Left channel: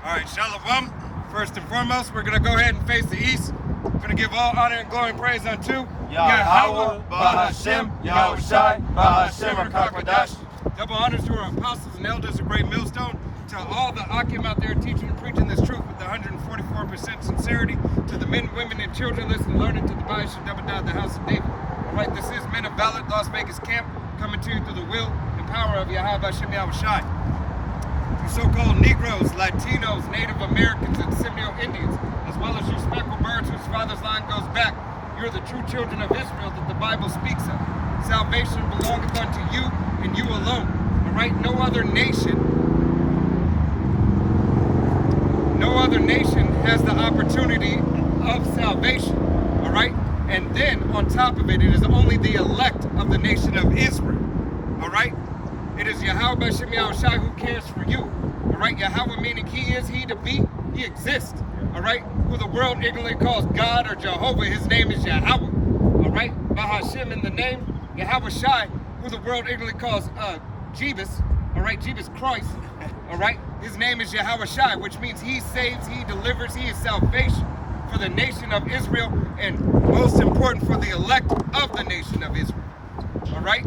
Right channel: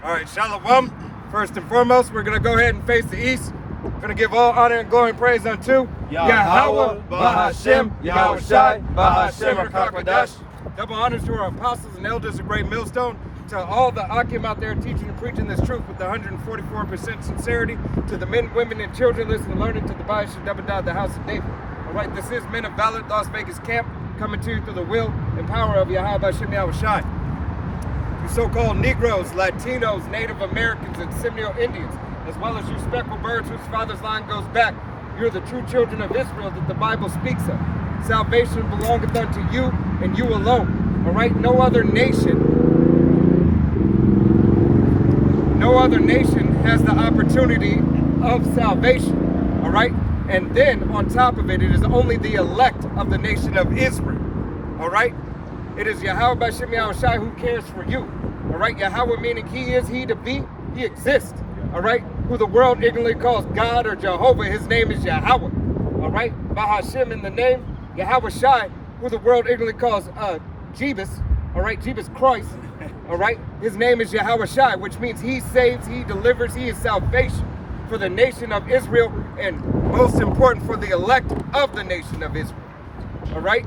All right, Shalom. First and foremost, we're going to go ahead and face the east. We're going to give all honor and glory and praise unto Yahweh, Bahashem, Yahweh Shai, Bahashem, Rakakadash. Double honors to our apostles and elders of Great Millstone, to all the Akim out there teaching and preaching this truth with 144% sincerity, to the men, women, and children listening and learning to the Bible Shabbat, the house of David. All right, this is Men of Valor, Las Vegas camp, coming to you through the will and power of Yahweh, Bahashem, Yahweh Shai. You so-called Negroes, Latinos, Native Americans, and Seminole Indians, as well as you speckled birds whose father's line goes back, you're the true children of Israel that the Bible speaks of. Salvation belongeth unto you and you alone. All right, no other nation has the opportunity of salvation. All right, and then on top of it, it is only the elect of the nation of Israel. All right, it is Yahweh Bahashem Yahweh Shai who cares for you. All right, Yahweh meaning he is, he to be, he exists. All right, who the world ignorantly calls God or Jehovah, his name is Yahweh. All right, Bahashem in the name, Yahweh Shai, who the world ignorantly calls Jebus. All right, Jebus Christ. All right, his name is Yahweh Shai, which means he saves, he delivers, he is salvation for the nation of Israel, and most important for the elect of the nation of Israel. All right,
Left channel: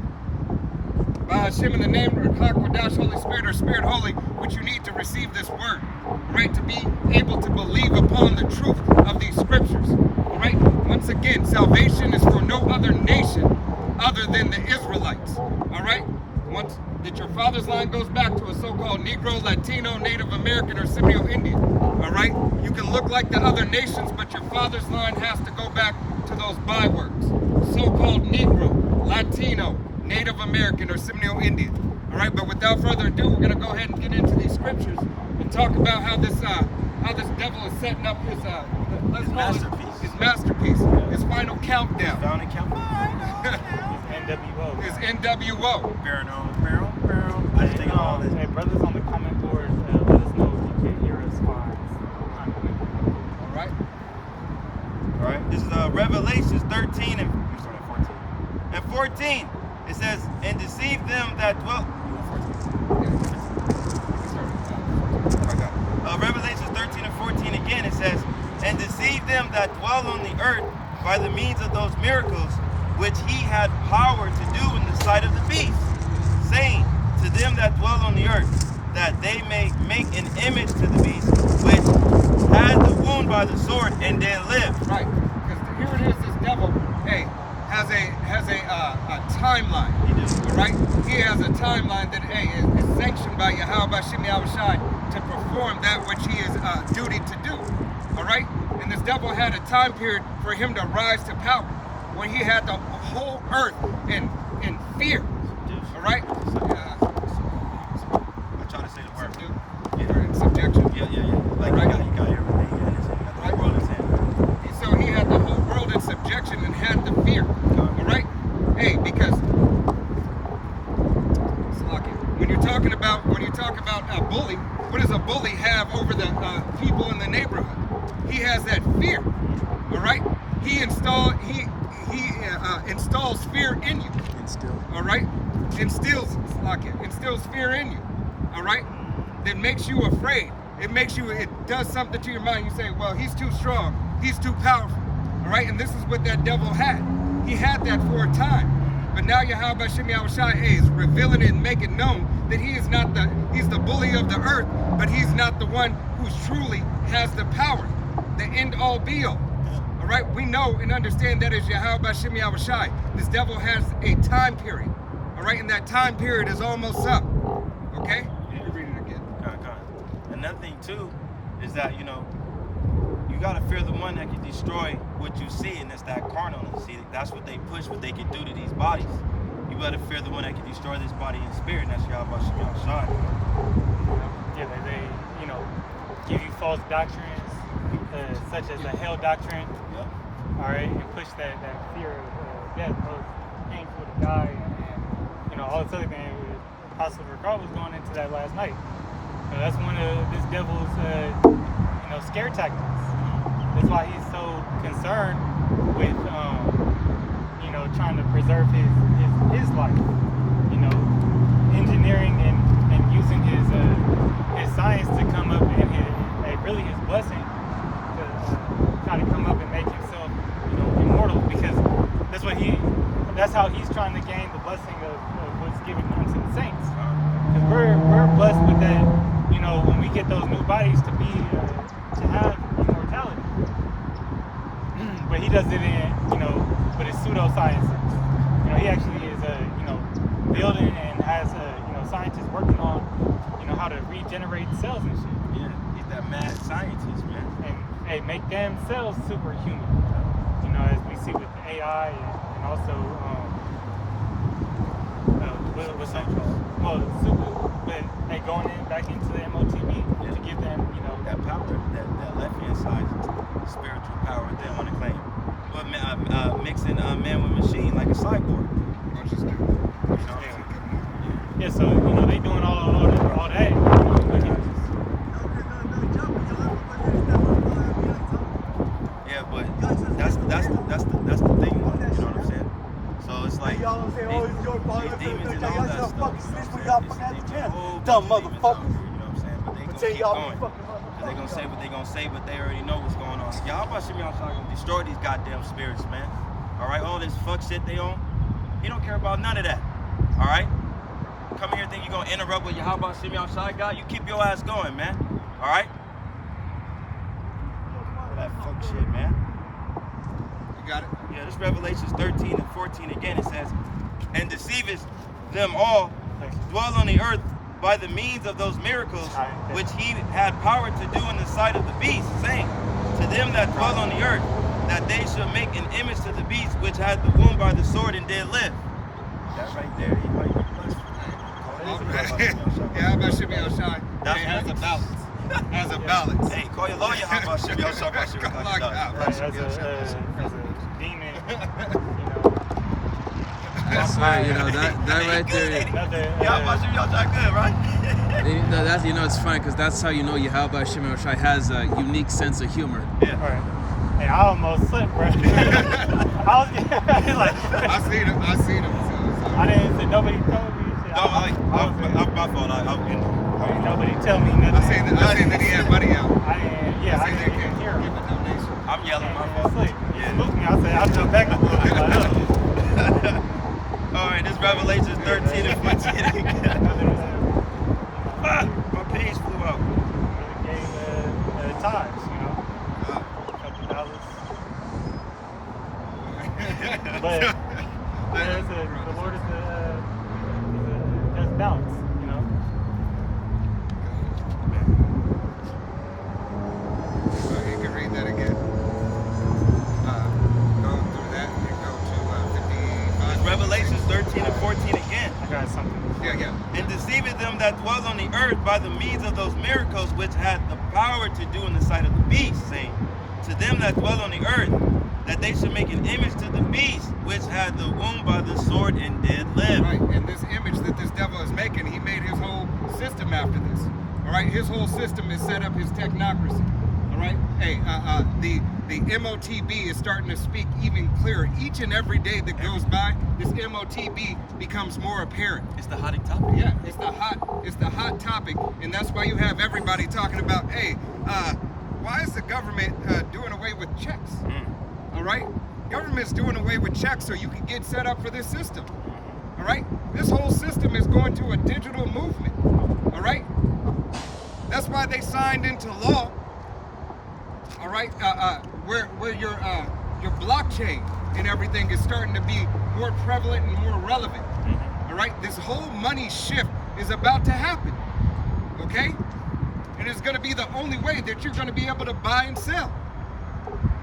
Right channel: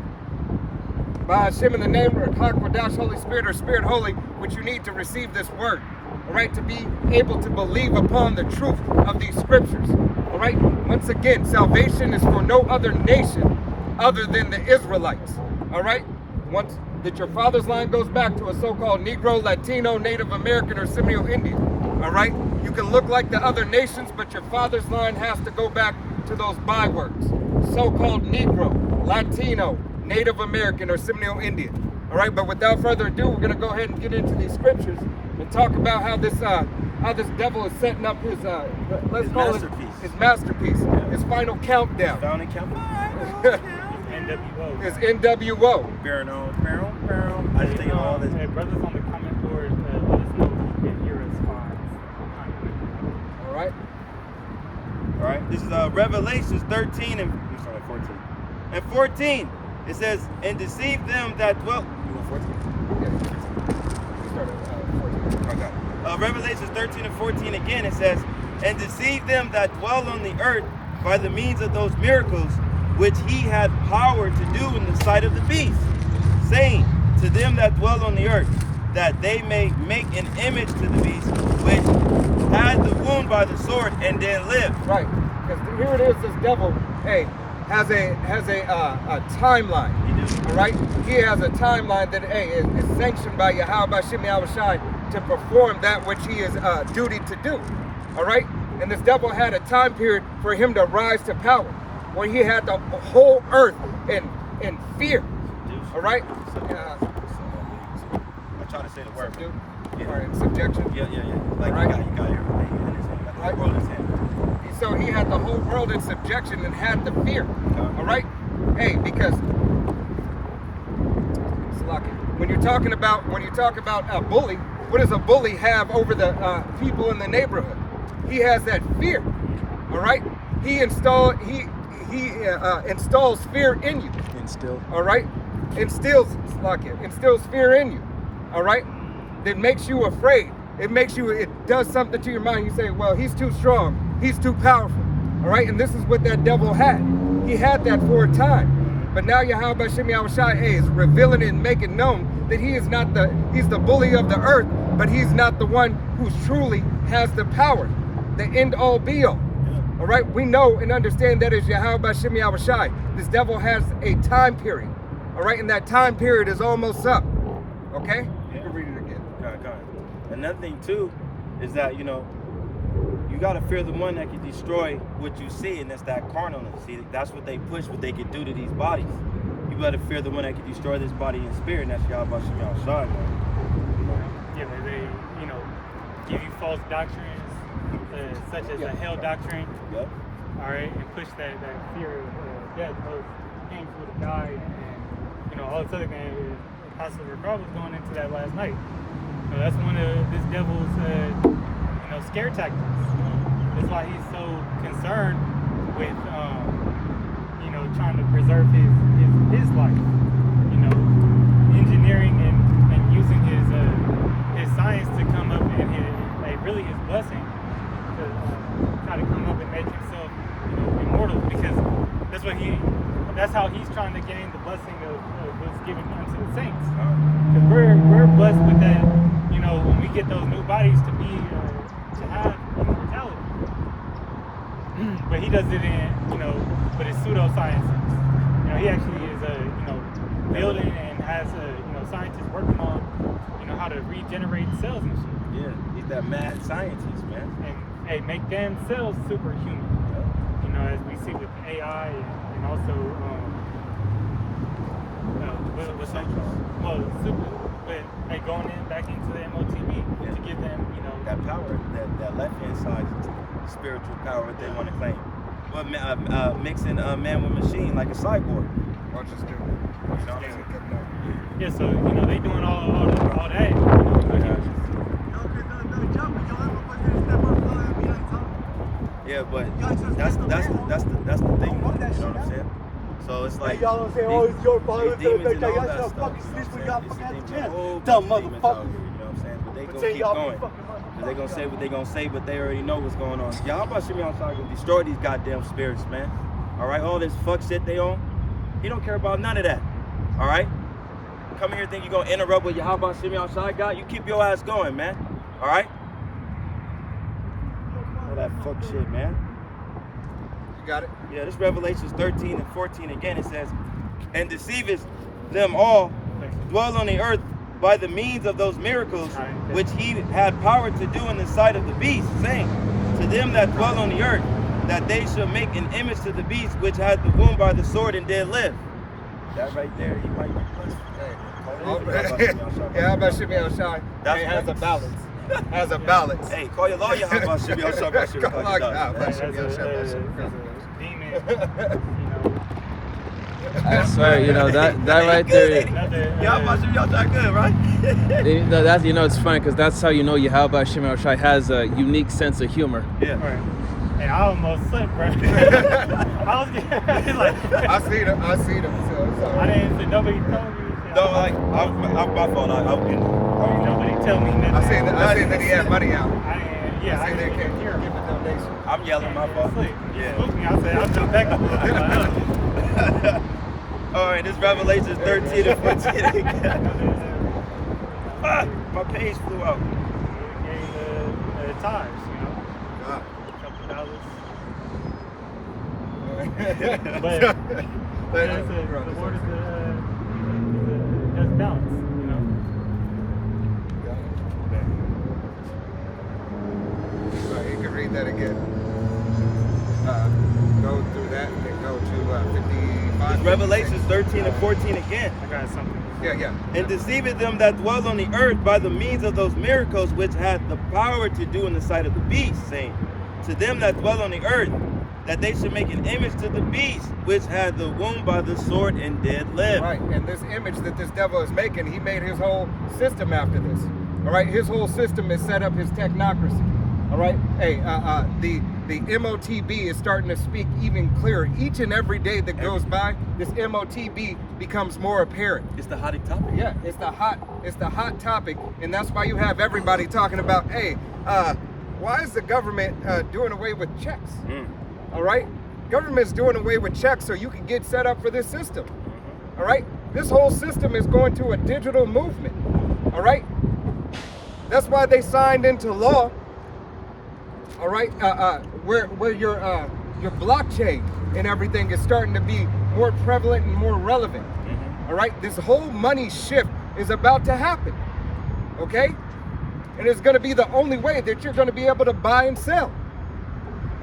Bahashem in the name of Hakwadash, Holy Spirit, or Spirit Holy, which you need to receive this word. All right, to be able to believe upon the truth of these scriptures. All right, once again, salvation is for no other nation other than the Israelites. All right, once that your father's line goes back to a so-called Negro, Latino, Native American, or Seminole Indian. All right, you can look like the other nations, but your father's line has to go back to those bywords: so-called Negro, Latino, Native American, or Seminole Indian. All right, but without further ado, we're going to go ahead and get into these scriptures and talk about how this devil is setting up his his masterpiece, his final countdown. Final count. NWO. His NWO. Barrel. I just think of all this. Hey, brothers on the comment board, let us know if you can hear us fine. All right. All right. This is Revelations 13 and we start at 14. And 14, it says, "And deceive them that dwell." You want 14? Yeah. We started 14. I got it. Revelations 13 and 14 again. It says, "And deceive them that dwell on the earth by the means of those miracles which he had power to do in the sight of the beast, saying to them that dwell on the earth, that they may make an image to the beast, which had the wound by the sword and then live." Right, because here it is. This devil, has a timeline. He does. All right, he has a timeline that is sanctioned by Yahweh Bahashem Yahweh Shai to perform that which he is duty to do. All right, and this devil had a time period for him to rise to power, when he had the whole earth in fear. All right? I'm trying to say the word. Or in subjection. Yeah. Like right. you got everything in his hand. Got the whole world in his hand. So he had the whole world in subjection and had the fear. All right? Because when you talk about a bully, what does a bully have over the people in the neighborhood? He has that fear. All right? He installs fear in you. All right? Instills fear in you. All right? That makes you afraid. It does something to your mind. You say, well, he's too strong. He's too powerful. All right? And this is what that devil had. He had that for a time. But now Yahweh Bahashem Yahweh Shai is revealing it and making known that he's the bully of the earth, but he's not the one who truly has the power, the end all be all. All right, we know and understand that is Yahweh Bahashem Yahweh Shai. This devil has a time period. All right, and that time period is almost up. Okay? Yeah. Read it again. God. Another thing too is that you gotta fear the one that can destroy what you see, and that's that carnalness. See, that's what they push, what they can do to these bodies. You gotta fear the one that can destroy this body and spirit, and that's Yahweh Bahashem Yahweh Shai. Yeah, they give you false doctrines, such as a hell doctrine. Yep. All right, and push that fear of death, both pain to die, and all this other thing. Apostle Regard was going into that last night. That's one of this devil's scare tactics. That's why he's so concerned with trying to preserve his life. Engineering and using his science to come up and blessing to try to come up and make himself, immortal, because that's how he's trying to gain the blessing of what's given unto the saints. Because we're blessed with that, when we get those new bodies to have immortality. But he does it in, with his pseudosciences. He actually is, building and has, scientists working on, how to regenerate cells and shit. Yeah, he's that mad scientist, man. And, hey, make damn cells superhuman. As we see with AI and also, Super soldiers. But they going back into the MOTB to give them, that power, that left-hand side spiritual power that they want to claim. But mixing man with machine like a cyborg. Watch this dude. You know what I'm saying? Yeah, so they doing all that. Yeah, but that's the thing, you know what I'm saying? So it's like these demons and all that stuff, you know what I'm saying? It's a whole bunch of demons out here, you know what I'm saying? But they gonna keep going. Cause they gonna say what they gonna say, but they already know what's going on. Y'all about Shimmy outside gonna destroy these goddamn spirits, man. Alright, all this fuck shit they on. He don't care about none of that. Alright? Come here and think you're gonna interrupt with your how about Shimmy outside guy? You keep your ass going, man. Alright? All that fuck shit, man. You got it? Yeah, this Revelations 13 and 14 again, it says, and deceiveth them all, dwell on the earth by the means of those miracles which he had power to do in the sight of the beast, saying, to them that dwell on the earth, that they shall make an image to the beast which had the wound by the sword and did live. That right there, he might be blessed for that. Yeah, how about Shimmy outside? That's has right. a balance. Has a balance. Hey, call your lawyer, how about Shimmy outside? Call your lawyer. So that right there, Yeah, how about Shimmy outside good, right? that's it's funny because that's how Yahweh Shimon Shai has a unique sense of humor. Yeah. And I almost slipped, bro. I seen him. So it's all I right. didn't see nobody tell me. No, like, I'm my fault. Nobody tell me nothing. I seen that he had money out. I seen that he hear. give a donation. I'm yelling, my fault. Yeah. I said, I'll get back. All right, this Revelations 13 and 14. My page flew out. Times, But the word is just balance, Alright, you can read that again. Go through that and then go to 55. It's Revelations 13 and 14 again. I got something. Yeah. And deceiveth them that dwell on the earth by the means of those miracles which had the power to do in the sight of the beast, saying, to them that dwell on the earth, that they should make an image to the beast, which had the wound by the sword and did live. Right, and this image that this devil is making, he made his whole system after this. All right, his whole system is set up his technocracy. All right, hey, the MOTB is starting to speak even clearer. Each and every day that goes by, this MOTB becomes more apparent. It's the hot topic. Yeah, it's the hot topic, and that's why you have everybody talking about, hey, why is the government doing away with checks? All right, government's doing away with checks so you can get set up for this system. All right, this whole system is going to a digital movement. All right, that's why they signed into law. All right, where your blockchain and everything is starting to be more prevalent and more relevant. All right, this whole money shift is about to happen. Okay, and it's going to be the only way that you're going to be able to buy and sell.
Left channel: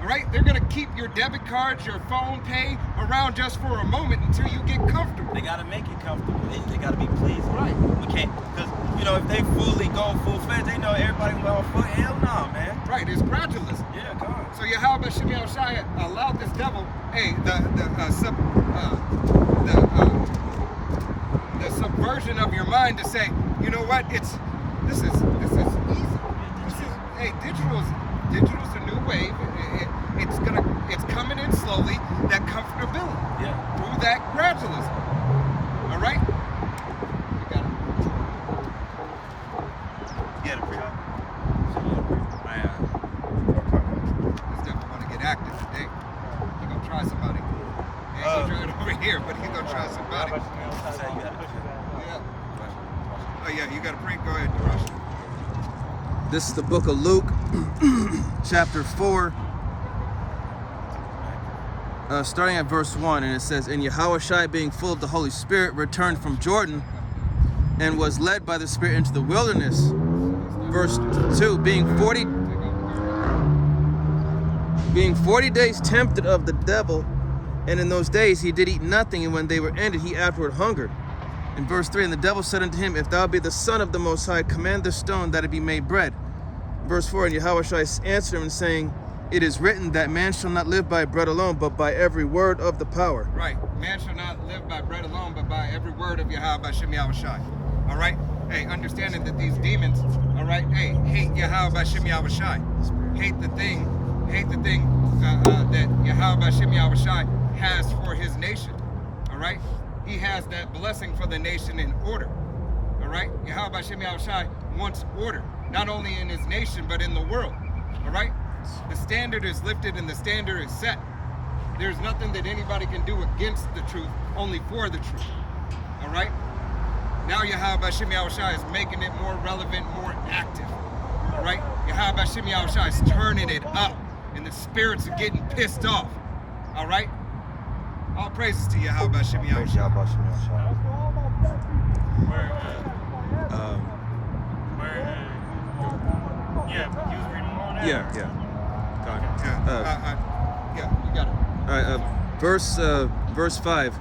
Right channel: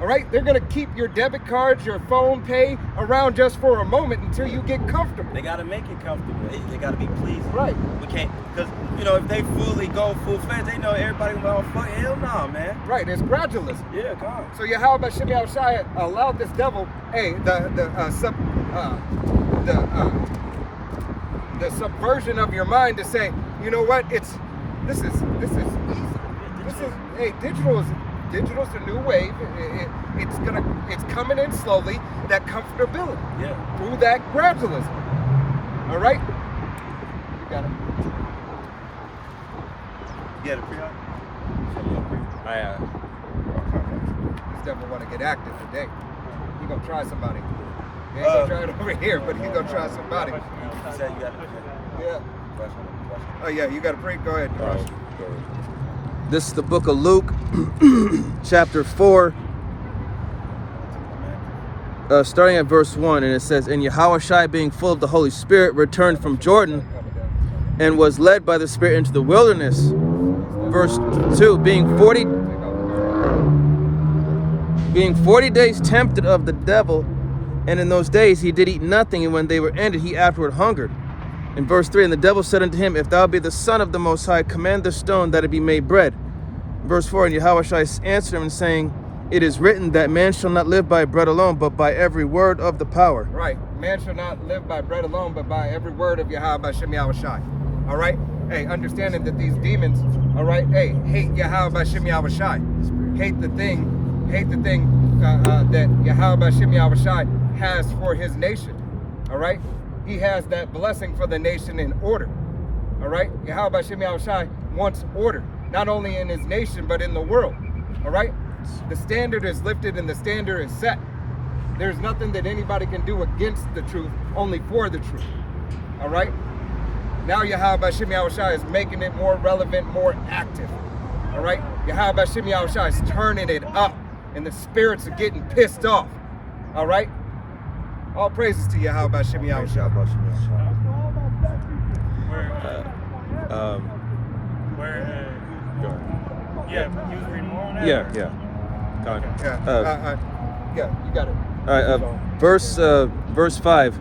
All right, they're gonna keep your debit cards, your phone pay around just for a moment until you get comfortable. They gotta make it comfortable. They gotta be pleased. Right. We can't, because if they fully go full-fledged, they know everybody gonna be like, oh, fuck, hell nah, man. Right, it's gradualism. Yeah, come on. So Yahweh Shimei Shai allowed this devil, hey, the subversion of your mind to say, you know what? This is easy. Hey, digital's the new wave. It's coming in slowly. That comfortability. Yeah. Through that gradualism. All right. You got it. You got it, pre-op? Shut me up, pre. This devil want to get active today. He gonna try somebody. He ain't gonna try it over here, but he gonna try somebody. You said you got it. Yeah. Oh yeah, you got to pray. Go ahead, Josh. This is the book of Luke, chapter 4, starting at verse 1, and it says, And Yahushua, being full of the Holy Spirit, returned from Jordan and was led by the Spirit into the wilderness. Verse 2, being 40 days tempted of the devil, and in those days he did eat nothing, and when they were ended, he afterward hungered. In verse 3, and the devil said unto him, If thou be the Son of the Most High, command the stone that it be made bread. Verse 4, and Yahushua answered him, saying, It is written that man shall not live by bread alone, but by every word of the power. Right. Man shall not live by bread alone, but by every word of Yahweh Shem Yahushai. All right? Hey, understanding that these demons, all right, hey, hate Yahweh Shem Yahushai. Hate the thing that Yahweh Shem Yahushai has for his nation. All right? He has that blessing for the nation in order. All right? Yahweh Shem Yahushai wants order, not only in his nation, but in the world. All right? The standard is lifted and the standard is set. There's nothing that anybody can do against the truth, only for the truth. All right? Now Yahweh Shem Yahushai is making it more relevant, more active. All right? Yahweh Shem Yahushai is turning it up, and the spirits are getting pissed off. All right? All praises to Yahweh Shem Yahushai. Yeah, you was reading more on that? Yeah. Yeah, you got it. All right, verse 5,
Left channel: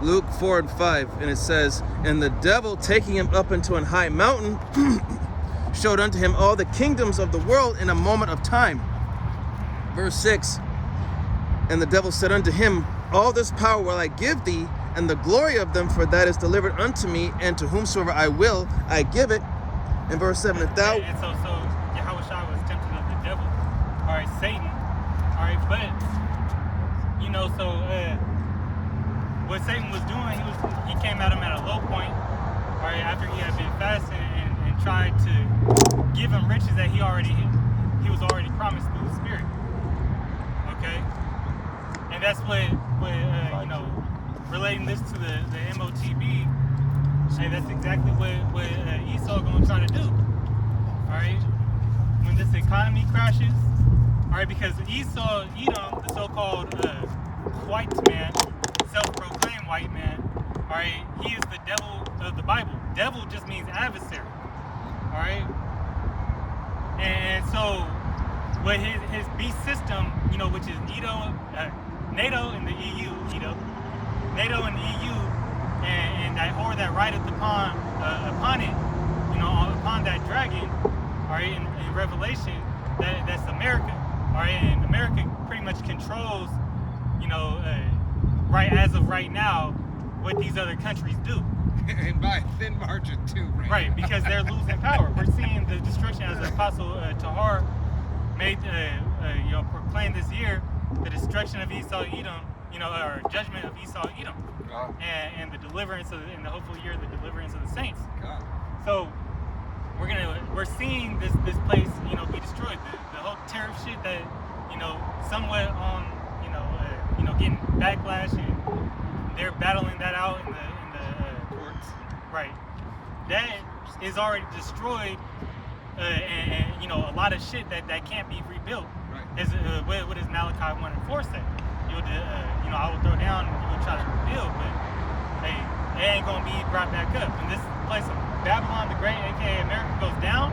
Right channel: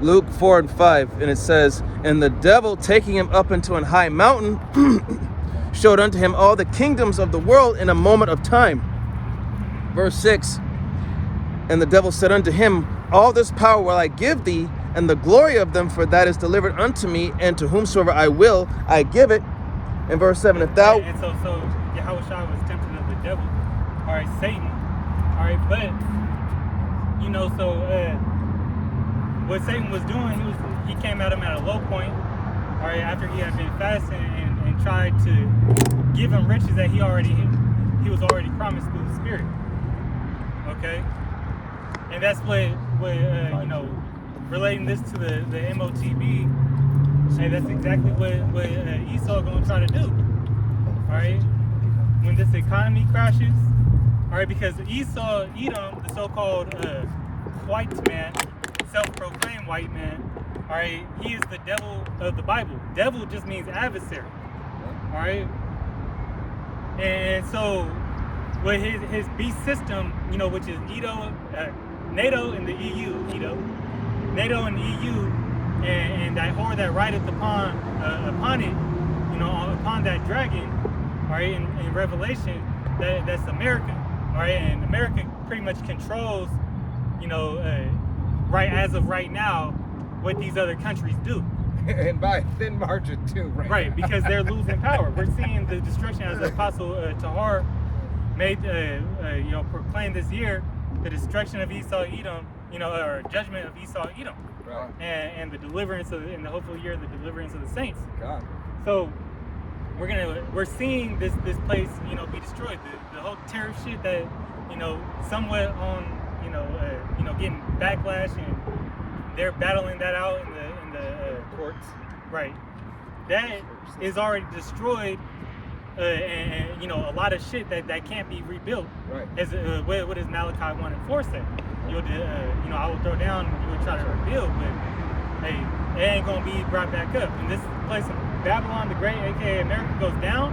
Luke 4 and 5, and it says, And the devil, taking him up into an high mountain, showed unto him all the kingdoms of the world in a moment of time. Verse 6, And the devil said unto him, All this power will I give thee, and the glory of them, for that is delivered unto me, and to whomsoever I will, I give it. And verse 7, If thou... And so Yahushua was tempted of the devil, all right, Satan, all right, but, you know, so what Satan was doing, he came at him at a low point, all right, after he had been fasting and tried to give him riches that he was already promised through the Spirit, okay? And that's what you know, relating this to the MOTB, hey, that's exactly what Esau gonna try to do. All right, when this economy crashes, all right, because Esau, Edom, the so-called white man, self-proclaimed white man, all right, he is the devil of the Bible. Devil just means adversary. All right, and so with his beast system, you know, which is NATO and the EU, NATO and the EU. And that whore that rideth upon it, you know, upon that dragon, all right, in Revelation, that's America, all right, and America pretty much controls, you know, right as of right now, what these other countries do. And by a thin margin too, right? Right, because they're losing power. We're seeing the destruction, as the Apostle Tahar made, you know, proclaimed this year, the destruction of Esau Edom, you know, or judgment of Esau Edom. Right. And the deliverance of, in the hopeful year, the deliverance of the saints. God. So we're seeing this place, you know, be destroyed. The whole tariff shit that, you know, somewhat on, you know, getting backlash, and they're battling that out in the Courts. right. That is already destroyed, and you know, a lot of shit that can't be rebuilt. Right. As what does Malachi 1 and 4 say? You know, I will throw down and you will try to rebuild, but hey, it ain't gonna be brought back up. When this place of Babylon the Great, aka America, goes down,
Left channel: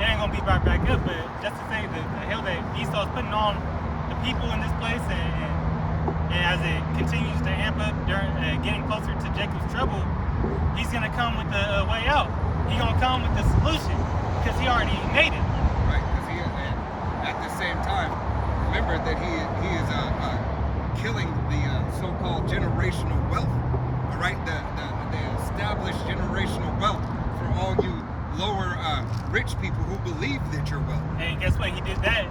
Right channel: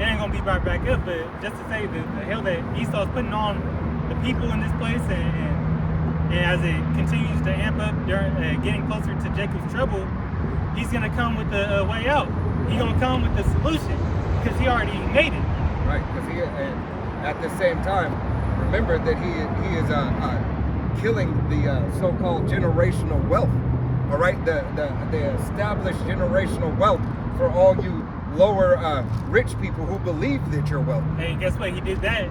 it ain't gonna be brought back up. But just to say the hell that Esau's putting on the people in this place, and as it continues to amp up during getting closer to Jacob's trouble, he's gonna come with the way out. He's gonna come with the solution because he already made it. Right, because and at the same time, remember that he is killing the so-called generational wealth. All right, the established generational wealth for all you lower rich people who believe that you're wealthy. And guess what? He did that.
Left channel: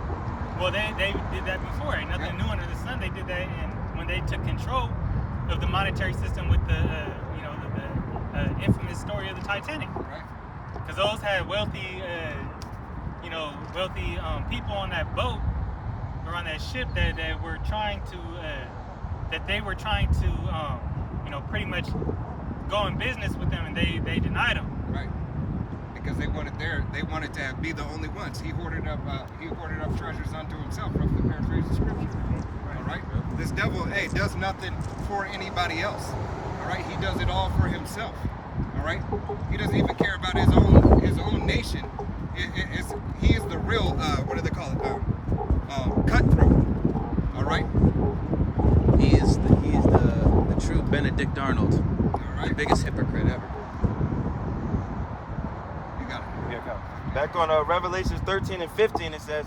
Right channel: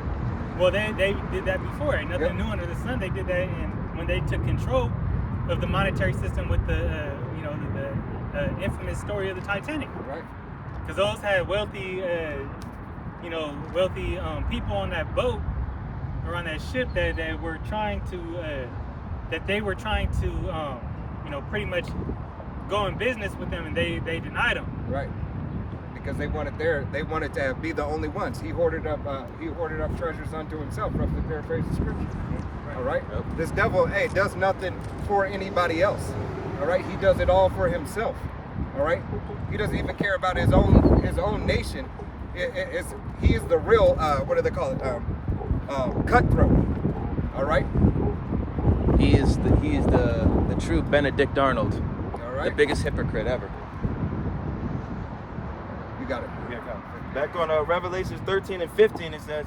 Well, they did that before. Ain't nothing new under the sun. They did that, and when they took control of the monetary system with the you know, the infamous story of the Titanic. Right. Because those had wealthy you know, wealthy people on that boat or on that ship that were trying to that they were trying to you know, pretty much go in business with them, and they denied them. Right. Because they wanted to be the only ones. He hoarded up treasures unto himself, roughly paraphrase the scripture. Right. All right. This devil, does nothing for anybody else. All right. He does it all for himself. All right. He doesn't even care about his own nation. He is the real what do they call it? Cutthroat. All right. He is the true Benedict Arnold, All right. the biggest hypocrite ever. You got it. Yeah, back on Revelations 13 and 15, it says,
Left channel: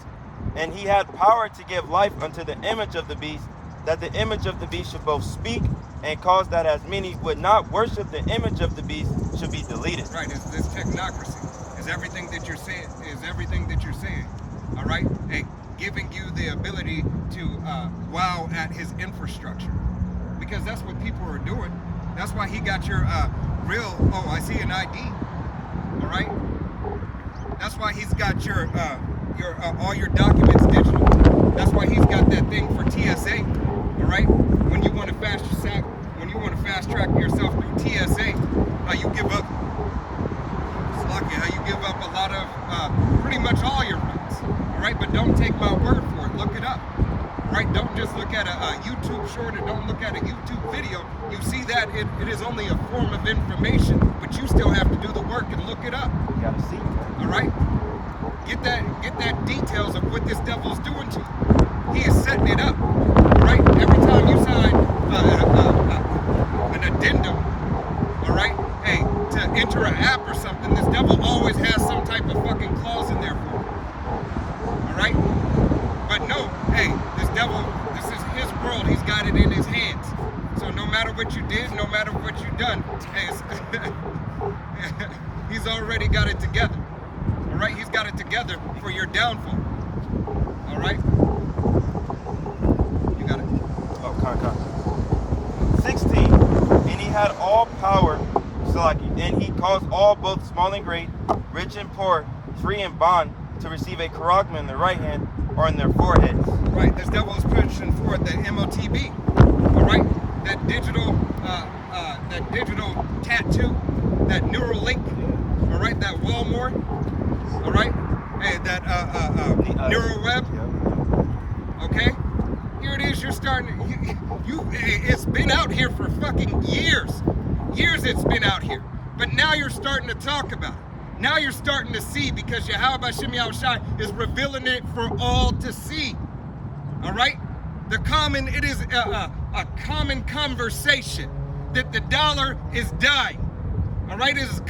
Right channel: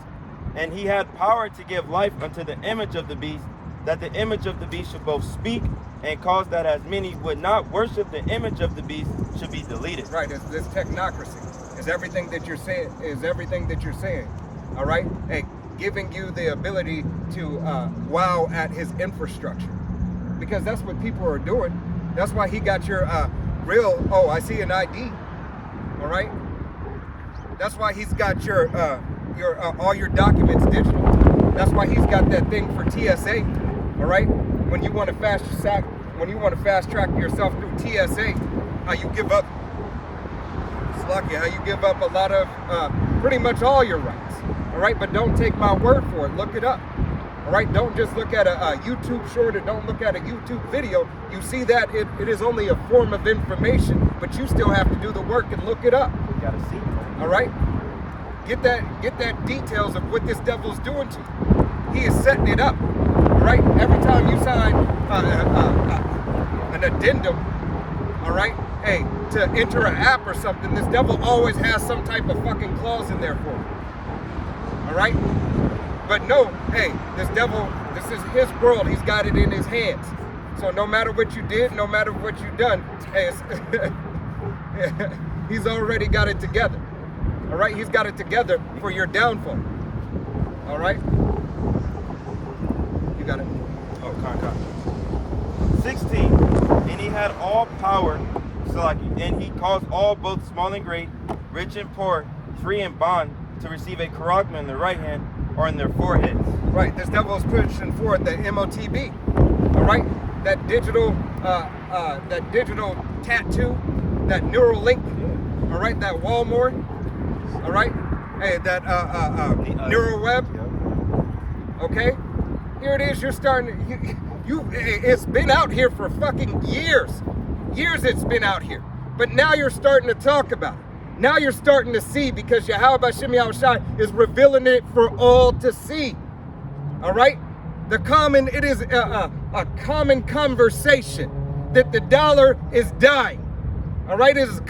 and he had power to give life unto the image of the beast, that the image of the beast should both speak and cause that as many would not worship the image of the beast should be deleted. Right. It's this technocracy. Is everything that you're saying. All right. Hey, giving you the ability to wow at his infrastructure, because that's what people are doing. That's why he got your real. Oh, I see an ID. All right. That's why he's got your all your documents digital. That's why he's got that thing for TSA. All right. When you want to fast track yourself through TSA, how you give up. How you give up a lot of pretty much all your rights. All right, but don't take my word for it. Look it up. All right, don't just look at a YouTube short or don't look at a YouTube video. You see that it is only a form of information, but you still have to do the work and look it up. You gotta see. All right, get that details of what this devil's doing to you. He is setting it up. All right, every time you sign an addendum, all right, hey, to enter an app or something, this devil always has some type of fucking clause in there for you. All right? But no, hey, this devil, this is his world. He's got it in his hands. So no matter what you did, no matter what you've done, hey, he's already got it together. All right? He's got it together for your downfall. All right? You got it. Oh, time. 16. And he had all power, and he caused all, both small and great, rich and poor, free and bond, to receive a charagma in their right hand or in their foreheads. Right, this devil is pushing forward the MOTB. All right, that digital tattoo, that Neuralink. All right, that Walmart. All right, hey, that NeuroWeb. Okay, here it is. You're starting. It's been out here for fucking years. Years it's been out here. But now you're starting to talk about it. Now you're starting to see, because Yahweh B'Shem Yahushai is revealing it for all to see. All right? It is a common conversation that the dollar is dying. All right? It is a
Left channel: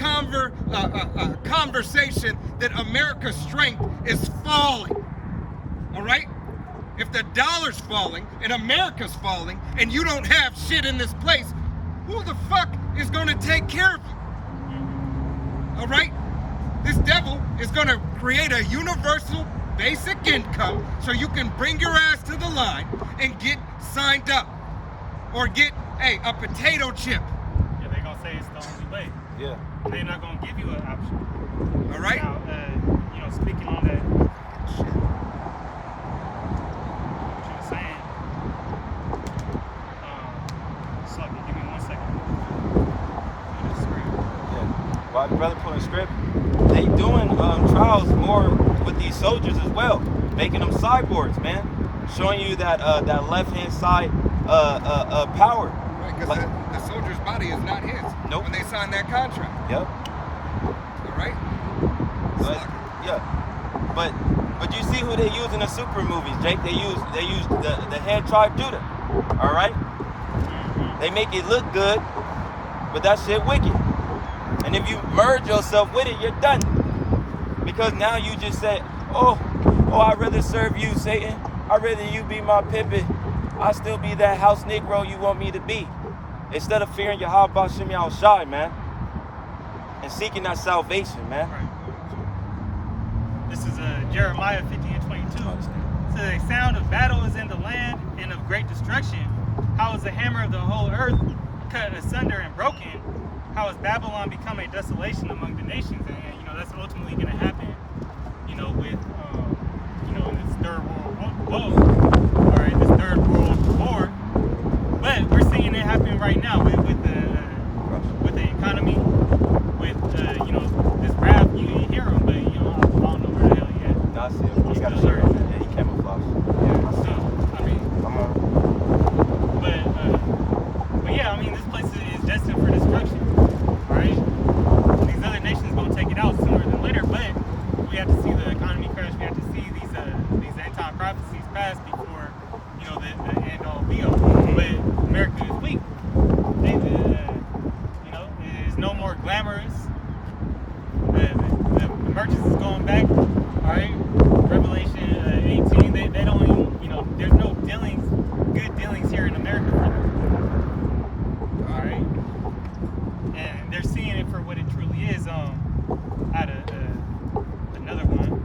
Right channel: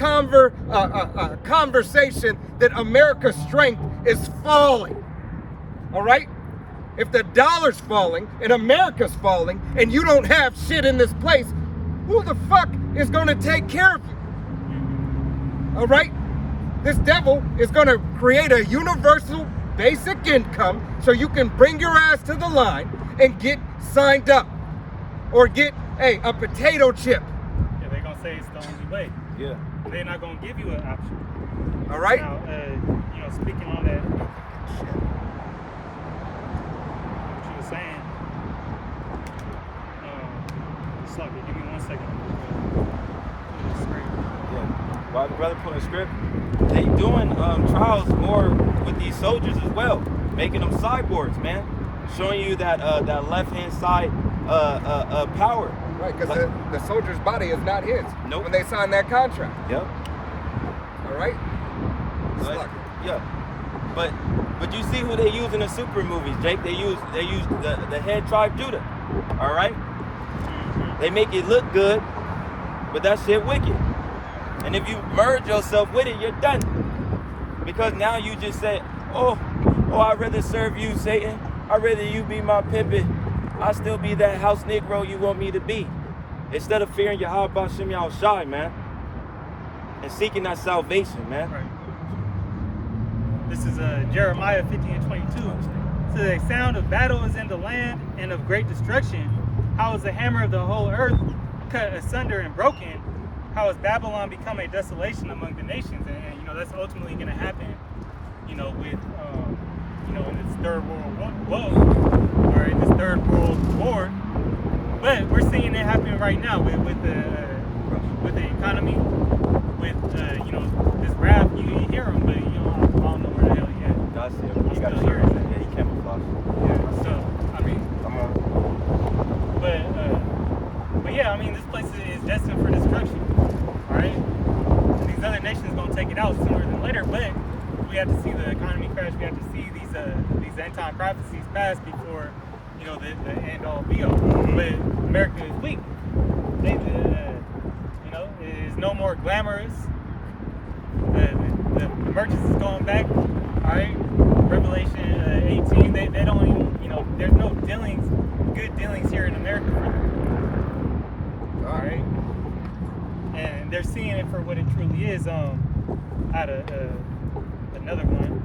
conversation that America's strength is falling. All right? If the dollar's falling and America's falling and you don't have shit in this place, who the fuck is going to take care of you? All right? This devil is going to create a universal basic income so you can bring your ass to the line and get signed up. Or get, a potato chip. Yeah, they're going to say it's the only way. Yeah. They're not going to give you an option. All right? Now, you know, speaking on that, what you were saying, suck it, give me 1 second. Pull this script. Yeah. While my brother pulling the script, they doing trials more with these soldiers as well, making them cyborgs, man, showing you that that left-hand side power. Right, because the soldier's body is not his. Nope. When they sign that contract. Yep. All right? But, yeah. But you see who they use in the super movies, Jake? They use the head tribe Judah. All right? They make it look good, but that shit wicked. And if you merge yourself with it, you're done. Because now you just say, oh, I'd rather serve you, Satan. I'd rather you be my pimpin'. I still be that house Negro you want me to be. Instead of fearing Yahweh B'Shem Yahushai, man. And seeking that salvation, man. Right. This is Jeremiah 50 and 22. So the sound of battle is in the land and of great destruction. How is the hammer of the whole earth cut asunder and broken? How has Babylon become a desolation among the nations? And you know, that's ultimately going to happen, you know, with third world woe, all right, this third world war. But we're seeing it happen right now with the economy, with you know, this rap. You hear him, but you know, I don't know where the hell he at. That's it. I'm still here. Yeah, he camouflage. Yeah. So I mean, but yeah, I mean, this place is destined for destruction. All right, and these other nations gonna take it out sooner than later. But we have to see the economy crash. We have to see these end time prophecies pass before, you know, the end all be all. But America is weak. They, you know, it's no more glamorous. The merchants is going back. All right, Revelation 18. They don't even, you know, there's no dealings, good dealings here in America for them. All right, and they're seeing it for what it truly is. Out of another one.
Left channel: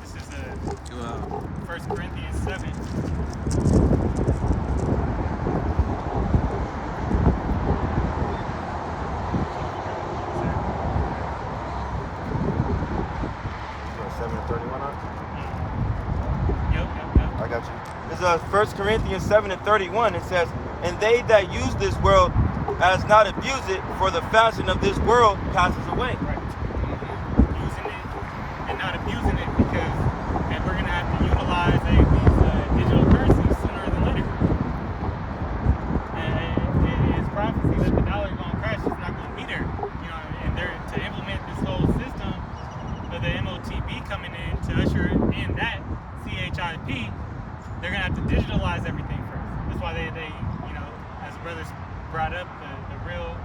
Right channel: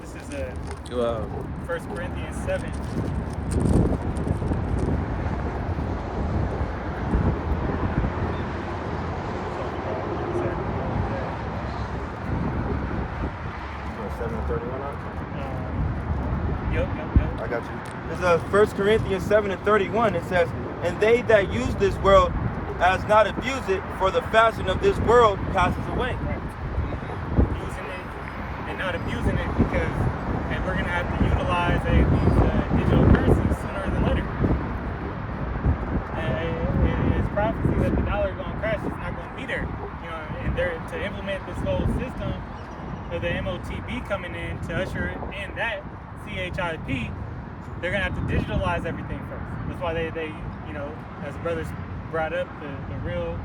This is 1 Corinthians 7. Yeah, 7:31 on it? Yep. I got you. There's 1 Corinthians 7:31. It says, and they that use this world as not abuse it, for the fashion of this world passes away. Right. Using it and not abusing it, because, and we're gonna have to utilize these digital currencies sooner than later. And it's prophecy that the dollar is gonna crash. It's not gonna be there. You know, and they're to implement this whole system of the MOTB coming in to usher in that CHIP. They're gonna have to digitalize everything first. That's why they you know, as the brothers brought up, the real,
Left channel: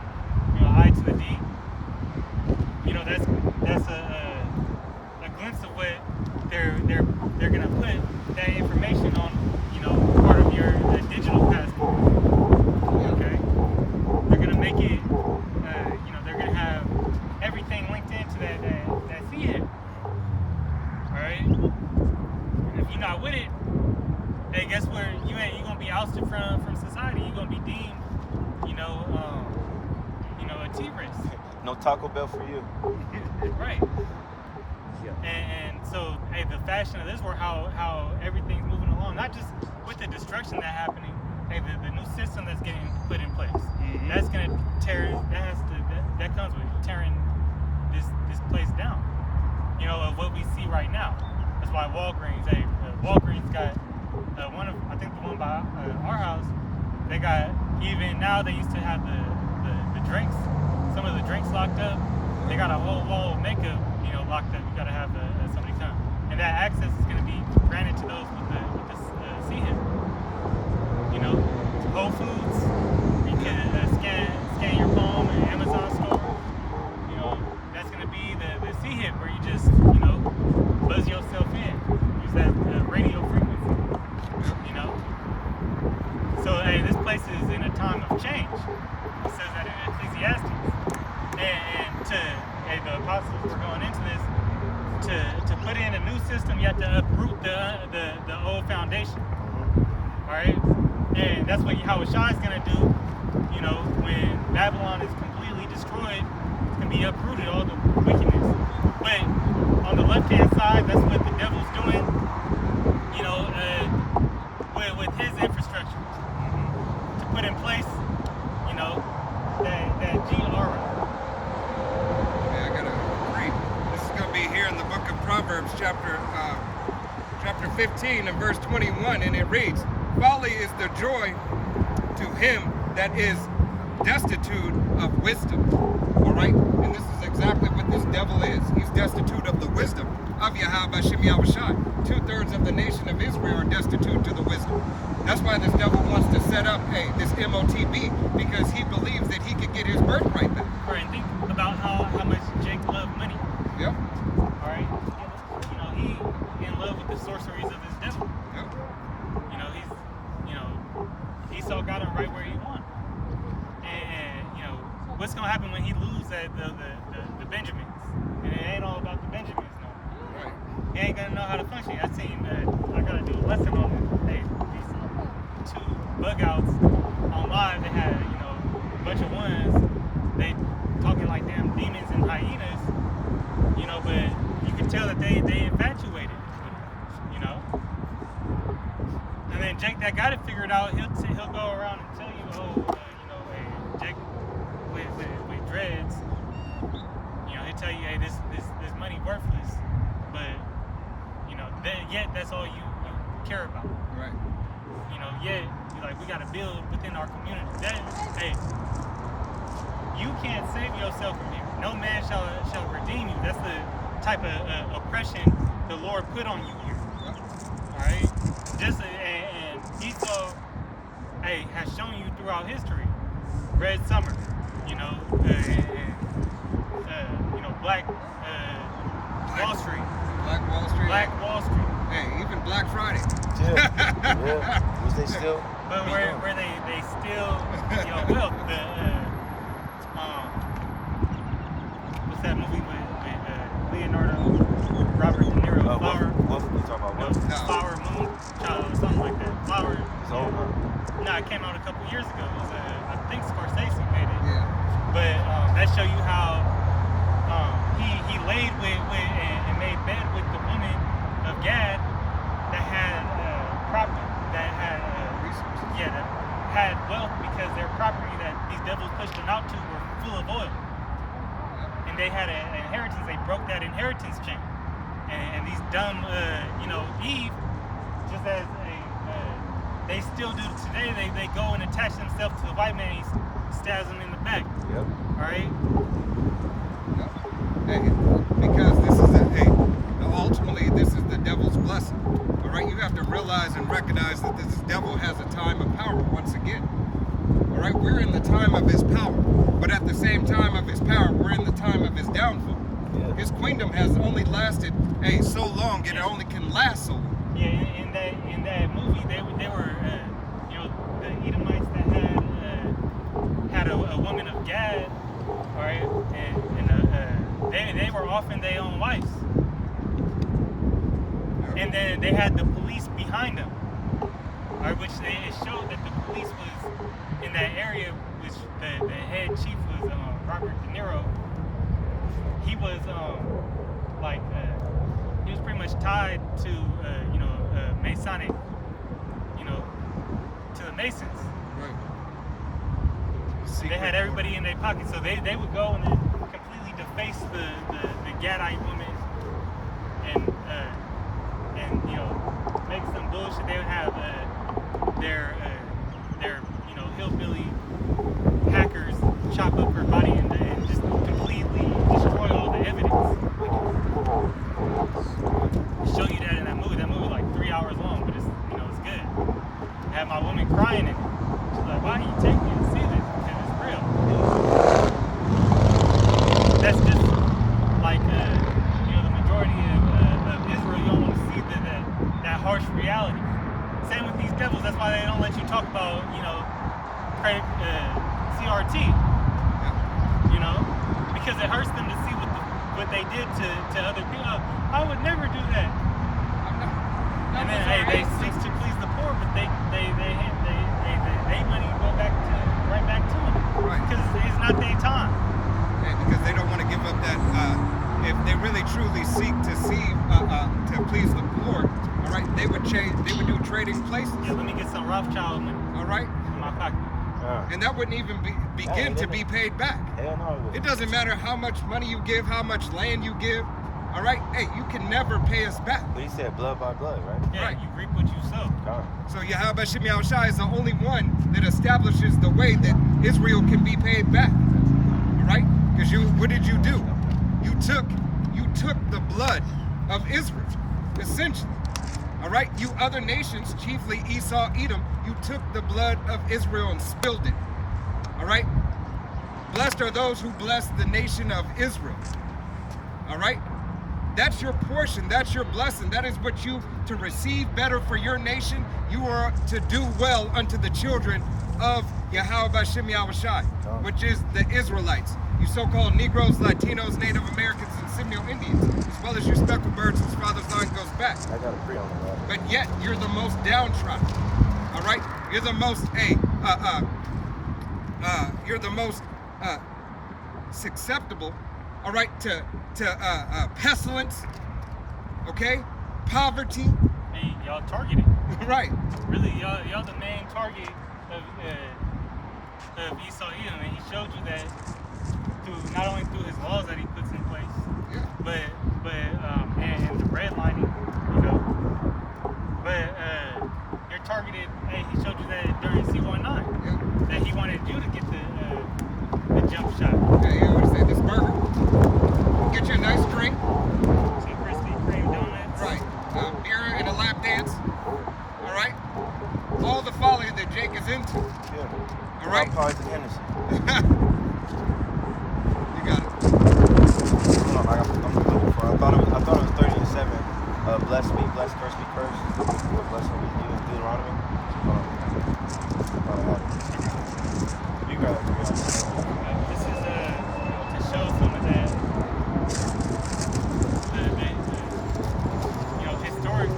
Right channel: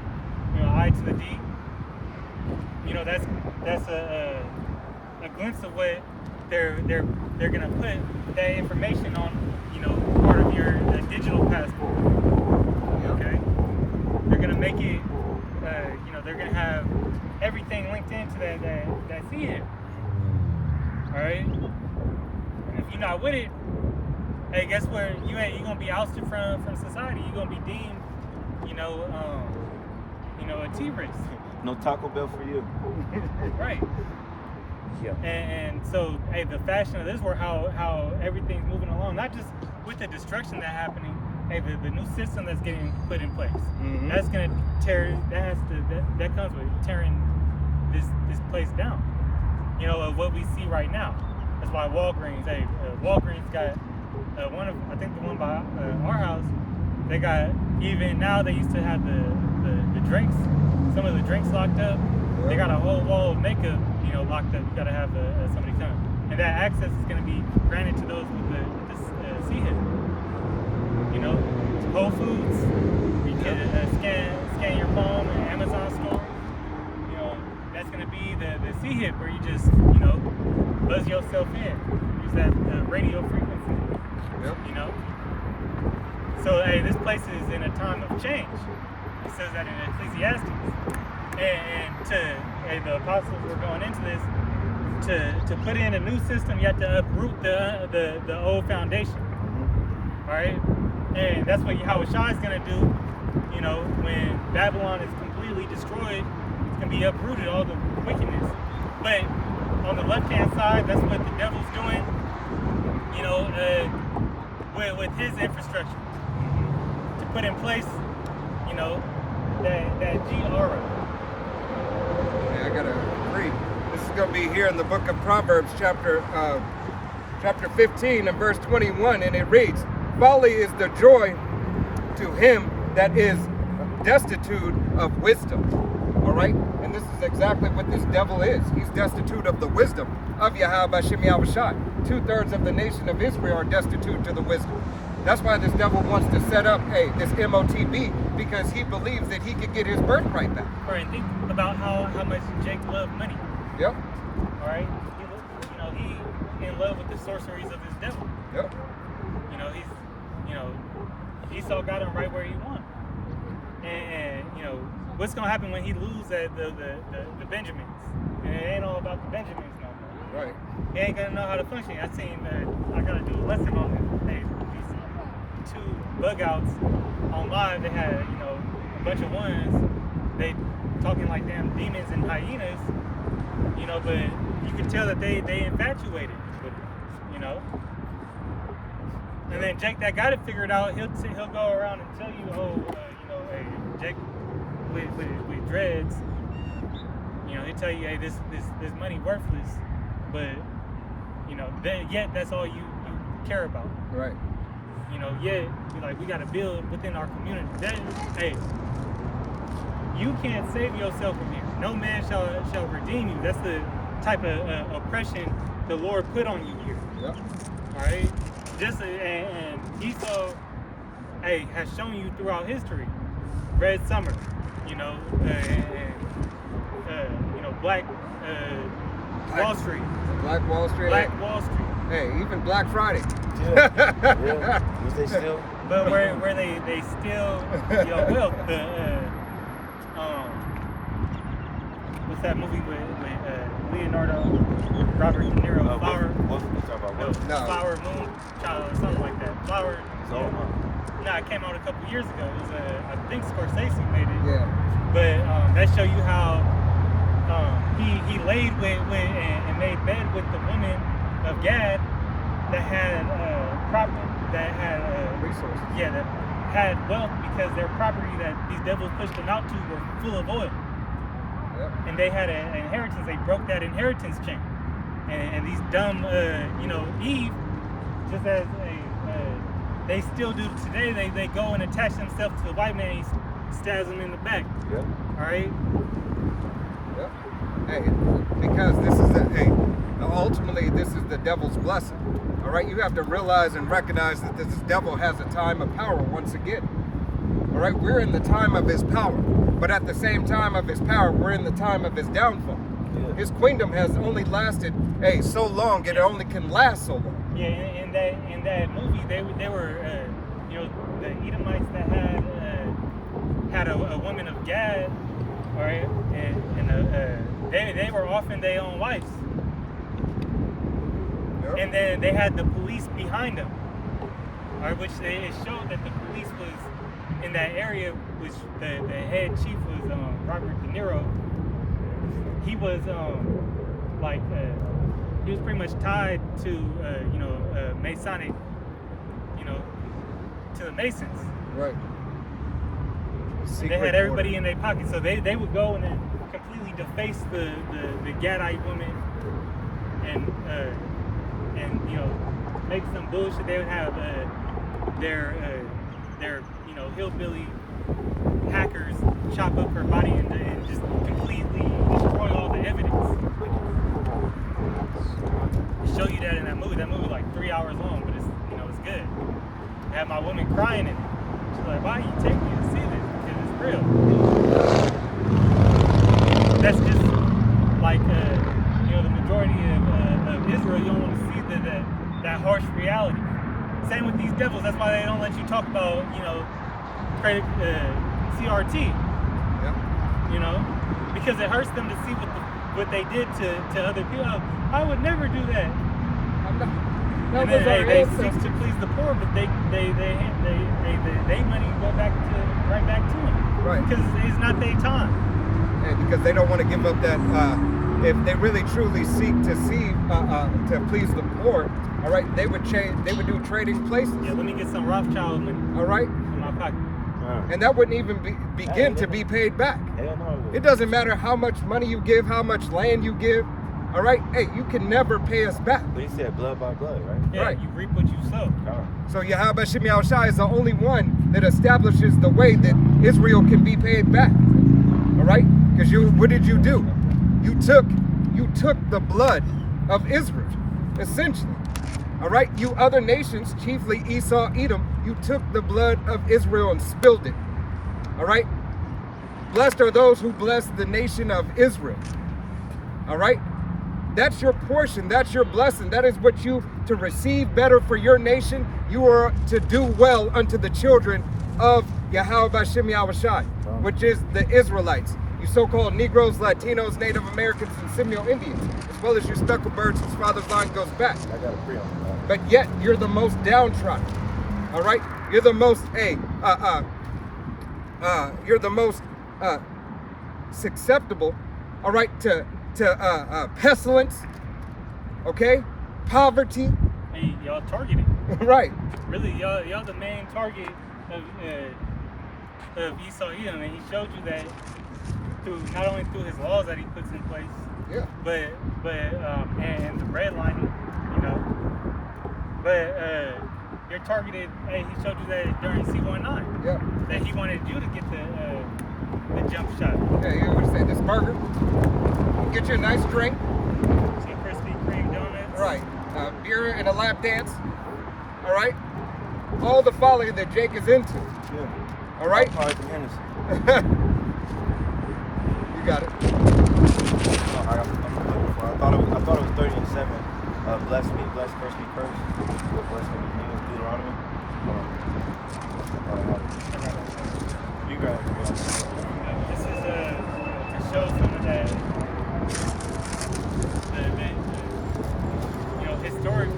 you know, I to the D. You know, that's a glimpse of what they're gonna put that information on, you know, part of your digital passport. Okay, they're gonna make it, you know, they're gonna have everything linked into that CHIP. All right, and if you're not with it, hey, guess where you gonna be ousted from society. You're gonna be deemed, you know, a T-Rex. No Taco Bell for you. Right. Yeah. And so, hey, the fashion of this world, how everything's moving along, not just with the destruction that's happening. Hey, the new system that's getting put in place, that's gonna tear. That comes with tearing this place down. You know, of what we see right now. That's why Walgreens. Hey, Walgreens got. I think the one by our house, they got, even now they used to have the drinks, some of the drinks locked up. Yep. They got a whole wall of makeup, you know, locked up. You got to have somebody come, and that access is going to be granted to those with this CHIP. You know, Whole Foods, you can scan your palm in Amazon store. You know, that's going to be the CHIP where you just, you know, buzz yourself in, use that radio frequency. You know, so hey, this place is in a time of change. It says that in Ecclesiastes, and the apostles were going into this to put in a new system. You have to uproot the old foundation. All right, and that's what Yahushua is gonna do. You know, when Babylon is completely destroyed, it's gonna be uprooted, all the wickedness. But on the left-hand side, that's what the devil's doing. You know. With his infrastructure to put in place, you know, that G-aura. Yeah, I gotta read. This is gonna be here in the book of Proverbs, chapter 15 and verse 21, and it reads, "Folly is the joy to him that is destitute of wisdom." All right, and this is exactly what this devil is. He's destitute of the wisdom of Yahweh Shem Yahushai. 2/3 of the nation of Israel are destitute to the wisdom. That's why this devil wants to set up, this MOTB, because he believes that he could get his birthright back. All right, think about how much Jake loved money. Yep. All right, he in love with the sorceries of his devil. Yep. Esau got him right where he wanted. And you know, what's gonna happen when he loses the Benjamins? And it ain't all about the Benjamins no more. Right. He ain't gonna know how to function. I seen I gotta do a lesson on these two bug outs on live. They had, you know, a bunch of ones. They talking like damn demons and hyenas. You know, but you you can tell that they infatuated with it, you know. And then Jake that got it figured out, he'll go around and tell you, you know, hey, Jake with dreads, you know, he'll tell you, hey, this money worthless, but you know, yet that's all you care about. Right. You know, yet you're like, we gotta build within our community. Hey, you can't save yourself from here. No man shall redeem you. That's the type of oppression the Lord put on you here. Yep. All right. And Esau, hey, has shown you throughout history. Red Summer, you know, you know, Black Wall Street. Black Wall Street. Black Wall Street. Hey, even Black Friday. Yeah. Was they still? But where they steal your wealth. What's that movie with Leonardo, Robert De Niro, Flower? We'll talk about No, that. Flower Moon Child or something like that. Flower. It's old, huh? No, it came out a couple years ago. It was I think Scorsese made it. Yeah. But that show you how he laid with and made bed with the woman of Gad that had property that had Resources. yeah, that had wealth because their property that these devils pushed them out to were full of oil. Yep. And they had an inheritance. They broke that inheritance chain. And these dumb, you know, Eve, just as they still do today, they go and attach themselves to the white man. He stabs them in the back. Yep. All right. Yep. Hey, because this is ultimately this is the devil's blessing. All right, you have to realize and recognize that this devil has a time of power once again. All right, we're in the time of his power, but at the same time of his power, we're in the time of his downfall. Yeah. His kingdom has only lasted so long, it only can last so long. Yeah, in that movie, they were you know, the Edomites that had a woman of Gad, all right, and they were often their own wives, Yep. and then they had the police behind them, all right, which it showed that the police was in that area, which the head chief was Robert De Niro. He was he was pretty much tied to you know, Masonic, you know, to the Masons. Right. They had everybody in their pocket, so they would go and then completely deface the Gadite woman and you know, make some bullshit. They would have their you know, hillbilly hackers chop up her body and just completely destroy all the evidence. Show you that in that movie. That movie like 3 hours long, but it's, you know, it's good. I had my woman crying in it. She's like, "Why you take me to see this? Because it's real." That's just like you know, the majority of Israel. You don't want to see that harsh reality. Same with these devils. That's why they don't let you talk about, you know, CRT. Yep. You know, because it hurts them to see what they did to other people. I would never do that. And then they seek to please the poor, but they money go right back to them. Right. Because it's not their time. And because they don't want to give up that, if they really truly seek to to please the poor, all right, they would do trading places. Yeah, let me get some Rothschild money All right, in my pocket. and that wouldn't even begin to be paid back. Hell no. It doesn't matter how much money you give, how much land you give. All right, hey, you can never pay us back. But he said blood by blood, right? Yeah, Right. you reap what you sow. All right. So Yahweh Shem Yahushua is the only one that establishes the way that Israel can be paid back. All right, because what did you do? You took the blood of Israel, essentially. All right, you other nations, chiefly Esau, Edom, you took the blood of Israel and spilled it. All right, blessed are those who bless the nation of Israel. All right, that's your portion, that's your blessing. That is what you to receive better for your nation. You are to do well unto the children of Yahweh Shem Yahushua, which is the Israelites. You so-called Negroes, Latinos, Native Americans, and Seminole Indians, as well as your speckled birds whose father's line goes back. I got a pre on that. But yet you're the most downtrodden. All right, you're the most you're the most susceptible. All right, to pestilence. Okay? Poverty. Hey, y'all targeted. Right. Really, y'all the main target of Esau Edom, and he showed you that through not only through his laws that he puts in place, Yeah. but and the redlining, you know. But you're targeted. Hey, he showed you that during C19 Yeah. that he wanted you to get the jump shot. Yeah, you would say this burger. Get you a nice drink. Some Krispy Kreme donuts. Right. Beer and a lap dance. All right. All the folly that Jake is into. Yeah. All right. Oh, it's an Hennessy. You got it. Hold on, I'm looking for it. I thought it was 37. Bless me, bless, curse me, curse. Bless me, even Deuteronomy. I thought I had it. You got it. This is you know, to show some of that, the you know, historically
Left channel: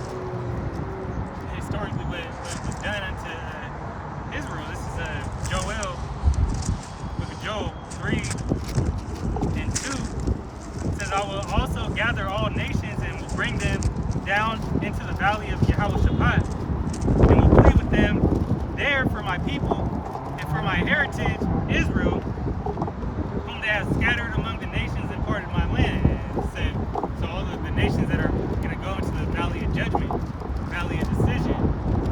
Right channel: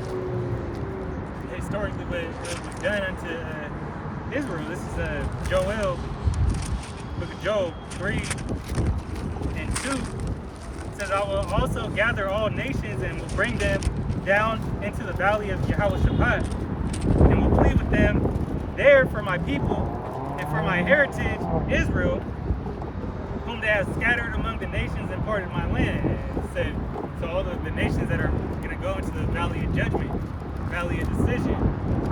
what was done unto Israel. This is Joel, book of Joel 3 and 2. It says, I will also gather all nations and will bring them down into the valley of Jehoshaphat, and will plead with them there for my people and for my heritage Israel, whom they have scattered among the nations and parted my land. And it said, so all the nations that are going to go into the valley of judgment, valley of decision,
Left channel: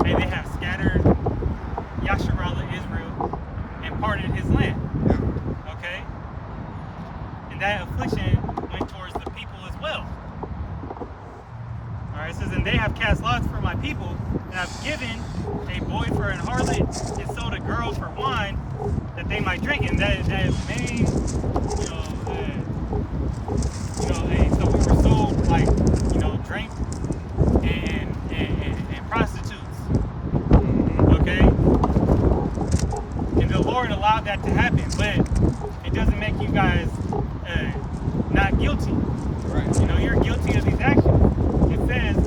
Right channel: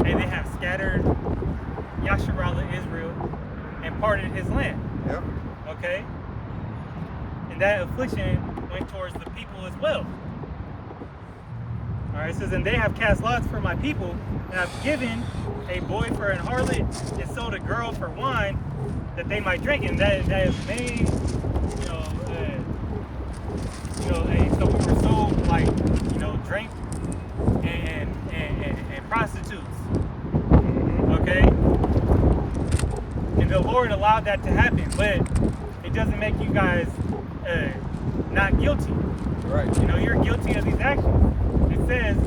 and they have scattered Yasharallah Israel and parted his land. Yep. Okay? And that affliction went towards the people as well. All right, it says, and they have cast lots for my people, and have given a boy for an harlot, and sold a girl for wine, that they might drink. And that made, so we were sold like, drink and prostitutes. Okay? And the Lord allowed that to happen, but it doesn't make you guys not guilty. Right. You're guilty of these actions. It says,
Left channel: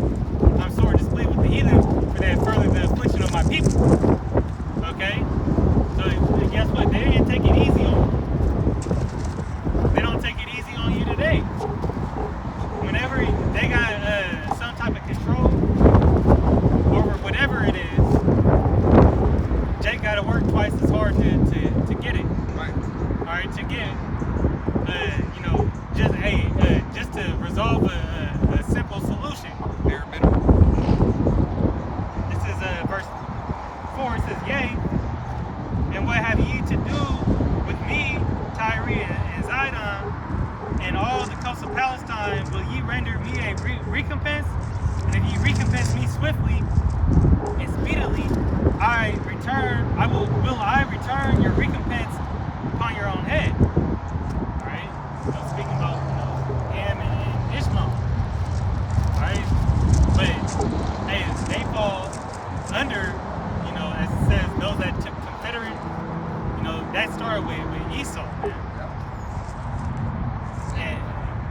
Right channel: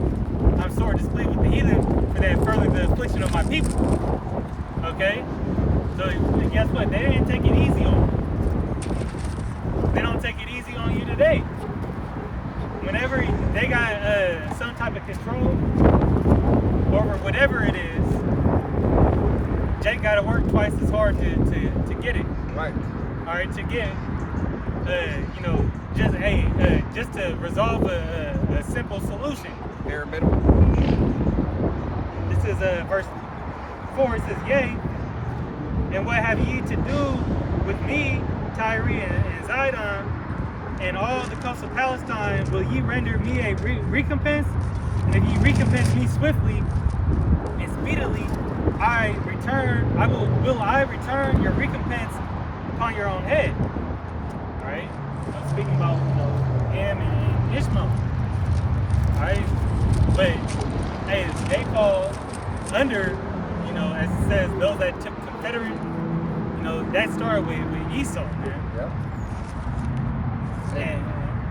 I'm sore displeased with the heathen, for they have furthered the affliction of my people. Okay? So guess what? They didn't take it easy on you. They don't take it easy on you today. Whenever they got some type of control over whatever it is, Jake got to work twice as hard to get it. Right. All right, to get, just to resolve a simple solution. Bare minimum. This is verse 4. It says, yea, and what have ye to do with me, Tyre and Zidon, and all the coast of Palestine? Will ye render me a recompense? And if ye recompense me swiftly and speedily, will I return your recompense upon your own head. All right. So speaking about Ham and Ishmael. All right. But hey, they fall under, as it says, those that took Confederate. That started with Esau, man. Yep. And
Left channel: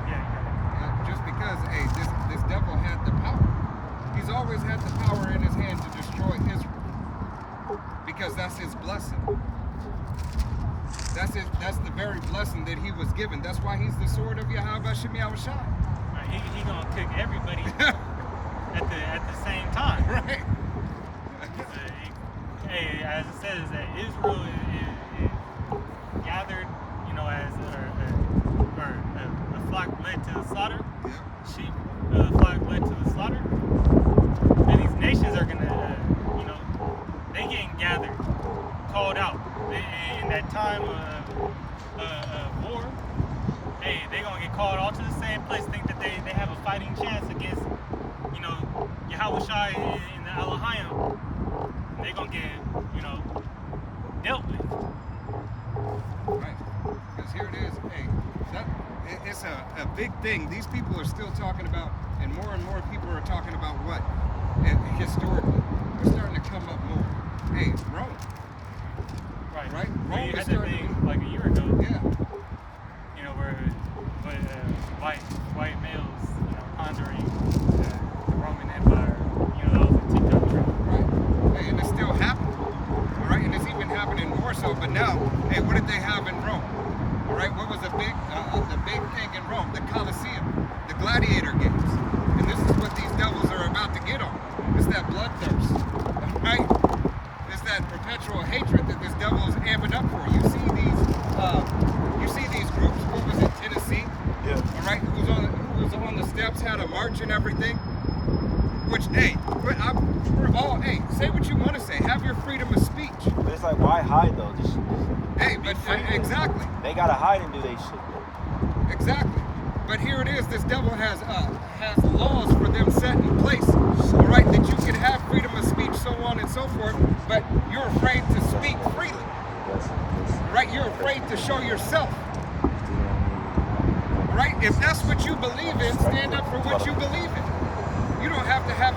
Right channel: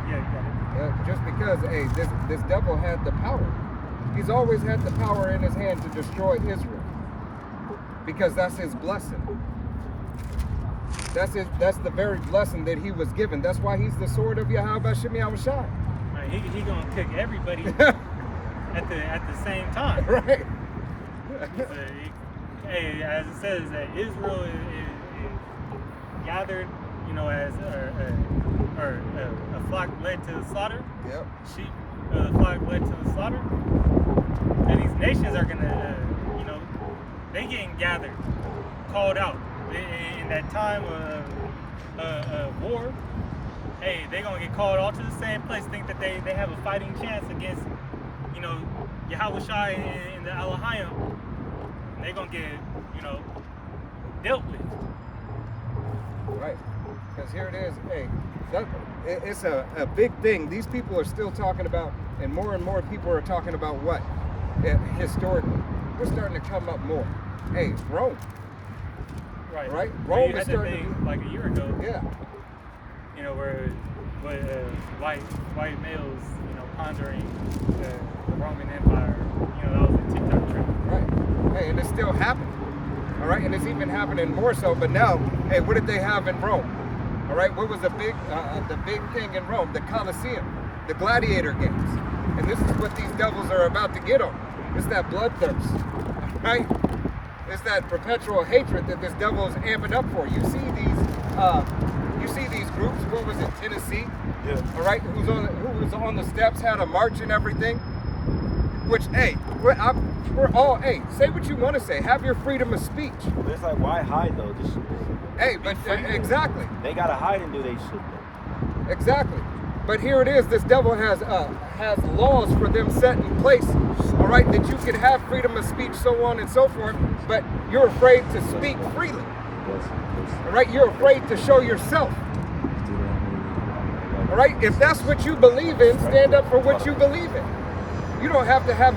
yeah, you got it. Just because, hey, this devil had the power. He's always had the power in his hand to destroy Israel. Because that's his blessing. That's the very blessing that he was given. That's why he's the sword of Yahweh Shemi Awashai. Right, he gonna kick everybody at the same time. Right. Hey, as it says that Israel is gathered, as a flock led to the slaughter. Yep. Sheep, the flock led to the slaughter. And these nations are gonna, they getting gathered, called out in that time of war. Hey, they gonna get called all to the same place. Think that they have a fighting chance against, Yahweh Shai and the Elohim. They're gonna get, dealt with. Right. Because here it is. Hey, it's a big thing. These people are still talking about, and more people are talking about what? Historically. We're starting to come up more. Hey, Rome. Right. Right? Well, Rome you is had that starting thing to be, like a year ago. yeah. Where white males, pondering the Roman Empire. That was a TikTok trend. Right. Hey, and it's still happening. All right, and it's even happening more so. But now, hey, what did they have in Rome? All right, what was the big thing in Rome? The Colosseum, the gladiator games. And this is what these devils are about to get on. It's that bloodthirst, right? It's that perpetual hatred that this devil is amping up for. You see these groups. What was it, Tennessee? Yeah. All right, who was on the steps, had a march and everything. Which, hey, we're all, hey, say what you want to say. Have your freedom of speech. But it's like, why hide though? Just Hey, but exactly. they gotta hide and do they shit though. Exactly. But here it is. This devil has laws for them set in place. All right, that you can have freedom of speech, so on and so forth. But you're afraid to speak freely. All right, you're afraid to show yourself. All right, if that's what you believe in, stand up for what you believe in. You don't have to have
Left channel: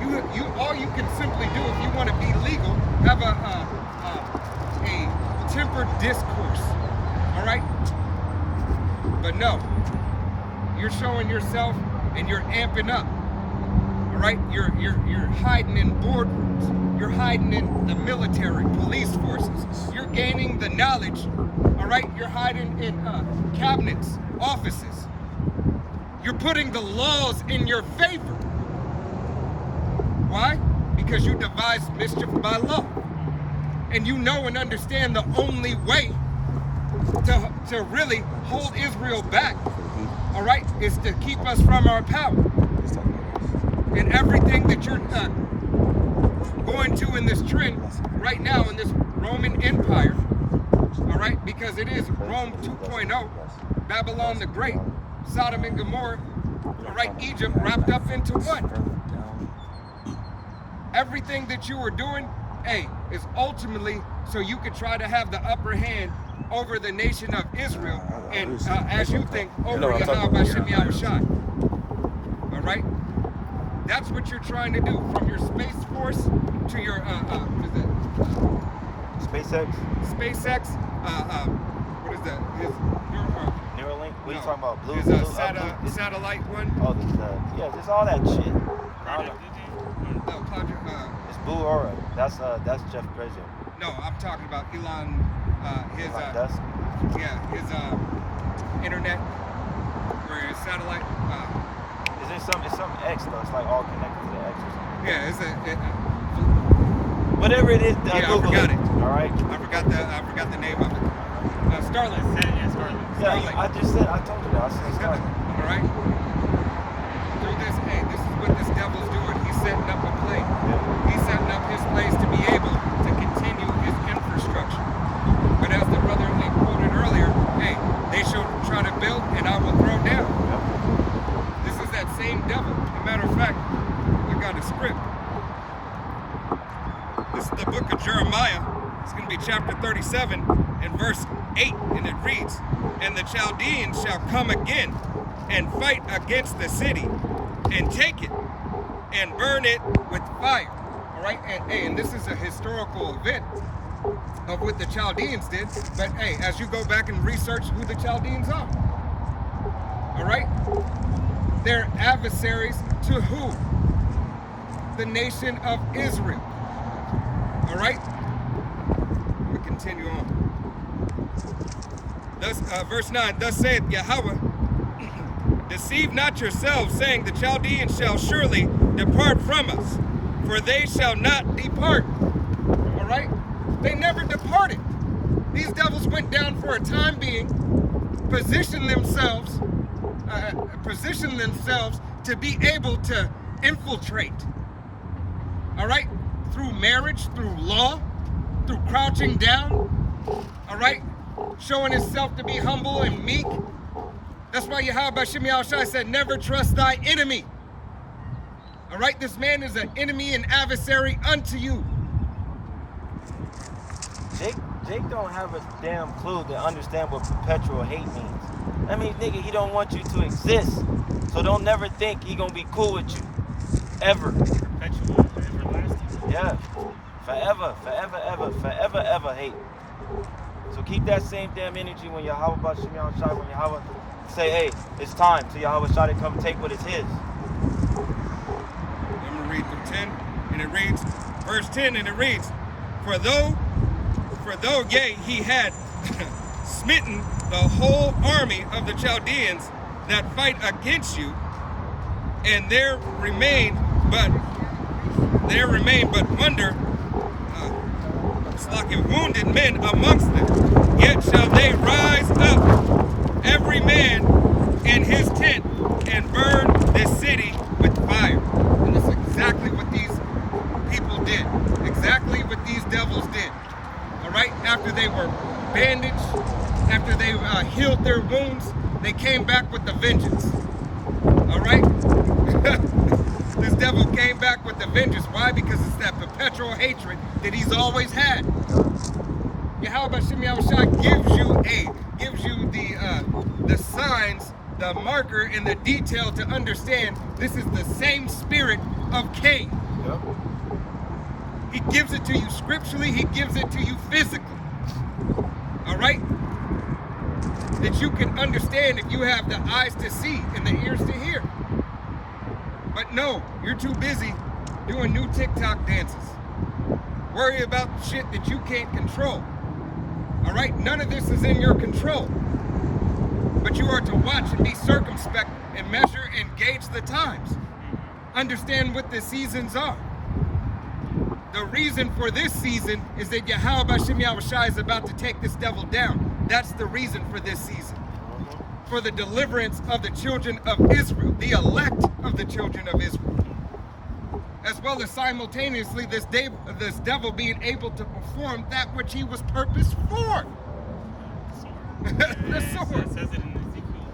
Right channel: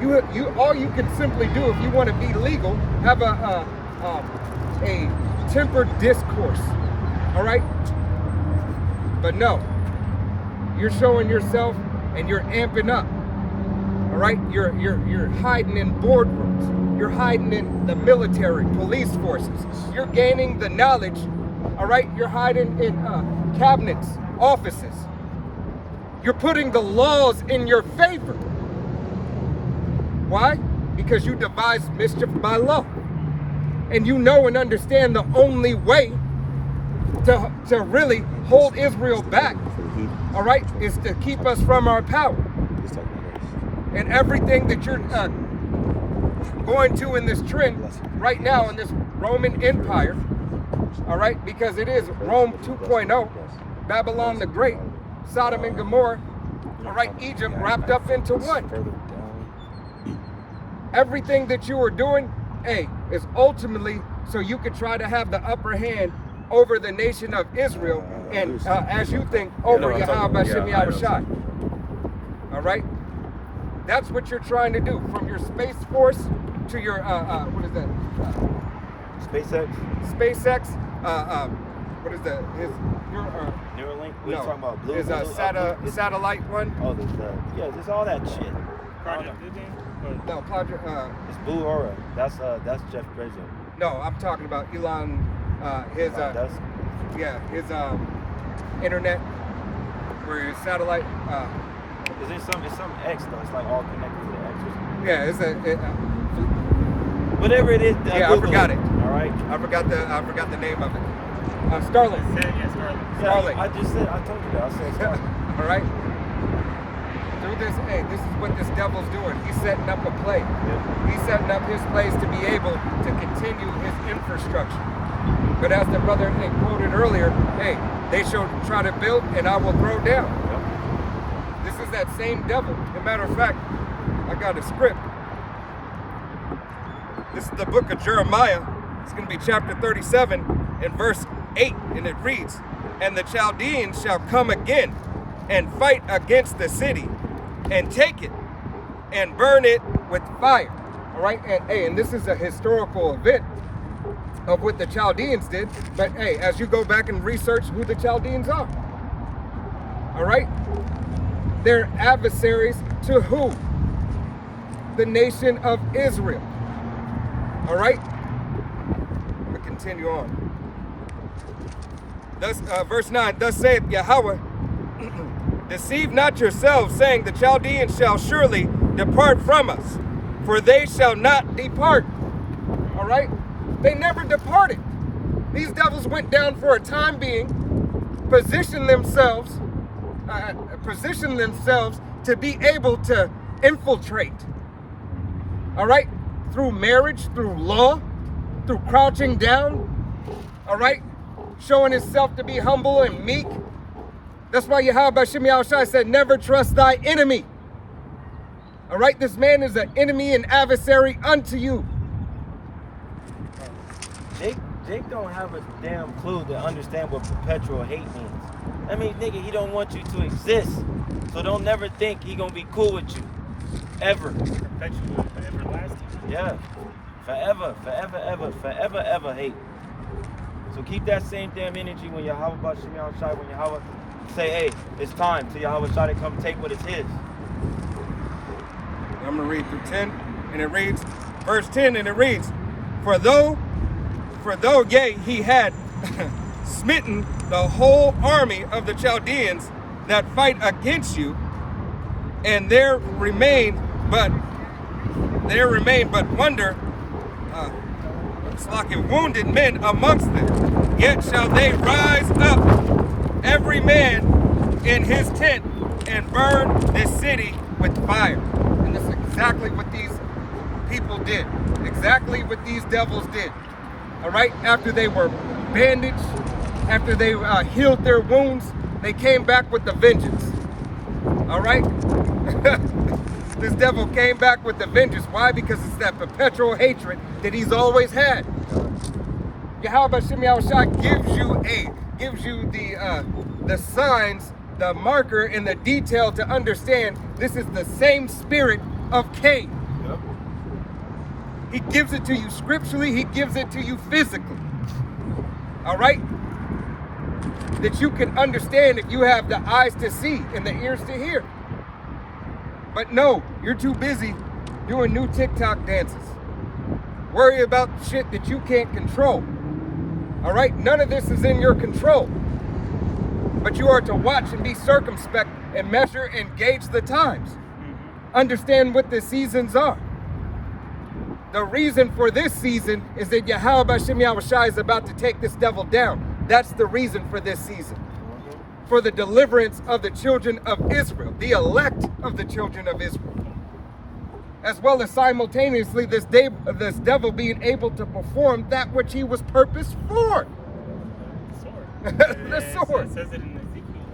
you all you can simply do if you want to be legal, have a tempered discourse. All right? But no, you're showing yourself and you're amping up. All right? You're hiding in boardrooms. You're hiding in the military, police forces. You're gaining the knowledge. All right? You're hiding in cabinets, offices. You're putting the laws in your favor. Why? Because you devise mischief by law. And you know and understand the only way to really hold Israel back, all right, is to keep us from our power. And everything that you're going to in this trend right now in this Roman Empire, all right, because it is Rome 2.0, Babylon the Great, Sodom and Gomorrah, all right, Egypt wrapped up into one. Everything that you are doing, hey, is ultimately so you could try to have the upper hand over the nation of Israel and, as you think, over Yahweh Shem Yahushai. All right? That's what you're trying to do. From your Space Force to your, what is that? SpaceX? SpaceX, what is that? Neuralink? What are you No, talking about? Blue? his satellite one. Oh, there's yeah, just all that shit. Project Blue Jay? What? No, Project, It's Blue Aura. That's Jeff Bezos. no, I'm talking about Elon, his That's internet, where his satellite, it's some X though. It's like all connected to X or something. yeah, it's Whatever it is. Yeah, I forgot it. All right. I forgot the name of it. Starlink. Yeah, Scarlet. Yeah, Starlink. I just said. I told you that. I said Starlink. All right. Through this, hey, this is what this devil's doing. He's setting up a play. He's setting up his plays to be able to continue his infrastructure. But as the brother quoted earlier, hey, they shall try to build and I will throw down. This is that same devil. As a matter of fact, I got a script. This is the book of Jeremiah. It's going to be chapter 37 and verse 8, and it reads, "And the Chaldeans shall come again and fight against the city and take it and burn it with fire." All right, and this is a historical event of what the Chaldeans did. But hey, as you go back and research who the Chaldeans are, all right, they're adversaries to who? The nation of Israel. All right, we continue on. Thus, verse 9, "Thus saith Yahweh, deceive not yourselves, saying, the Chaldeans shall surely depart from us, for they shall not depart." All right? They never departed. These devils went down for a time being, positioned themselves to be able to infiltrate. All right? Through marriage, through law, through crouching down. All right? Showing himself to be humble and meek. That's why Yahweh Shem Yahushai said, never trust thy enemy. All right, this man is an enemy and adversary unto you. Jake don't have a damn clue to understand what perpetual hate means. I mean, nigga, he don't want you to exist. So don't never think he gonna be cool with you. Ever. Perpetual, everlasting. Yeah. Forever, ever hate. So keep that same damn energy when Yahweh Shem Yahushai, when Yahweh say, hey, it's time for Yahweh Shah to come take what is his. I'm going to read through 10, and it reads, verse 10, and it reads, For though, yea, he had smitten the whole army of the Chaldeans, that fight against you, and there remain but wonder, it's like wounded men amongst them. Yet shall they rise up, every man in his tent, and burn this city with fire. And that's exactly what these people did. Exactly what these devils did. All right? After they were bandaged, after they healed their wounds, they came back with the vengeance. All right? This devil came back with the vengeance. Why? Because it's that perpetual hatred that he's always had. Yahweh Shem Yahushua gives you the signs, the marker, and the detail to understand this is the same spirit of Cain. Yep. He gives it to you scripturally, he gives it to you physically. All right? That you can understand if you have the eyes to see and the ears to hear. But no, you're too busy doing new TikTok dances. Worry about shit that you can't control. All right? None of this is in your control. But you are to watch and be circumspect and measure and gauge the times. Understand what the seasons are. The reason for this season is that Yahweh Shem Yahushua is about to take this devil down. That's the reason for this season. For the deliverance of the children of Israel, the elect of the children of Israel. As well as simultaneously this devil being able to perform that which he was purposed for. The sword. The sword. It says it in Ezekiel.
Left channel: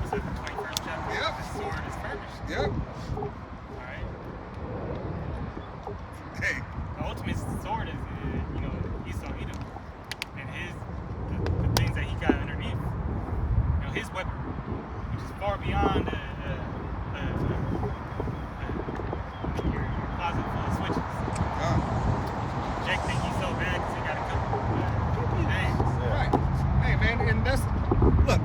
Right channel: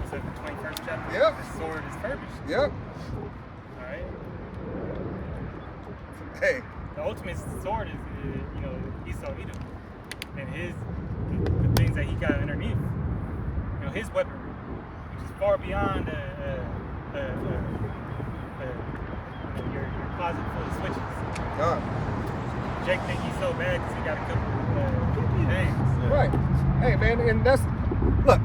Was it the 21st chapter? Yep. The sword is furbished. Yep. All right. Hey. The ultimate sword is, Esau Edom, and the things that he got underneath. His weaponry, which is far beyond your closet full of switches. God. Jake think he's so bad because he got a couple things. Right. Hey, man, and look,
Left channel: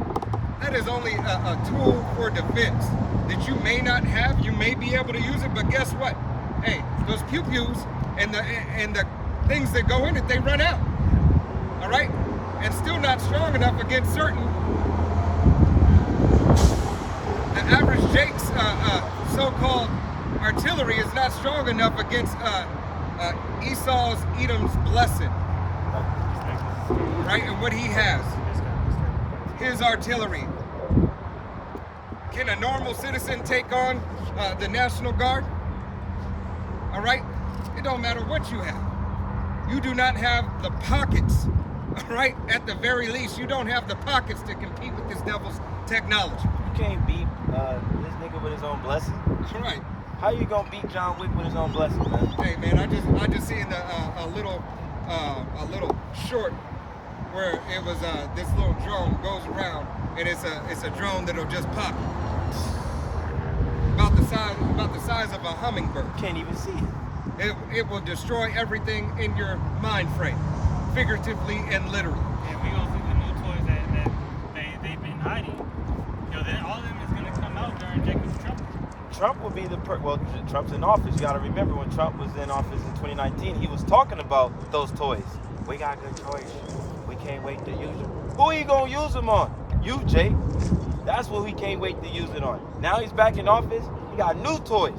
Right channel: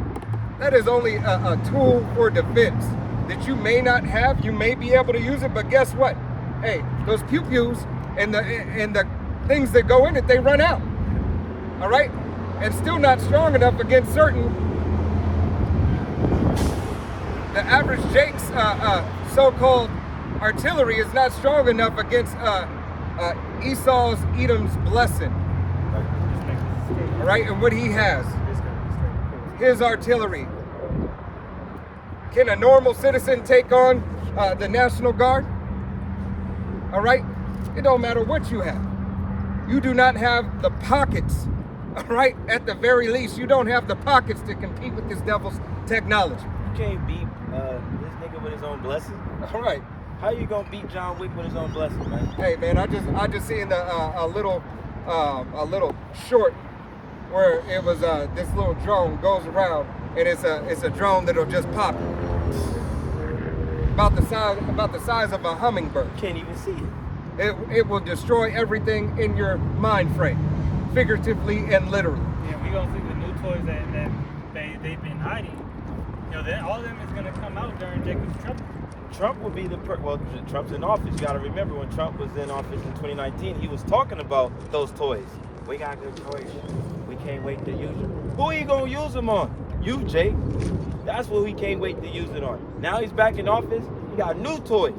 that is only a tool for defense that you may not have. You may be able to use it, but guess what? Hey, those pew-pews and the things that go in it, they run out. All right? And still not strong enough against certain. The average Jake's so-called artillery is not strong enough against Esau's Edom's blessing. All right, and what he has, his artillery. Can a normal citizen take on the National Guard? All right, it don't matter what you have. You do not have the pockets. All right, at the very least, you don't have the pockets to compete with this devil's technology. You can't beat this nigga with his own blessing. All right. How you gonna beat John Wick with his own blessing, man? Hey, man, I just seen a little short where it was this little drone goes around and it's a drone that'll just pop about the size of a hummingbird. You can't even see it. It will destroy everything in your mind frame, figuratively and literally. Yeah, we gonna see the new toys that they've been hiding. All of them is gonna come out during Jacob's trouble. Trump will be Trump's in office. You gotta remember when Trump was in office in 2019, he was talking about those toys. We got good toys. We can't wait to use them. Who are you gonna use them on? You, Jake. That's what we can't wait to use it on. Now he's back in office. He got new toys.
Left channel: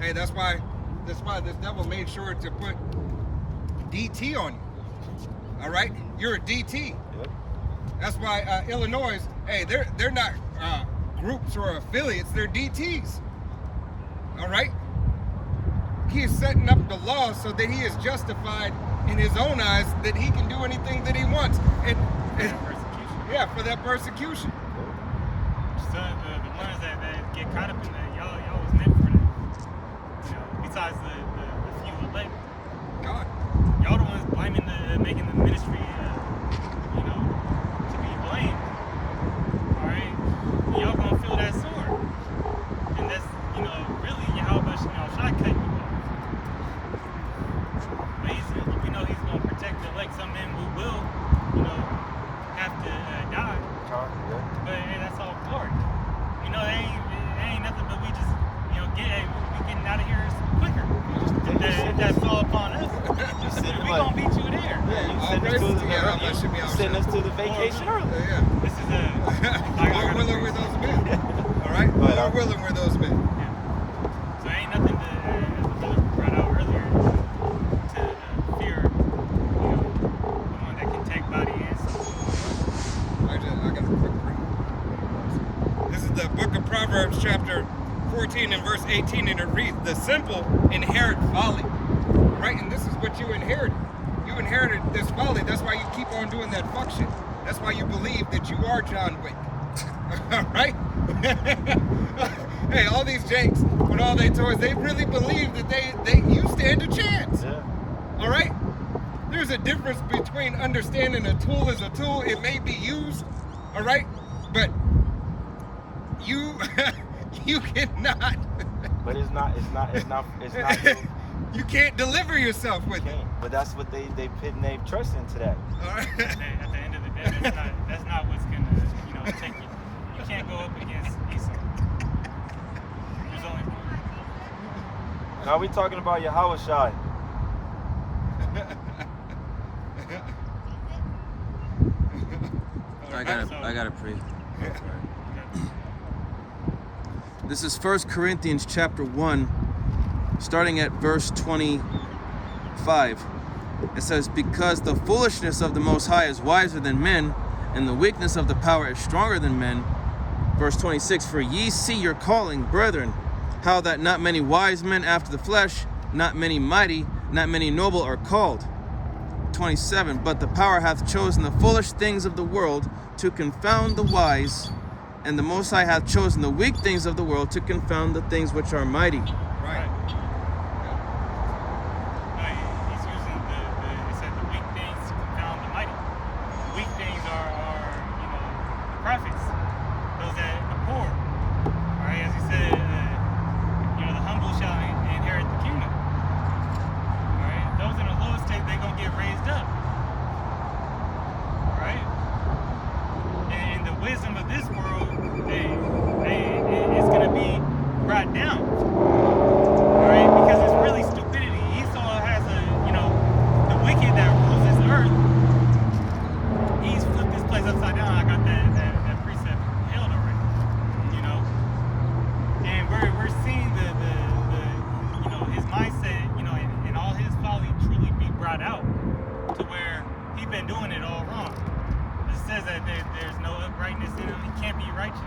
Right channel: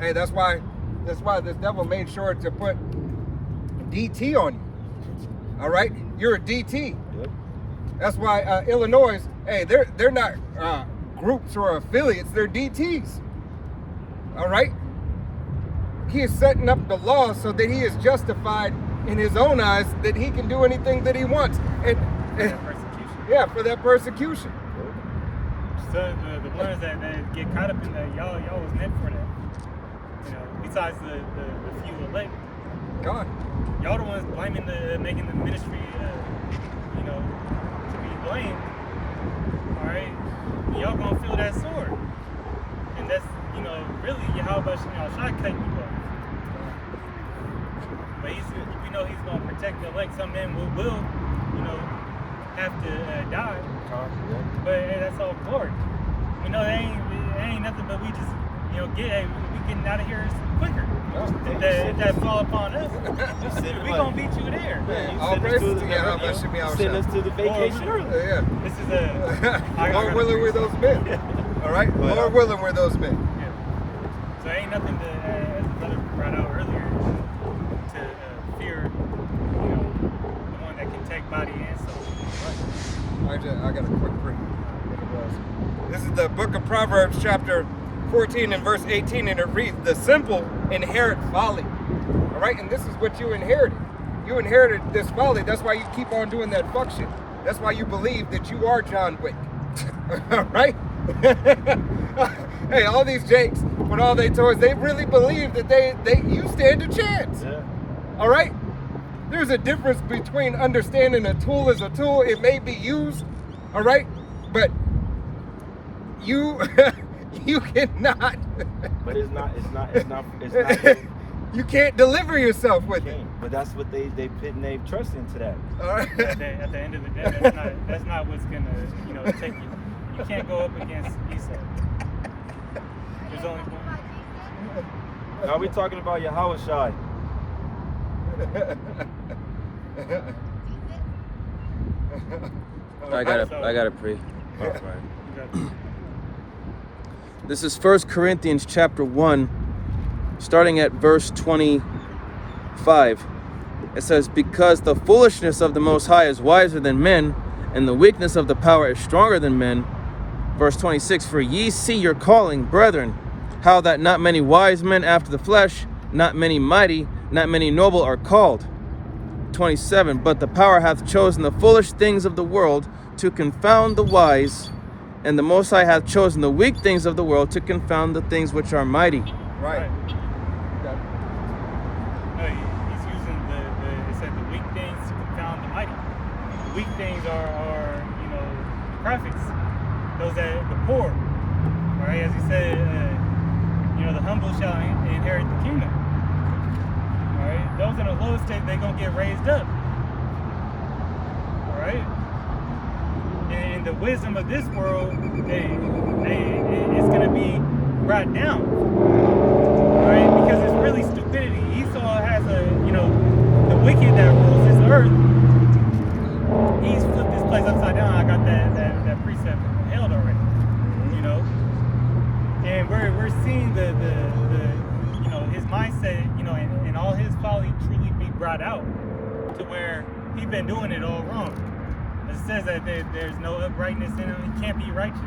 Hey, that's why this devil made sure to put DT on you. All right, you're a DT. Yep. That's why Illinois. Hey, they're not groups or affiliates. They're DTs. All right. He is setting up the law so that he is justified in his own eyes that he can do anything that he wants. And For that persecution. yeah, for that persecution. So the ones that get caught up in that, y'all was meant for that. Besides the few elect, God. y'all the ones making the ministry, to be blamed. All right, y'all gonna feel that sword, and that's really Yahweh Shem Yahushua cutting you off. But we know he's gonna protect the elect. Some men will have to die. But hey, that's all glory. It ain't nothing but we just you know, we getting out of here quicker. If that fall upon us, we gonna beat you there. Yeah, all praises to Yahweh Shem send us to the vacation early. Yeah. This is a Lord willing, we're those men. All right? Lord willing, we're those men. Yeah. So ain't nothing to, as the brother brought out earlier, to fear, you know, the one that can take body and soul. I got a quick break. This is the book of Proverbs, chapter 14 and verse 18, and it reads, "The simple inherit folly." All right? And this is what you inherited. You inherited this folly. That's why you keep on doing that fuck shit. That's why you believe that you are John Wick. All right? Hey, all these jakes, with all they toys, they really believe that you stand a chance. Yeah. All right? There's a difference between understanding a tool is a tool. It may be used, all right? But you you cannot. But it's not. You can't deliver yourself with it. But that's what they put and they trust into that. All right? At the end of the day, that's not what's gonna, you know, take you. You can't go up against Esau. There's only one. Now we're talking about Yahweh Shai. I gotta pray. Okay. This is 1 Corinthians chapter 1, starting at verse 25. It says, "Because the foolishness of the Most High is wiser than men, and the weakness of the power is stronger than men." Verse 26, "For ye see your calling, brethren, how that not many wise men after the flesh, not many mighty, not many noble are called." 27, "But the power hath chosen the foolish things of the world to confound the wise, and the Most High hath chosen the weak things of the world to confound the things which are mighty." Right. No, he's using it said the weak things to confound the mighty. The weak things are you know, the prophets, those that the poor. All right, as he said, you know, the humble shall inherit the kingdom. All right, those in the lowest state, they're gonna get raised up. All right, and the wisdom of this world, it's gonna be brought down. All right, because it's really stupidity. Esau has the wicked that rules this earth. He's flipped this place upside down. I got that precept held already, you know. And we're seeing the you know, his mindset, you know, and all his folly truly be brought out to where he's been doing it all wrong. It says that there's no uprightness in him. He can't be righteous.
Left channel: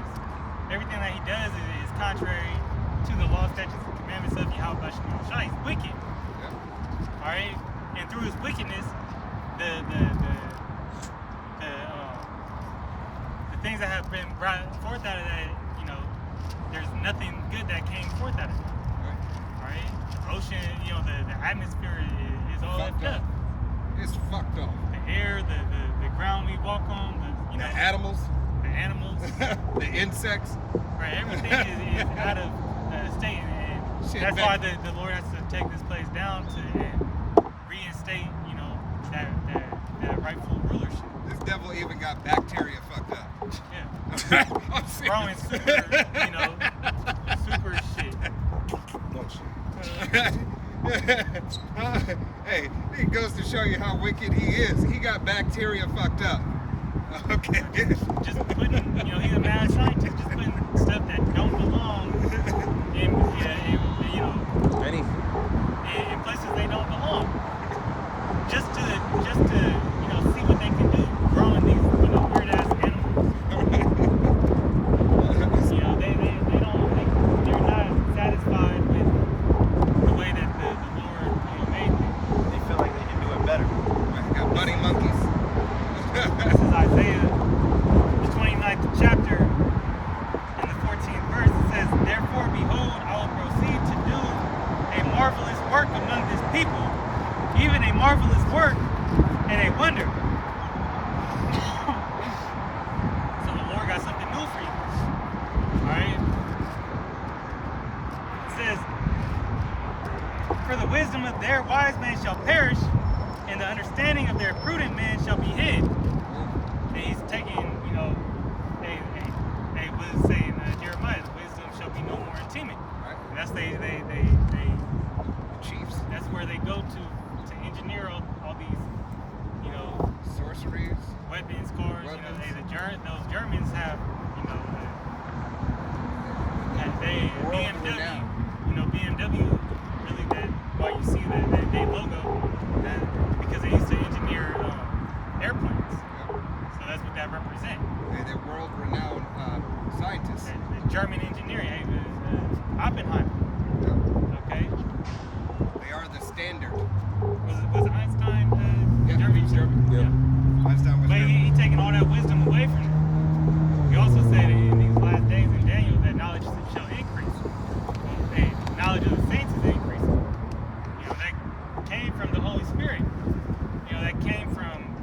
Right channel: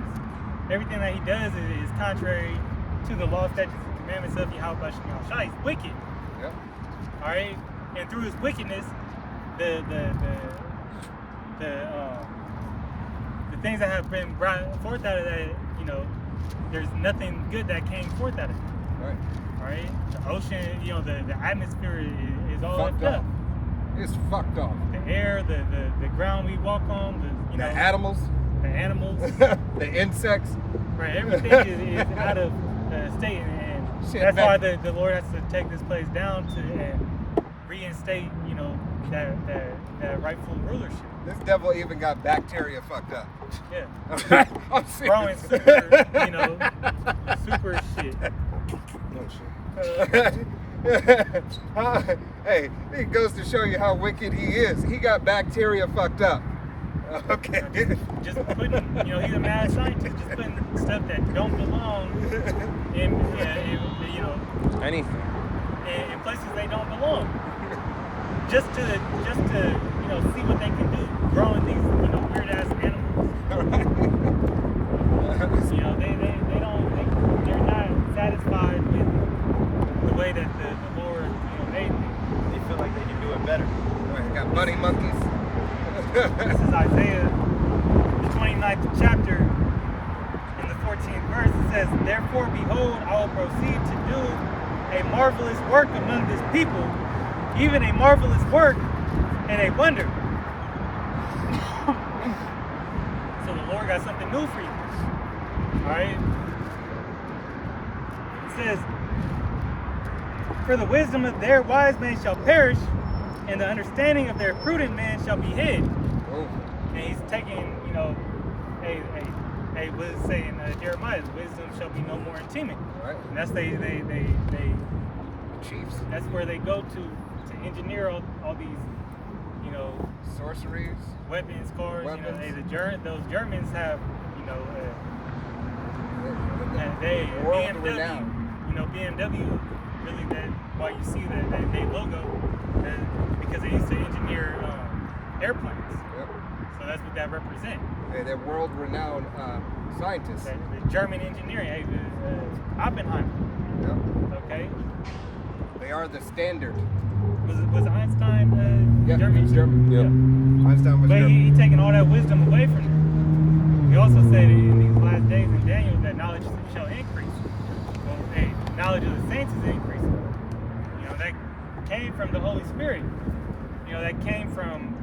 Everything that he does is contrary to the law, statutes, and commandments of Yahweh Shem Yahushua. He's wicked. Yep. All right, and through his wickedness, the things that have been brought forth out of that, you know, there's nothing good that came forth out of it. Right. All right, the ocean, you know, the atmosphere is all Fucked fucked up. It's fucked off. The air, the ground we walk on, you know, The animals, the animals, the insects. right? Everything is out of state, and Shit, that's man. why the Lord has to take this place down and reinstate, you know, that rightful rulership. This devil even got bacteria fucked up. Yeah, I'm serious. growing super, you know, super shit. No shit. Hey, it goes to show you how wicked he is. He got bacteria fucked up. Okay. Just putting, you know, he's a mad scientist, just putting stuff that don't belong in you know, in places they don't belong. Just to you know, see what they can do growing these, you know, weird ass animals. You know, they're not satisfied with the way that the Lord, you know, made things. They feel like they can do it better. Right, got bunny monkeys. This is Isaiah, the 29th chapter, in the 14th verse. It says, "Therefore, behold, I will proceed to do a marvelous work among this people, even a marvelous work and a wonder." So the Lord got something new for you. All right. It says, "For the wisdom of their wise men shall perish, and the understanding of their prudent men shall be hid." Oh, And he's taking, you know, a hey, what is it saying? Jeremiah, wisdom shall be no more in teeming. Right. And that's they Chiefs, that's where they go to engineer all these, you know, sorceries. weapons, cars. You know, Weapons. those Germans have, you know, World BMW. renowned. You know, BMW really that why you see that they logo because they used to engineer airplanes. Yep. So that's what that represents. They're world-renowned scientists. The German engineering, Oppenheimer. Yep. Okay, They are the standard. was Einstein Yeah, German? he's German. Yeah. Einstein was But German. he taking all that wisdom away from them. He also said in these last days in Daniel that knowledge shall increase. Well, hey, knowledge of the saints is increasing. You know, that came from the Holy Spirit. You know, that came from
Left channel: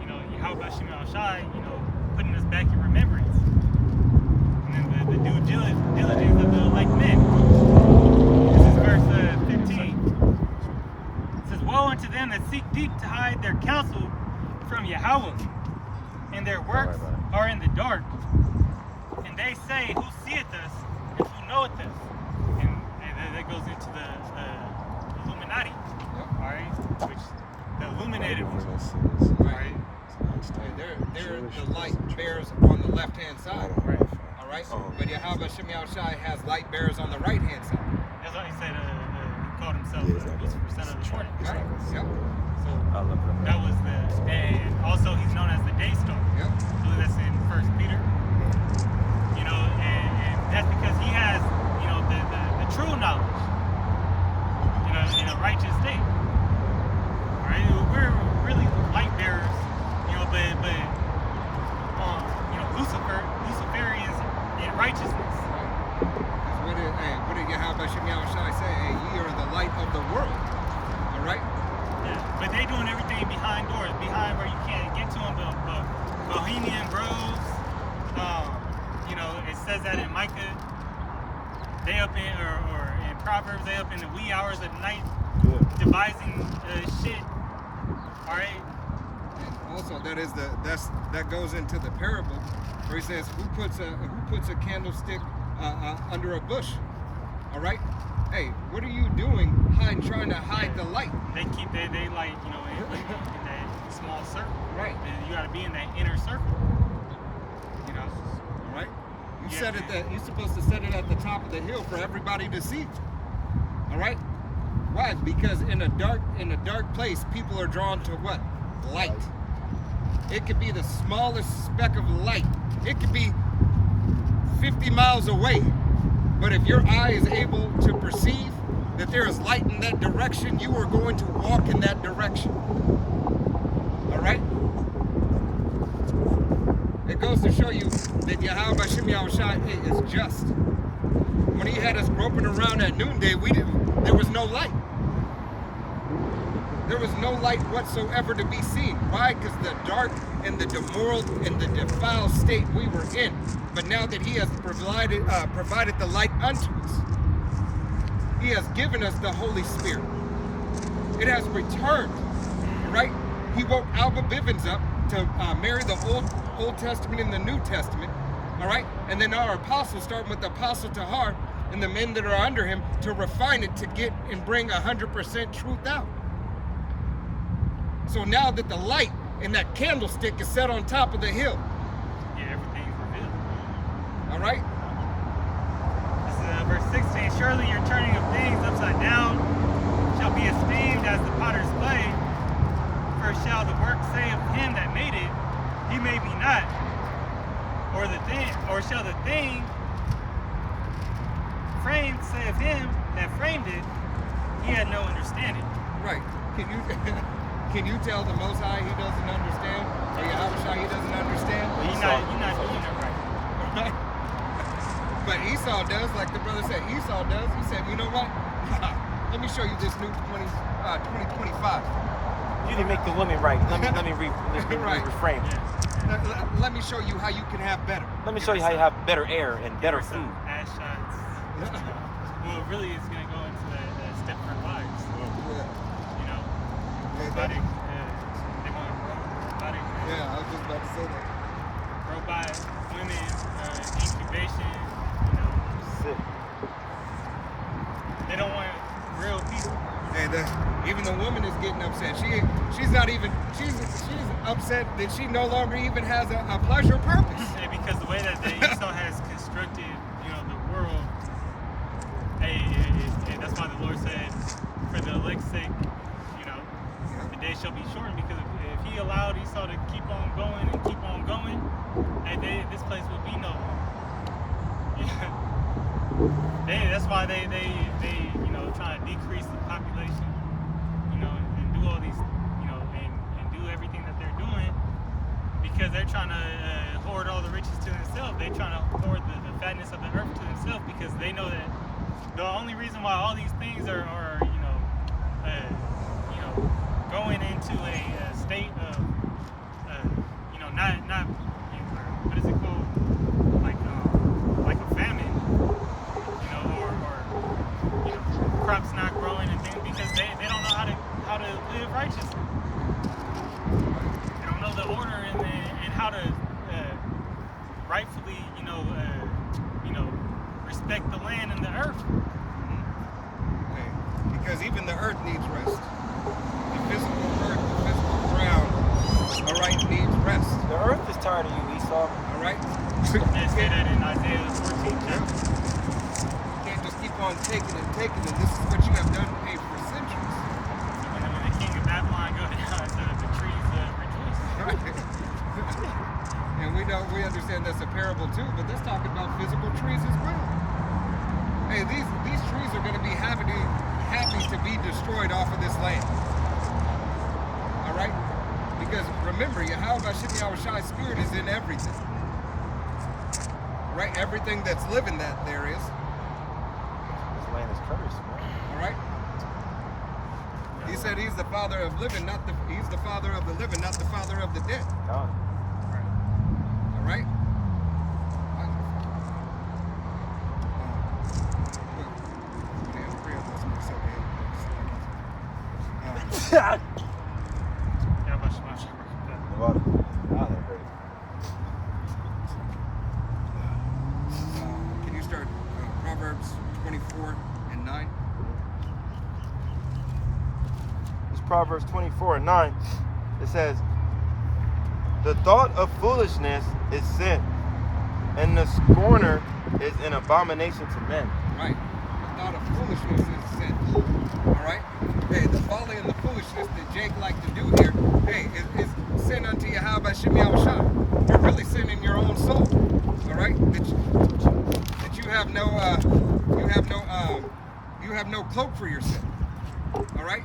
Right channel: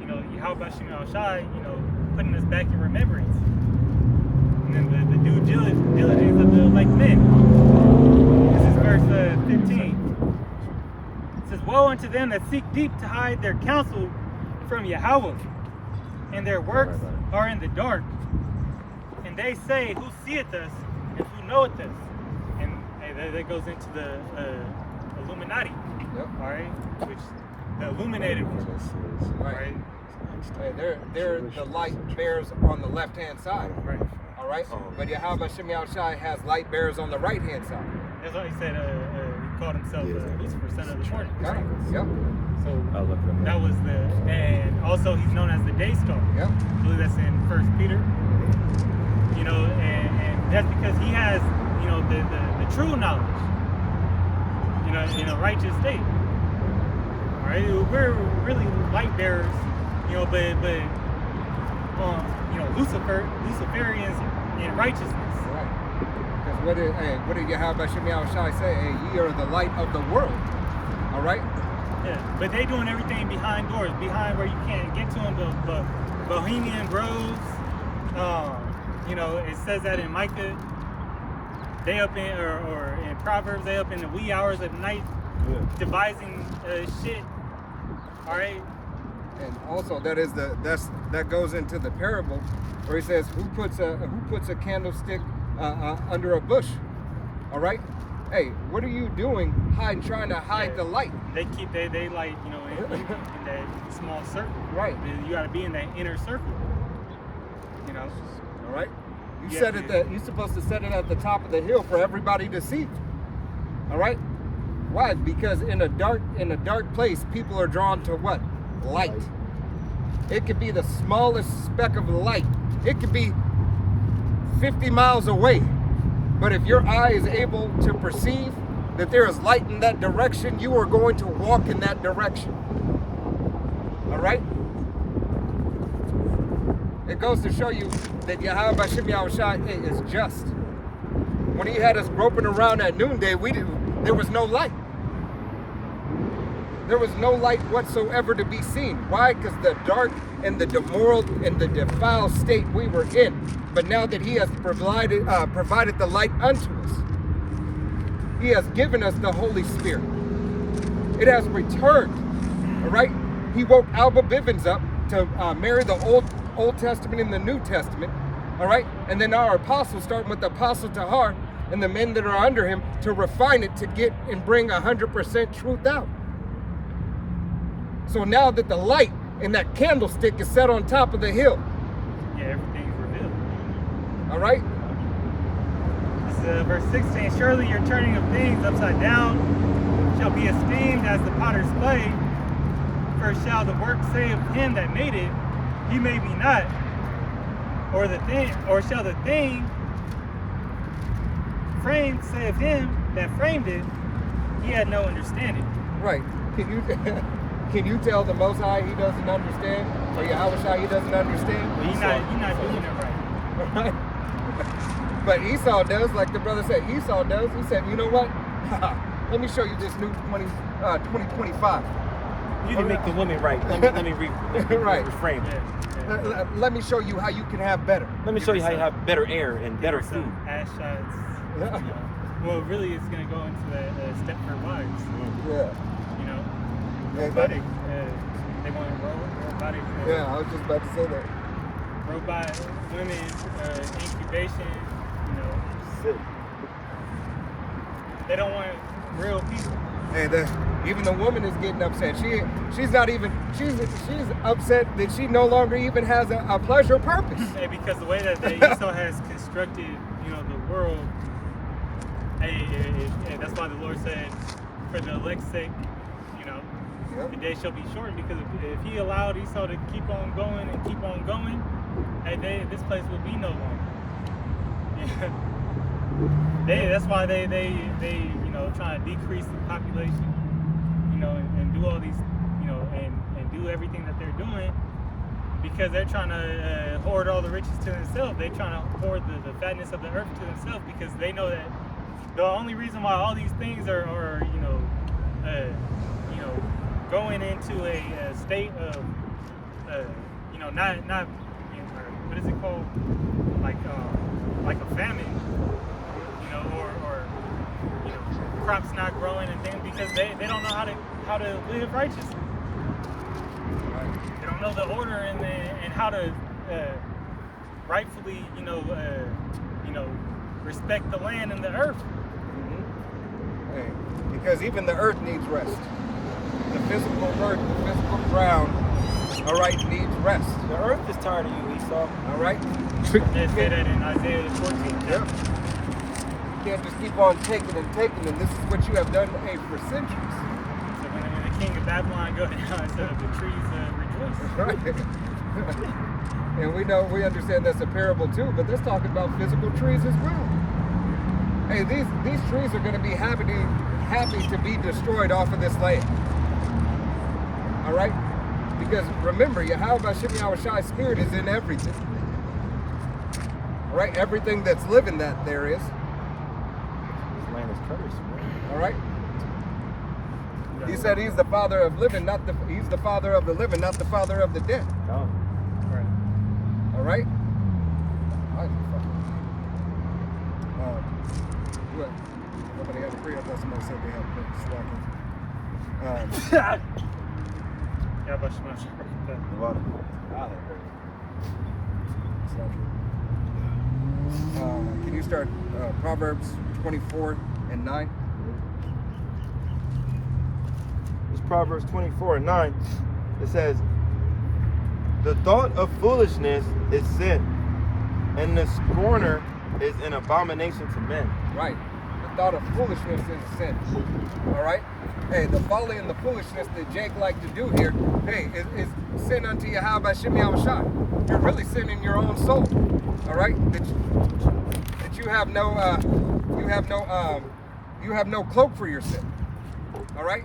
you know, Yahweh Shem Al Shai, you know, putting us back in remembrance. And then the due diligence of the elect men. This is verse 15. It says, woe unto them that seek deep to hide their counsel from Yahweh, and their works are in the dark. And they say, who seeth us, and who knoweth us? And hey, that goes into the Illuminati, Yep. all right? Which the illuminated ones, right? Hey, they're the light bearers on the left-hand side. Right. All right. But Yahweh Shem Shai has light bearers on the right-hand side. That's why he said he called himself Lucifer, son of the morning. Got it? Yep. So that was and also he's known as the day star. Yep. I believe that's in 1 Peter. You know, and that's because he has, you know, the true knowledge, you know, in a righteous state. All right, we're really light bearers, you know, but you know, Luciferians in righteousness. Because what did Yahweh Shem Shai say? Hey, ye are the light of the world. All right. Yeah, but they doing everything behind doors, behind where you can't get to them. But Bohemian Groves, you know, it says that in Micah. They up in or in Proverbs, they up in the wee hours of the night, devising shit. All right. And also that goes into the parable where he says, who puts a candlestick under a bush? All right. Hey, what are you doing trying to hide the light? They keep they light, you know, in that small circle. Right. You got to be in that inner circle. You know. All right. Yeah, You're supposed to set it at the top of the hill for everybody to see. All right. Why? Because in a dark place, people are drawn to what? Light. It could be the smallest speck of light. It could be 50 miles away. But if your eye is able to perceive that there is light in that direction, you are going to walk in that direction. All right? It goes to show you that Yahweh Shem Shai is just. When he had us groping around at noonday, there was no light. There was no light whatsoever to be seen. Why? Because the dark and the demoralized and the defiled state we were in. But now that he has provided the light unto us, he has given us the Holy Spirit. It has returned. All right? He woke Alba Bivens up to marry the Old Testament and the New Testament. All right? And then our apostles, starting with the Apostle Tahar and the men that are under him, to refine it to get and bring 100% truth out. So now that the light in that candlestick is set on top of the hill. Yeah, everything's revealed. All right? This is verse 16. Surely your turning of things upside down shall be esteemed as the potter's clay. For shall the work say of him that made it, he made me not, or shall the thing framed say of him that framed it, he had no understanding. Right. Can you tell the Most High he doesn't understand? Or Yahweh Shai he doesn't understand? You're not doing it right. Right? But Esau does, like the brother said. Esau does. He said, you know what? Let me show you this new 2025. You didn't make the women right. Let me Right. refrain. Yeah. Let me show you how you can have better. Let me show you how you have better air and better food. Some ass shots. You know. Well, really, it's gonna go into that Stepford Wives. Yeah. You know, Yeah, robotic. They want robotic. Yeah, I was just about to say that. robot women, incubation, you know. Sick. They don't want real people. Hey, even the woman is getting upset. She's not even she's upset that she no longer even has a pleasure purpose. Hey, because the way that Esau has constructed, you know, the world. Hey, that's why the Lord said, for the elect's sake, you know, Yep. the day shall be shortened. Because if He allowed Esau to keep on going and keep on going, hey, this place would be no longer. Yeah. That's why they you know, trying to decrease the population, you know, and do all these, you know, and do everything that they're doing, because they're trying to hoard all the riches to themselves. They're trying to hoard the fatness of the earth to themselves, because they know that the only reason why all these things are you know, going into a state of you know, not you know, what is it called, like a famine, you know, or you know, crops not growing and things, because they don't know how to live righteously. They don't know the order and how to rightfully, you know, respect the land and the earth. Hey, because even the earth needs rest. The physical earth, the physical ground, all right, needs rest. The earth is tired of you, Esau. All right. They say that in Isaiah the 14th chapter. You can't just keep on taking and taking, and this is what you have done for centuries. So when the king of Babylon go down, the trees rejoice. Right. And we understand that's a parable too, but let's talk about physical trees as well. Hey, these trees are going to be happy to be destroyed off of this land. All right? Because remember, Yahweh Hashem Yahushai's spirit is in everything. All right? Everything that's living that there is. This land is cursed, man. All right? He said he's the father of living, he's the father of the living, not the father of the dead. No. Right. All right? What? Somebody had to pray. I thought somebody said they had slackers. Yeah, but Shema Shabbat. Can you start Proverbs 24:9? It's Proverbs 24:9. It says, the thought of foolishness is sin, and the scorner is an abomination to men. Right. The thought of foolishness is sin. All right? Hey, the folly and the foolishness that Jake liked to do here, hey, is sin unto Yahweh Shem Yahushai. You're really sinning your own soul. All right? That you have no cloak for your sin. All right?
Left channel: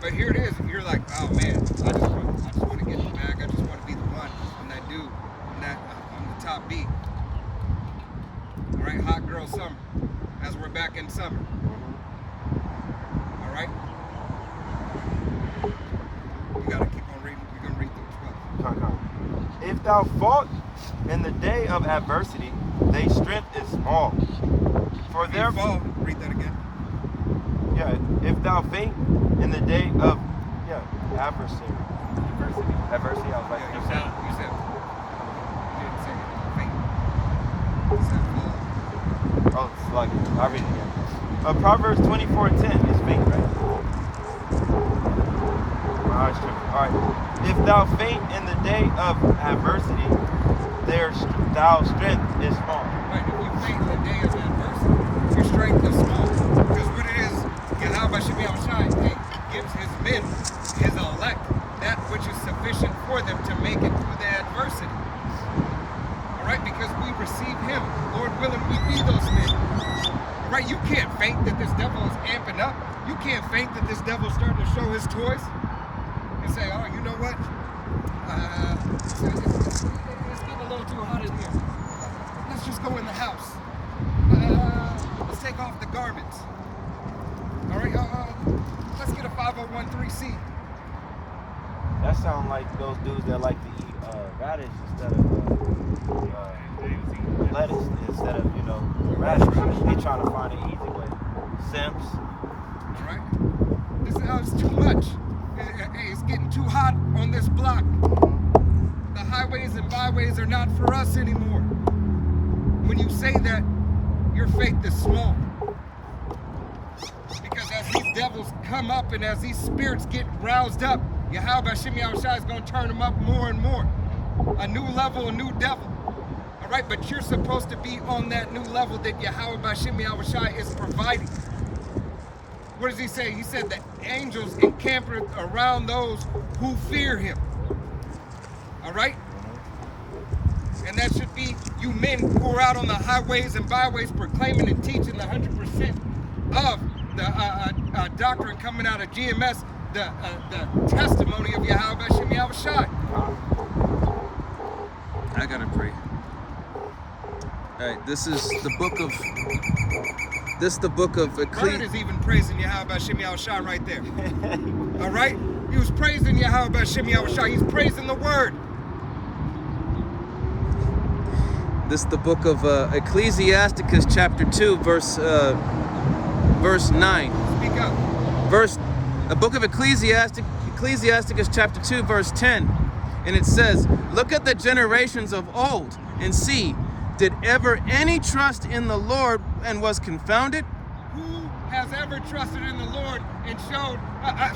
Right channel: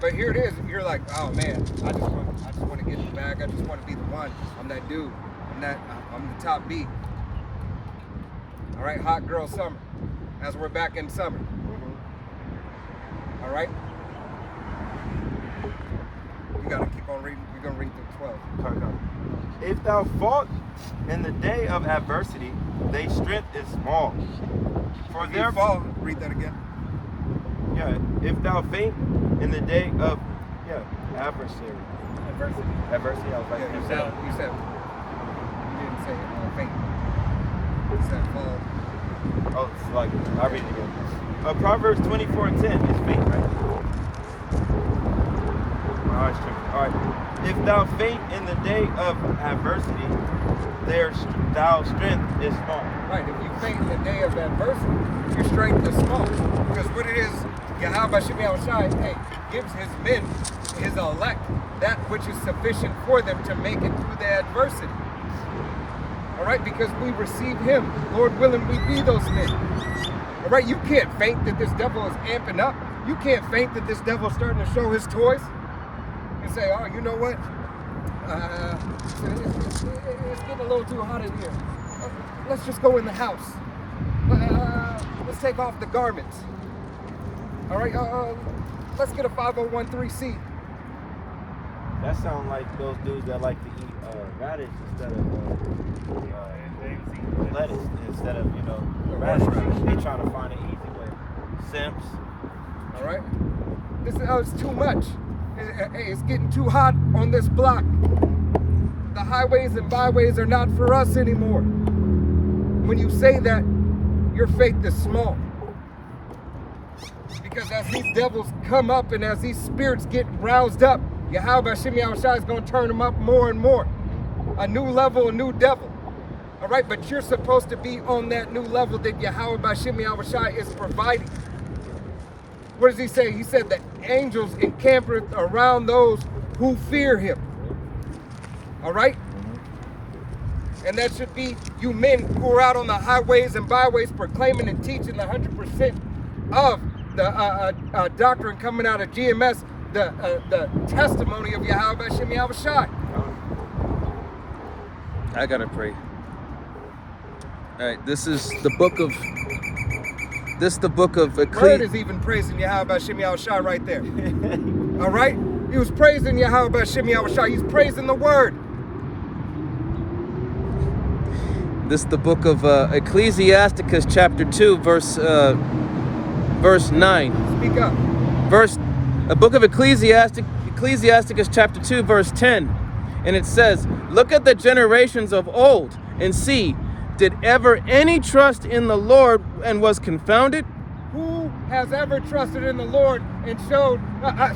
But here it is. You're like, oh man, I just want to get the bag. I just want to be the one. I'm that dude. I'm the top B. All right, hot girl summer. As we're back in summer. All right. You gotta keep on reading. You're gonna read through 12. If thou fault in the day of adversity, thy strength is small. For If you their fall, read that again. Yeah, if thou faint in the day of adversity. Adversity. Adversity, I was like, Yeah, you If said. thou- You said. You didn't say faint. You said fall. oh, it's like, I'll read it again. Proverbs 24:10 is faint, right? Alright. If thou faint in the day of adversity, thy strength is small. Right. If you faint in the day of adversity, your strength is small. Because what it is, Yahweh Shem Yahushai, hey, gives his men, his elect, that which is sufficient for them to make it through the adversity. All right, because we receive him. Lord willing, we be those men. All right, you can't faint that this devil is amping up. You can't faint that this devil is starting to show his toys and say, oh, you know what? It's getting a little too hot in here. Let's just go in the house. Let's take off the garments. All right, let's get a 501(c)(3). That sounds like those dudes that like to eat radish instead of lettuce instead of, radish. They trying to find an easy way. Simps. All right, it's too much. Hey, it's getting too hot on this block. The highways and byways are not for us anymore. When you say that, your faith is small. Because as these devils come up and as these spirits get roused up, Yahweh Hashem Yahushua is going to turn them up more and more. A new level, a new devil. All right, but you're supposed to be on that new level that Yahweh Hashem Yahushua is providing. What does he say? He said that angels encamp around those who fear him. All right? And that should be you men who are out on the highways and byways proclaiming and teaching the 100% of the doctrine coming out of GMS, the testimony of Yahweh Hashem Yahushua. I gotta pray. All right, this is the book of Bird Ecclesiastes. is even praising Yahweh Hashem Yahushua right there. All right? He was praising Yahweh Hashem Yahushua. He's praising the word. This is the book of Ecclesiasticus, chapter 2, verse 9. Speak up. The book of Ecclesiasticus, chapter 2, verse 10. And it says, look at the generations of old and see, did ever any trust in the Lord and was confounded? Who has ever trusted in the Lord and showed, the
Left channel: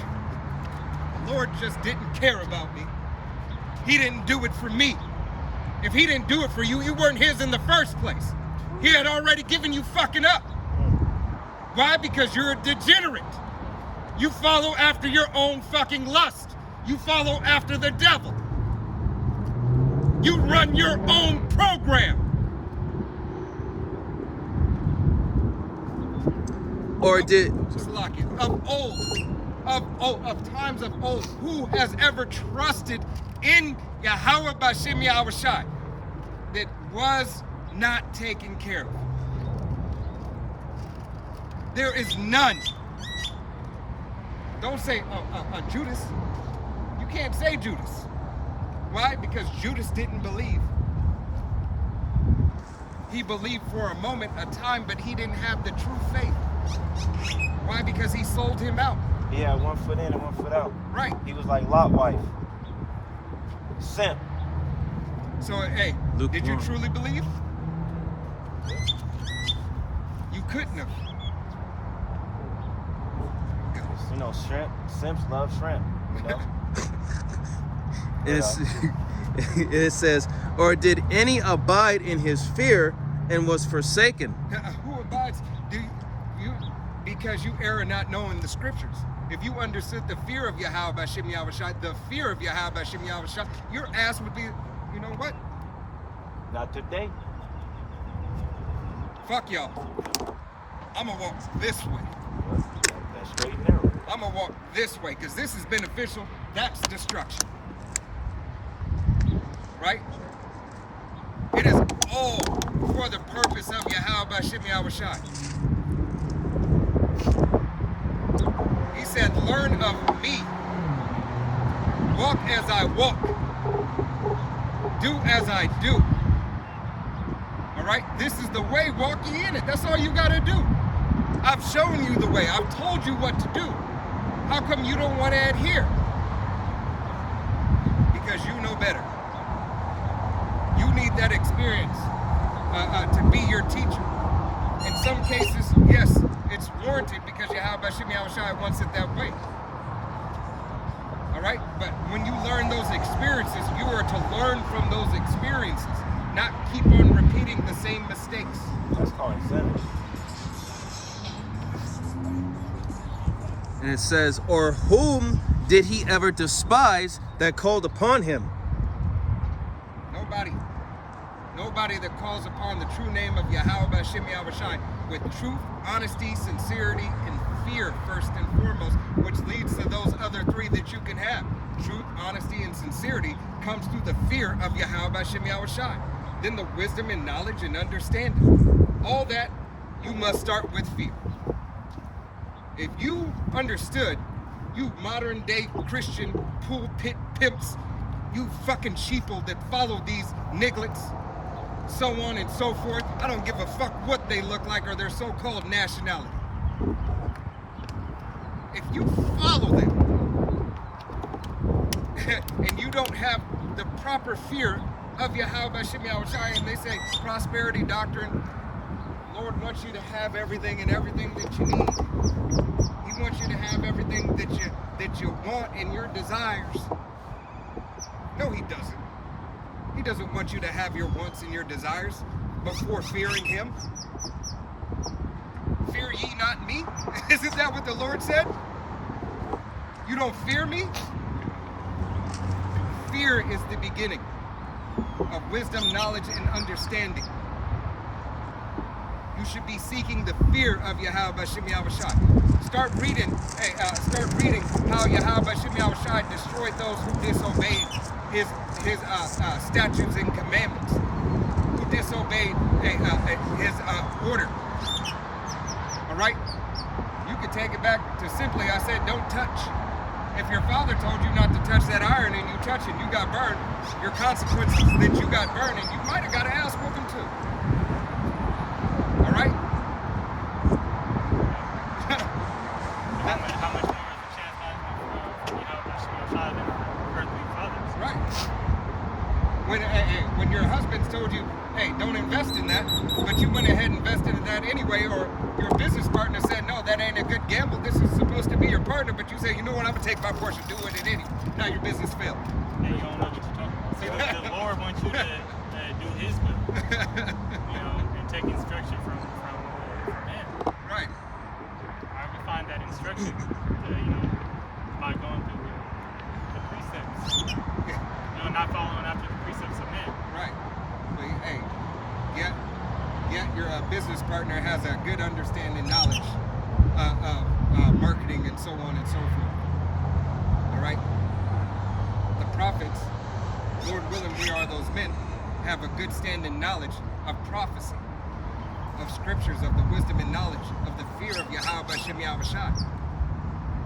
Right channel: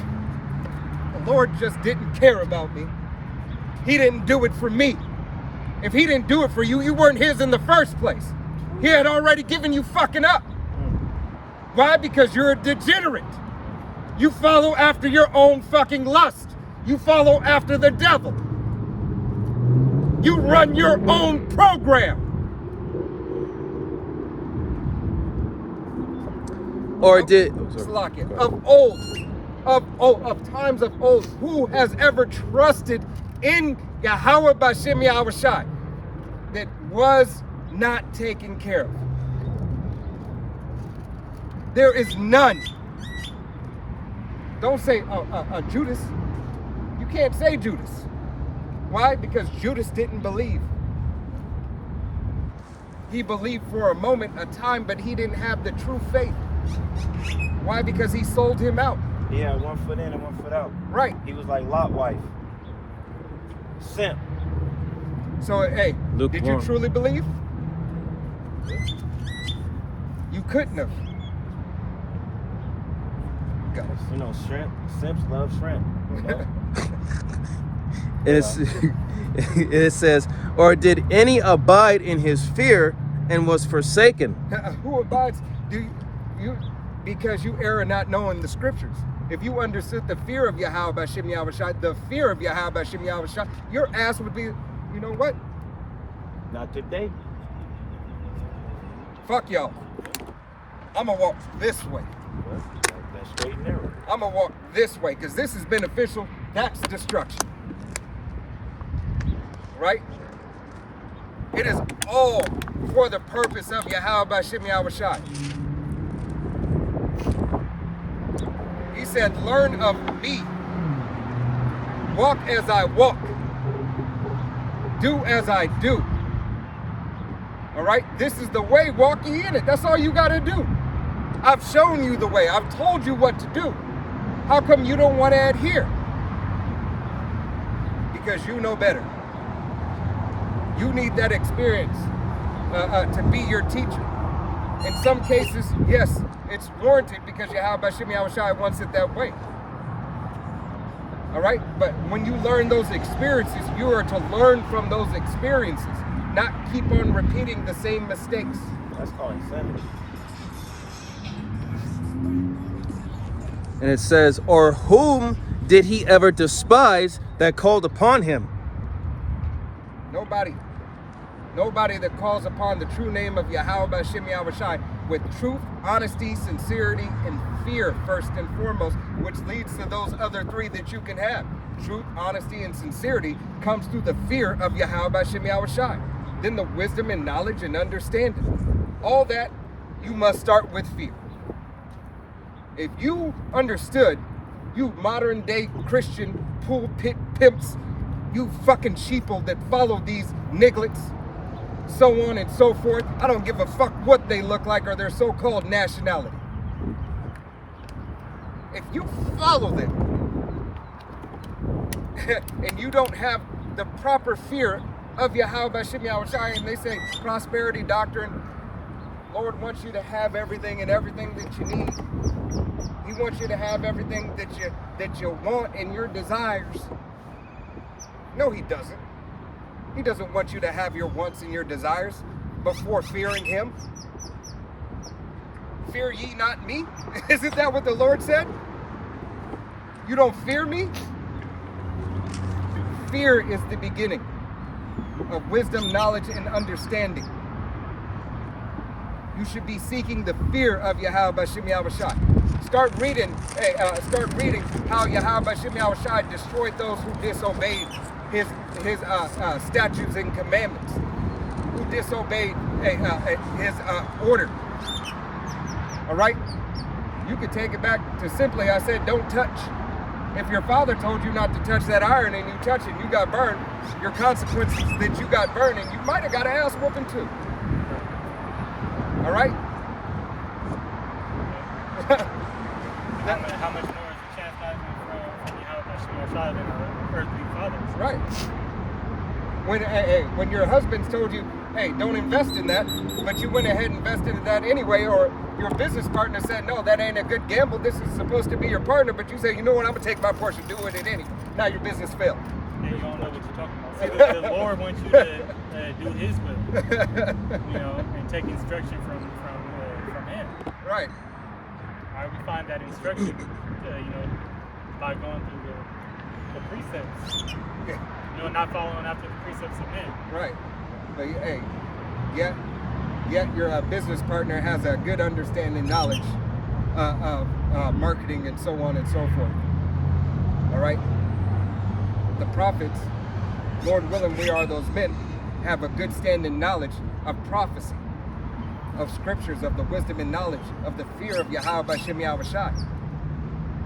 Lord just didn't care about me. He didn't do it for me. If he didn't do it for you, you weren't his in the first place. He had already given you fucking up. Why? Because you're a degenerate. You follow after your own fucking lust. You follow after the devil. You run your own program. Or did Of times of old, who has ever trusted in Yahweh Bashem Yahushai that was not taken care of? There is none. Don't say Judas. You can't say Judas. Why? Because Judas didn't believe. He believed for a moment, a time, but he didn't have the true faith. Why? Because he sold him out. He had 1 foot in and 1 foot out. Right. He was like Lot wife. Simp. So, hey, did you Lukewarm. truly believe? You couldn't have. Go. You know, shrimp. Simps love shrimp. You know? it says, or did any abide in his fear and was forsaken? Who abides? Because you err not knowing the scriptures. If you understood the fear of Yahweh Hashem Yahushua, the fear of Yahweh Hashem Yahushua, your ass would be, you know what? Not today. Fuck y'all. I'm gonna walk this way. Yep. That's straight and narrow. I'm gonna walk this way because this is beneficial. That's destruction. Right? It is all for the purpose of Yahweh Hashem Yahushua. He said, learn of me. Walk as I walk. Do as I do. All right? This is the way. Walk ye in it. That's all you got to do. I've shown you the way. I've told you what to do. How come you don't want to adhere? Because you know better. You need that experience to be your teacher. In some cases, yes, it's warranted because Yahweh Hashem Yahushua wants it that way. All right? But when you learn those experiences, you are to learn from those experiences, not keep on repeating the same mistakes. That's called insanity. And it says, or whom did he ever despise that called upon him? Nobody. Nobody that calls upon the true name of Yahweh Hashem Yahushua with truth, honesty, sincerity, and fear first and foremost, which leads to those other three that you can have. Truth, honesty, and sincerity comes through the fear of Yahweh Hashem Yahushua. Then the wisdom and knowledge and understanding. All that, you must start with fear. If you understood, you modern day Christian pulpit pimps, you fucking sheeple that follow these nigglets, so on and so forth. I don't give a fuck what they look like or their so-called nationality. If you follow them and you don't have the proper fear of Yahweh B'Shem Yahushai, and they say prosperity doctrine. Lord wants you to have everything and everything that you need. He wants you to have everything that you want and your desires. No, he doesn't. He doesn't want you to have your wants and your desires before fearing him. Fear ye not me? Isn't that what the Lord said? You don't fear me? Fear is the beginning of wisdom, knowledge, and understanding. You should be seeking the fear of Yahweh B'Shem Yahushai. Start reading how Yahweh B'Shem Yahushai destroyed those who disobeyed his statutes and commandments, who disobeyed his order. All right? You could take it back to simply, I said, don't touch. If your father told you not to touch that iron and you touch it and you got burned, your consequences that you got burned, and you might have got an ass whooping too. All right? How much more is the chastisement from Yahweh B'Shem Yahushai than our earthly fathers? Right. When your husband's told you, hey, don't invest in that, but you went ahead and invested in that anyway, or your business partner said, no, that ain't a good gamble, this is supposed to be your partner, but you say, you know what, I'm going to take my portion, do it anyway. Now your business failed. Yeah, you don't know what you're talking about. See, the Lord wants you to do His will, you know, and take instruction from Him. Right. All right, we find that instruction, you know, by going through the precepts. You know, not following after the precepts of men. Right. So, hey, yet your business partner has a good understanding, knowledge of marketing and so on and so forth. All right. The prophets, Lord willing, we are those men, have a good standing knowledge of prophecy, of scriptures, of the wisdom and knowledge, of the fear of Yahweh B'Shem Yahushai.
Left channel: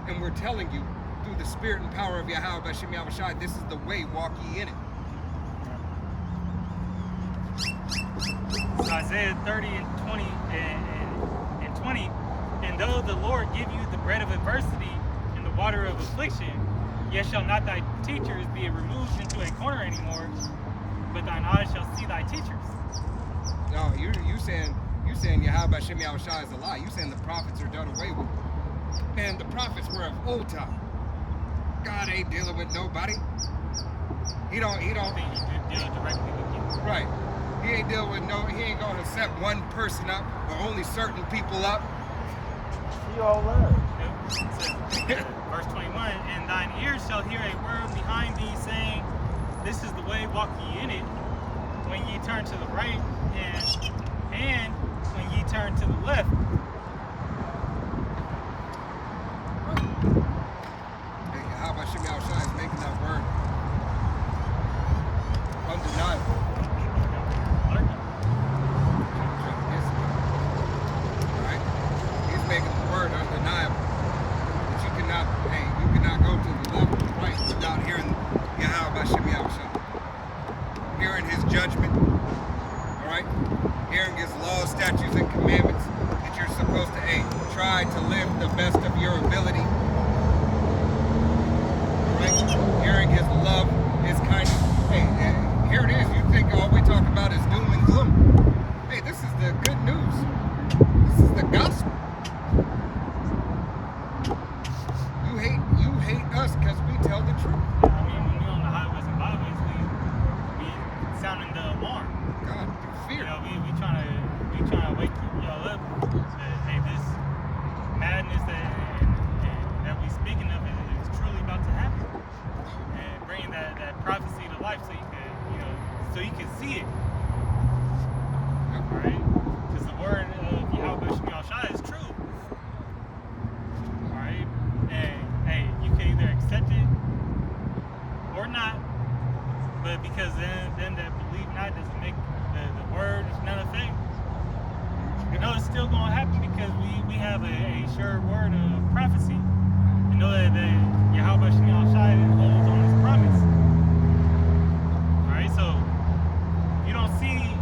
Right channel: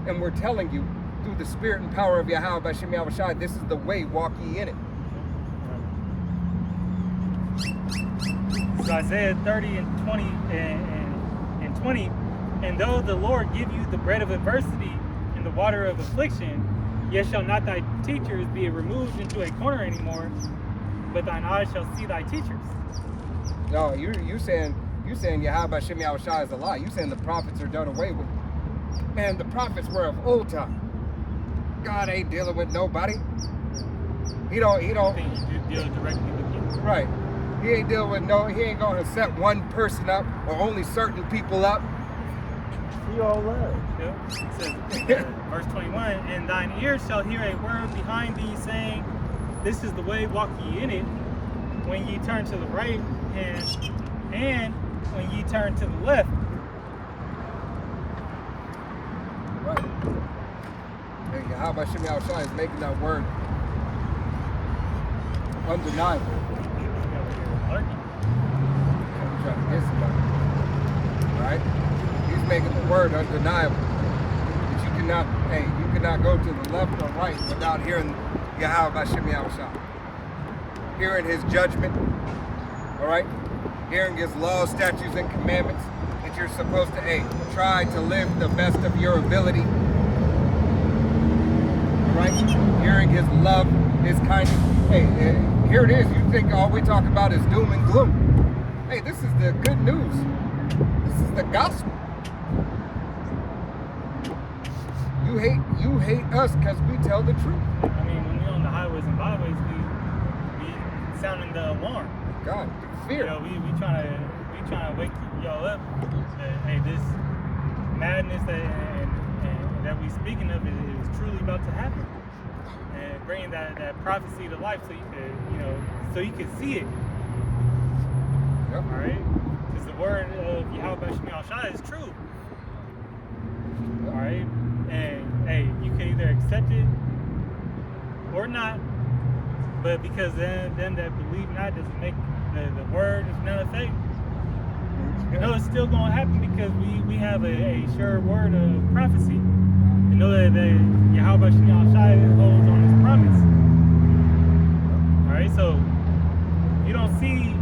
And we're telling you, through the spirit and power of Yahweh B'Shem Yahushai, this is the way, walk ye in it. So Isaiah 30 and 20 and 20, and though the Lord give you the bread of adversity and the water of affliction, yet shall not thy teachers be removed into a corner anymore, but thine eyes shall see thy teachers. No, you saying Yahweh B'Shem Yahushai is a lie. You saying the prophets are done away with. Man, the prophets were of old time. God ain't dealing with nobody. He don't. I think he deals directly with you. Right. He ain't dealing with he ain't gonna set one person up or only certain people up. He all right. Yep. It says, verse 21, and thine ears shall hear a word behind thee saying, this is the way, walk ye in it, when ye turn to the right hand, and when ye turn to the left. Right. And Yahweh B'Shem Yahushai is making that word undeniable. Lurking. Trying to get somebody. Right? He's making the word undeniable. That you cannot go to the left or right without hearing Yahweh B'Shem Yahushai. Hearing his judgment. Alright? Hearing his laws, statutes, and commandments that you're supposed to try to live the best of your ability. Alright? Hearing his love, his kindness. Here it is. You think all we talk about is doom and gloom. Hey, this is the good news. This is the gospel. You hate us because we tell the truth. I mean, when we on the highways and byways, we sounding the alarm. God, fear. You know, we trying to wake y'all up that hey, this madness that we speaking of is truly about to happen, and bringing that prophecy to life so you could see it. Yep. All right, because the word of Yahweh B'Shem Yahushai is true. All right, and hey, you can either accept it or not, but because them that believe not doesn't make the word is none effect. No, it's still going to happen because we have a sure word of prophecy. You know that Yahweh B'Shem Yahushai holds on his promise. All right, so if you don't see,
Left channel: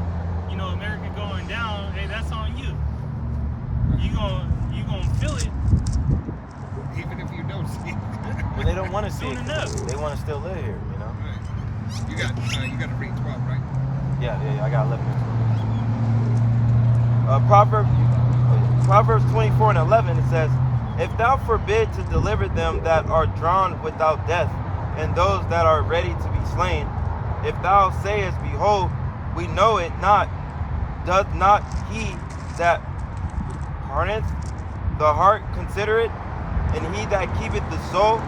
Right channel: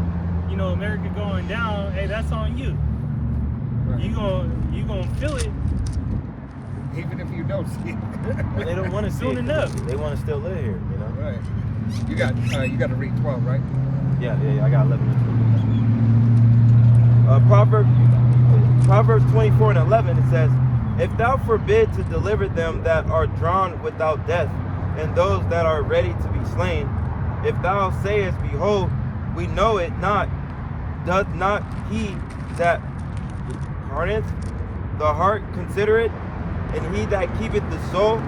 America going down, hey, that's on you. Right. You gonna feel it. Even if you don't see it. But they don't want to see Soon it. enough. They want to still live here, you know? Right. You got to read 12, right? Yeah, I got 11 and 12. Proverbs 24 and 11, it says, if thou forbid to deliver them that are drawn without death, and those that are ready to be slain, if thou sayest, behold, we know it not, doth not he that hardeneth the heart consider it? And he that keepeth the soul,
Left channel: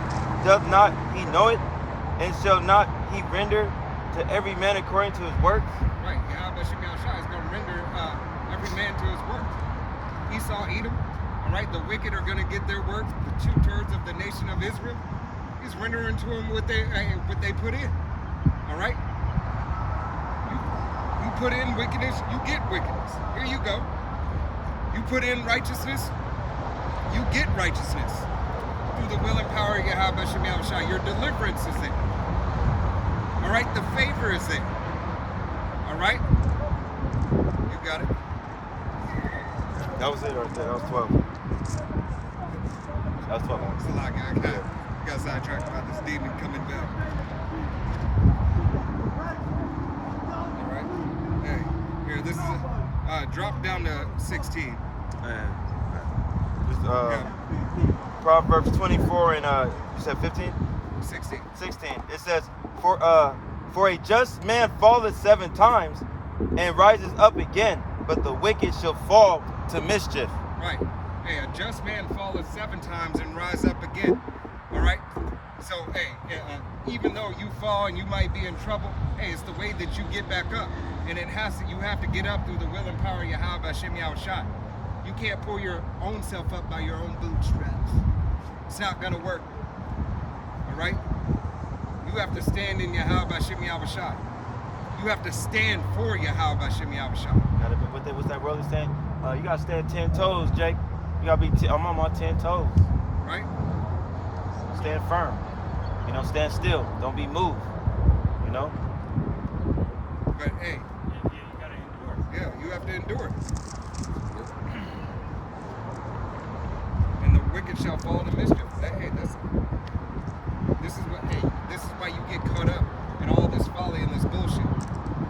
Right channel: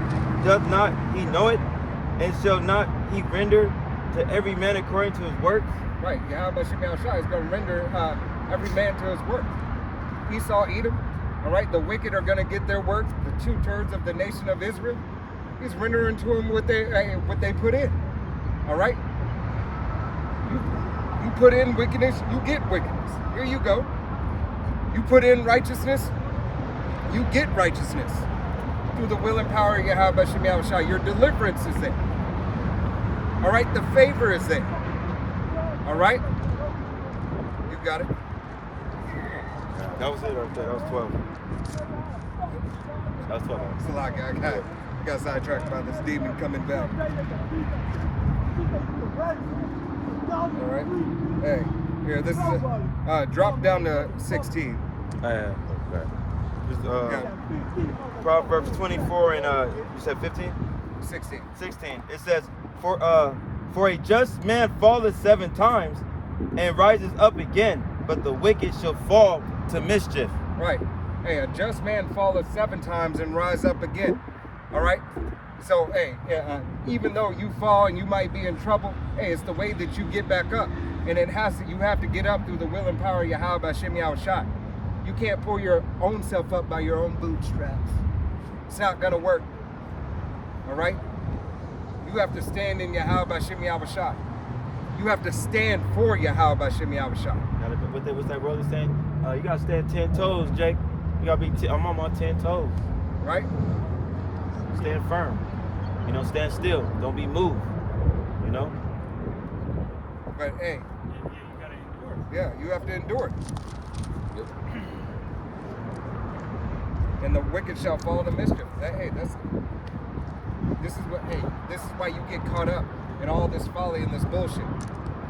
doth not he know it? And shall not he render to every man according to his works? Right. Yahweh Shem Yahushua is going to render every man to his work. Esau, Edom, all right, the wicked are going to get their work. The 2/3 of the nation of Israel, he's rendering to them what they put in. All right. You put in wickedness, you get wickedness. Here you go. You put in righteousness, you get righteousness. Through the will and power of Yahweh Shem Yahushua, your deliverance is there. All right, the favor is there. All right, you got it. That was it right there. That was 12. That was 12. It's a lot, guy. I got sidetracked by this demon coming back. All right. Hey, here, this is drop down to 16. Just, Yeah. Proverbs 24 and you said 15? 16. 16. It says, for a just man falleth 7 times and rises up again, but the wicked shall fall to mischief. Right. Hey, a just man falleth 7 times and rise up again. All right. So, hey, even though you fall and you might be in trouble, hey, it's the way that you get back up, and you have to get up through the will and power of Yahweh Shem Yahushua. You can't pull your own self up by your own bootstraps. It's not gonna work. All right. You have to stand in Yahweh Shem Yahushua. You have to stand for Yahweh Shem Yahushua. What's that brother saying? You gotta stand 10 toes, Jake. You gotta be. I'm on my 10 toes. Right. Stand firm. You know, stand still. Don't be moved. You know. But hey. Yeah, you gotta endure. Yeah, you have to endure it. And the wicked shall fall to mischief. This is why you get caught up in all this folly and this bullshit.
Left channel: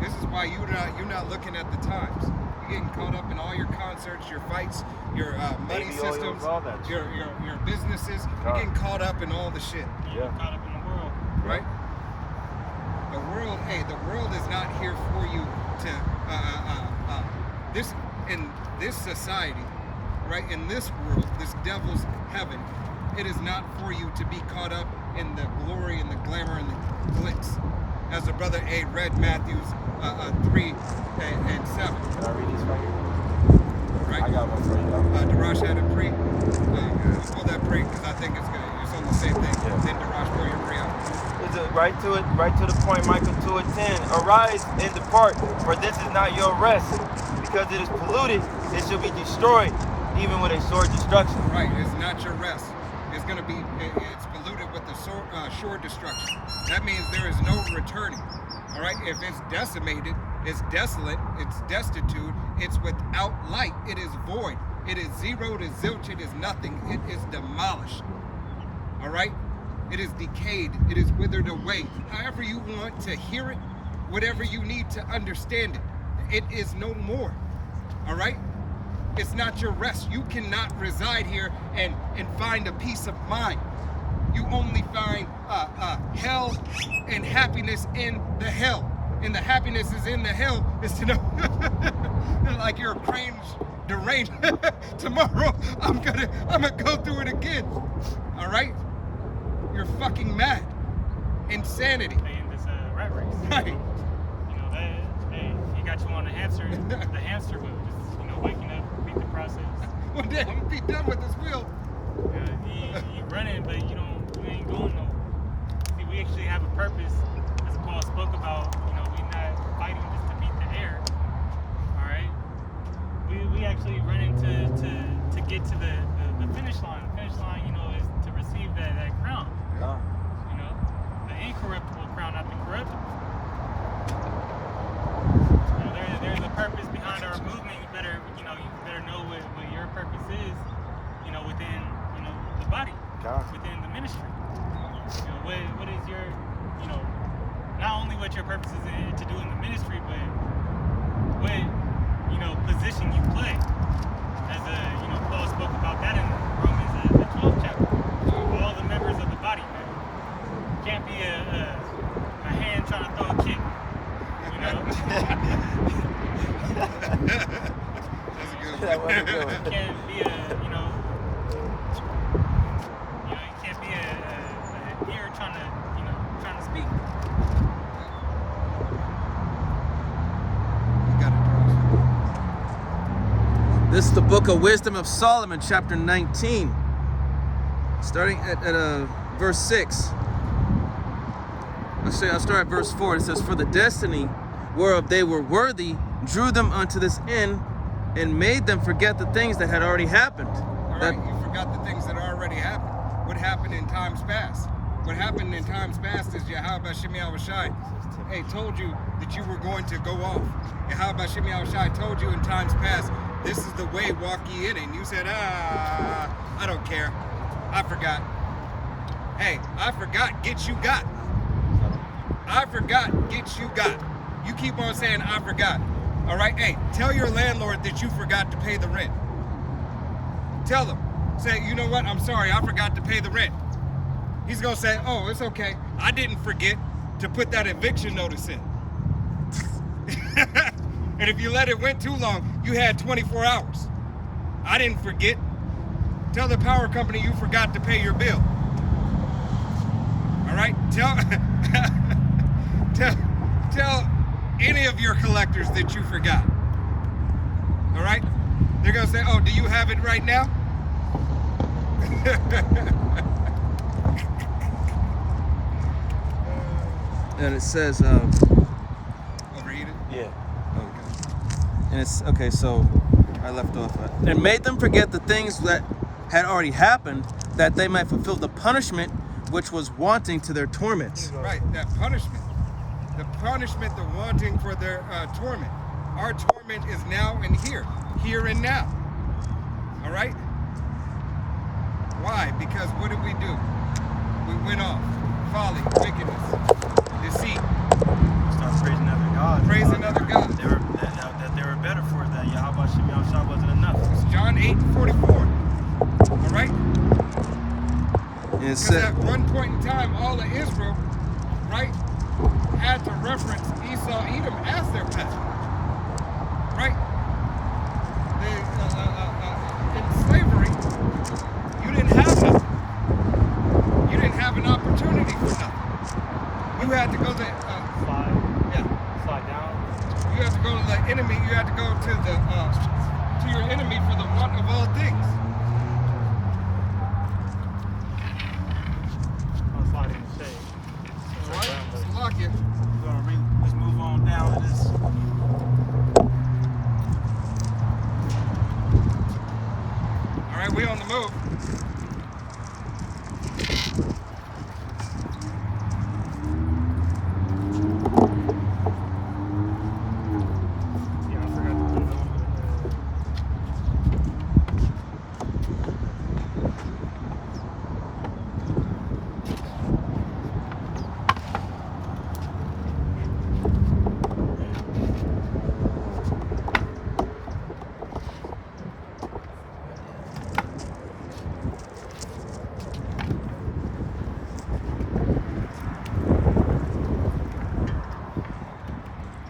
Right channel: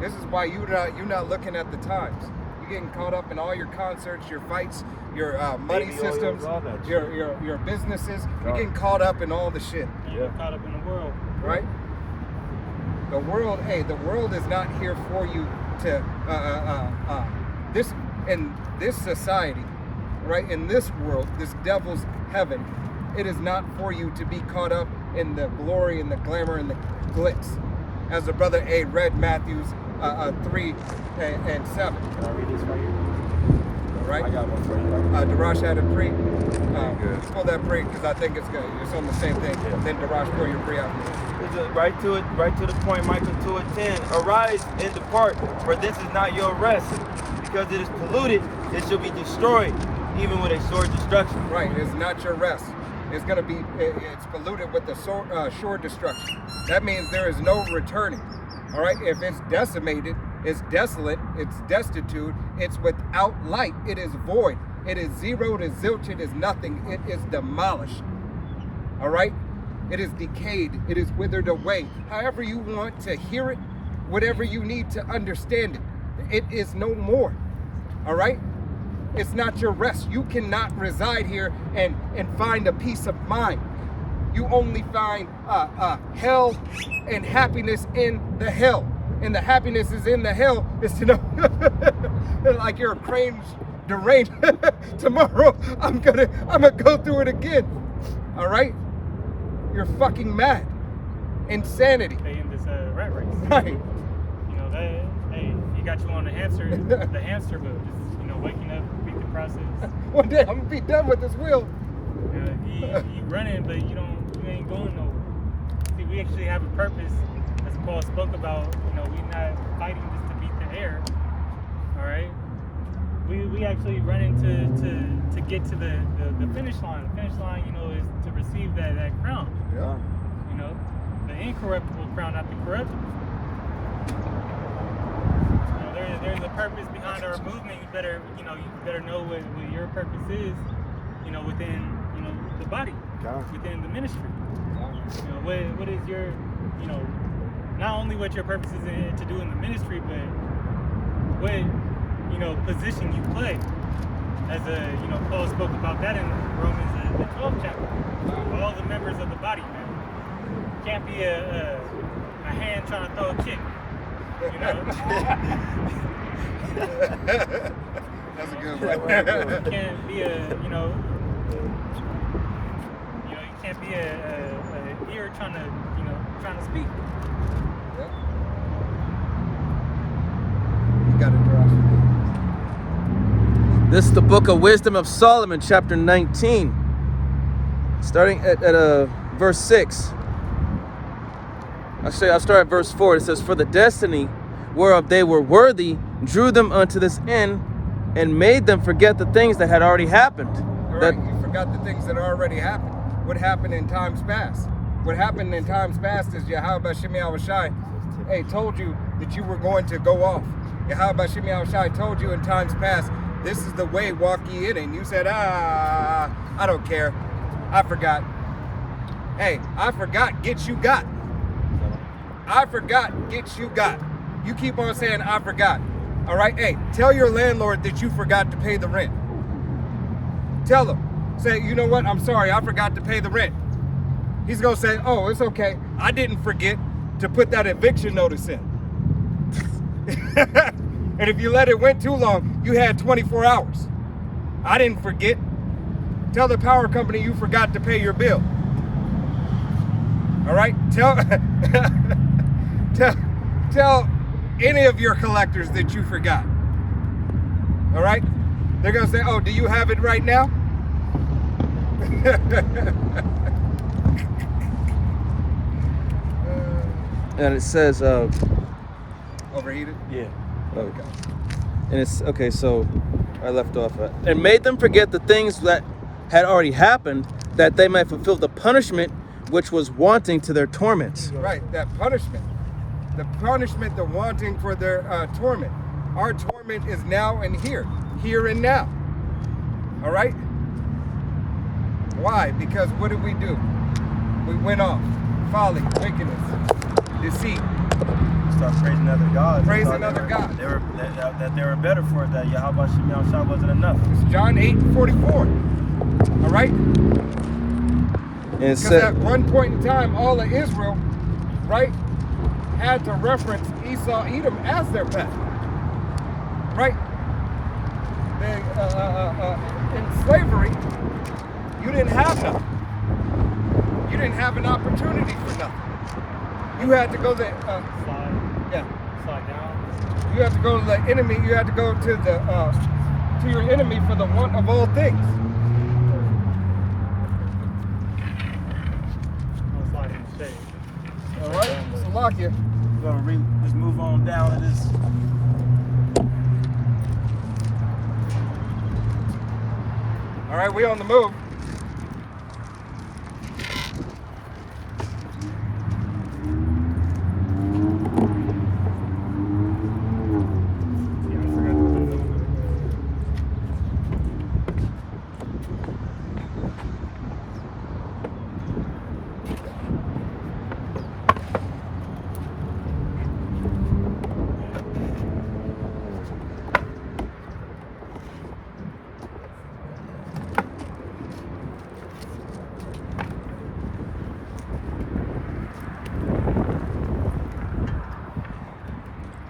This is why you're not looking at the times. You're getting caught up in all your concerts, your fights, your money systems, your businesses. You're getting caught up in all the shit. You get caught up in the world. Right? The world is not here for you to this society, right? In this world, this devil's heaven, it is not for you to be caught up in the glory and the glamour and the glitz. As the brother A read Matthews 3 and 7. All right? Darash had a pre. Pull that pre because I think it's on the same thing. Then Darash, pull your pre after this. Right to the point, Michael 2:10. Arise and depart, for this is not your rest, because it is polluted, it shall be destroyed, even with a sword destruction. Right, it's not your rest. It's polluted with the sure destruction. That means there is no returning. All right, if it's decimated, it's desolate, it's destitute, it's without light, it is void, it is zero, it is zilch, it is nothing, it is demolished. All right, it is decayed, it is withered away. However you want to hear it, whatever you need to understand it, it is no more. All right. It's not your rest. You cannot reside here and find a peace of mind. You only find hell and happiness in the hell. And the happiness is in the hell is to know like you're deranged. Tomorrow I'm gonna go through it again. All right? You're fucking mad. Insanity. They in this rat race. Right. You know, he got you on the hamster wheel. Just, waking up, beat the process. One day I'm gonna be done with this wheel. You running, but you ain't going nowhere. See, we actually have a purpose, as Paul spoke about. We not fighting just to beat the air. All right. We actually running to get to the finish line. The finish line, is to receive that crown. Yeah. The incorruptible crown, not the corruptible. There's a purpose behind our movement. You better know what your purpose is, within, the body, within the ministry. What is your, not only what your purpose is to do in the ministry, but what, you know, position you play. As you know, Paul spoke about that in Romans, the 12th chapter. All the members of the body, man. Can't be a hand trying to throw a kick, you know. That's a good one. You can't be you can't be a ear trying to speak. Yep. You got it, Josh. This is the book of Wisdom of Solomon, chapter 19, starting at verse 6. I'll start at verse 4. It says, "For the destiny whereof they were worthy drew them unto this end, and made them forget the things that had already happened." All right, you forgot the things that already happened. What happened in times past? What happened in times past is Yahweh Shemi Awashai, hey, told you that you were going to go off. Yahweh Shemi Awashai told you in times past, this is the way, walk ye in it. And you said, I don't care. I forgot. Hey, I forgot, get you got. I forgot, get you got. You keep on saying, I forgot. All right, hey, tell your landlord that you forgot to pay the rent. Tell him. Say, you know what, I'm sorry, I forgot to pay the rent. He's gonna say, oh, it's okay. I didn't forget to put that eviction notice in. And if you let it went too long, you had 24 hours. I didn't forget. Tell the power company you forgot to pay your bill. All right, tell any of your collectors that you forgot. All right, they're gonna say, oh, do you have it right now? And it says, Overheated? Yeah. Okay. and it's, okay, so I left off at, and made them forget the things that had already happened, that they might fulfill the punishment which was wanting to their torments. Right, that punishment. The punishment, the wanting for their torment. Our torment is now and here and now. All right? Why? Because what did we do? We went off. Folly, wickedness, deceit. Start praising other gods. Praising other gods. They were that they were better for it, that Yahweh Shemi Awashai wasn't enough. It's John 8:44. All right? And it Because said, at one point in time, all of Israel, right, had to reference Esau, Edom as their best. Right? They, in slavery, you didn't have nothing. You didn't have an opportunity for nothing. You had to go to Slide down. you had to go to the enemy. You had to go to to your enemy for the want of all things. I'll slide in the shade. All right, so lock you. We're gonna just move on down to this. All right, we on the move.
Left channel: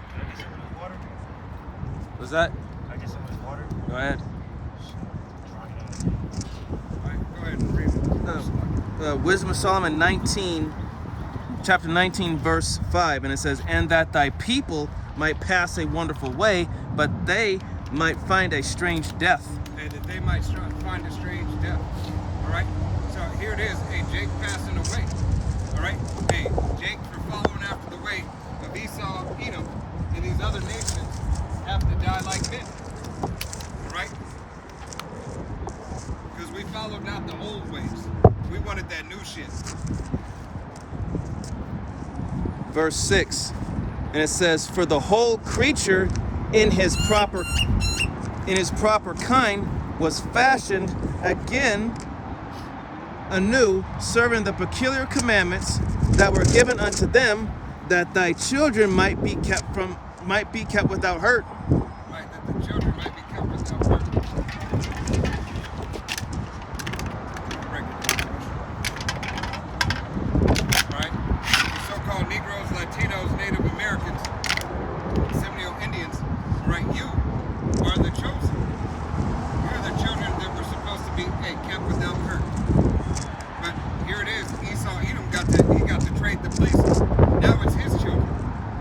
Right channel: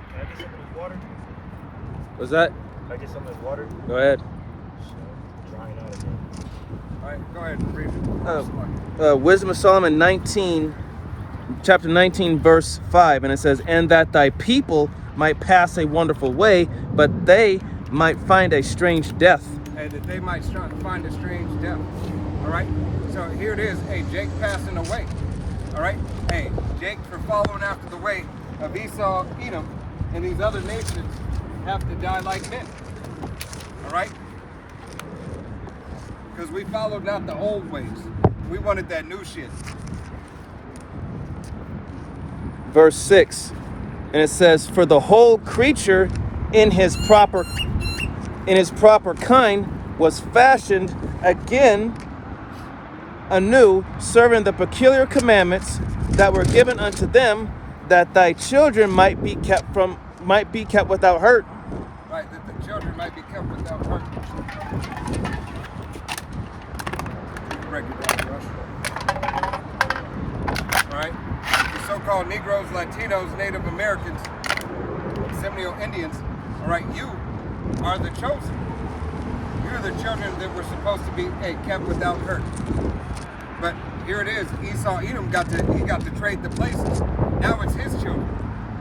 Can I get some of this water? was that? Can I get some of this water? Go ahead. Drying out again. All right, go ahead and read it. Wisdom of Solomon 19, chapter 19, verse 5, and it says, "And that thy people might pass a wonderful way, but they might find a strange death." Hey, that they might find a strange death. All right, so here it is. Hey, Jake passing away. All right, hey, Jake for following after the way of Esau, Edom, and these other nations have to die like men. All right, because we followed not the old ways. We wanted that new shit. Verse 6, and it says, "For the whole creature in his proper kind was fashioned again anew, serving the peculiar commandments that were given unto them that thy children might be kept without hurt. Right, that the children might be kept without hurt. Break it down for us. All right, the so-called Negroes, Latinos, Native Americans, Seminole Indians. All right, you are the chosen. You're the children that were supposed to be kept without hurt. But here it is. Esau, Edom got to trade the places. Now it's his children.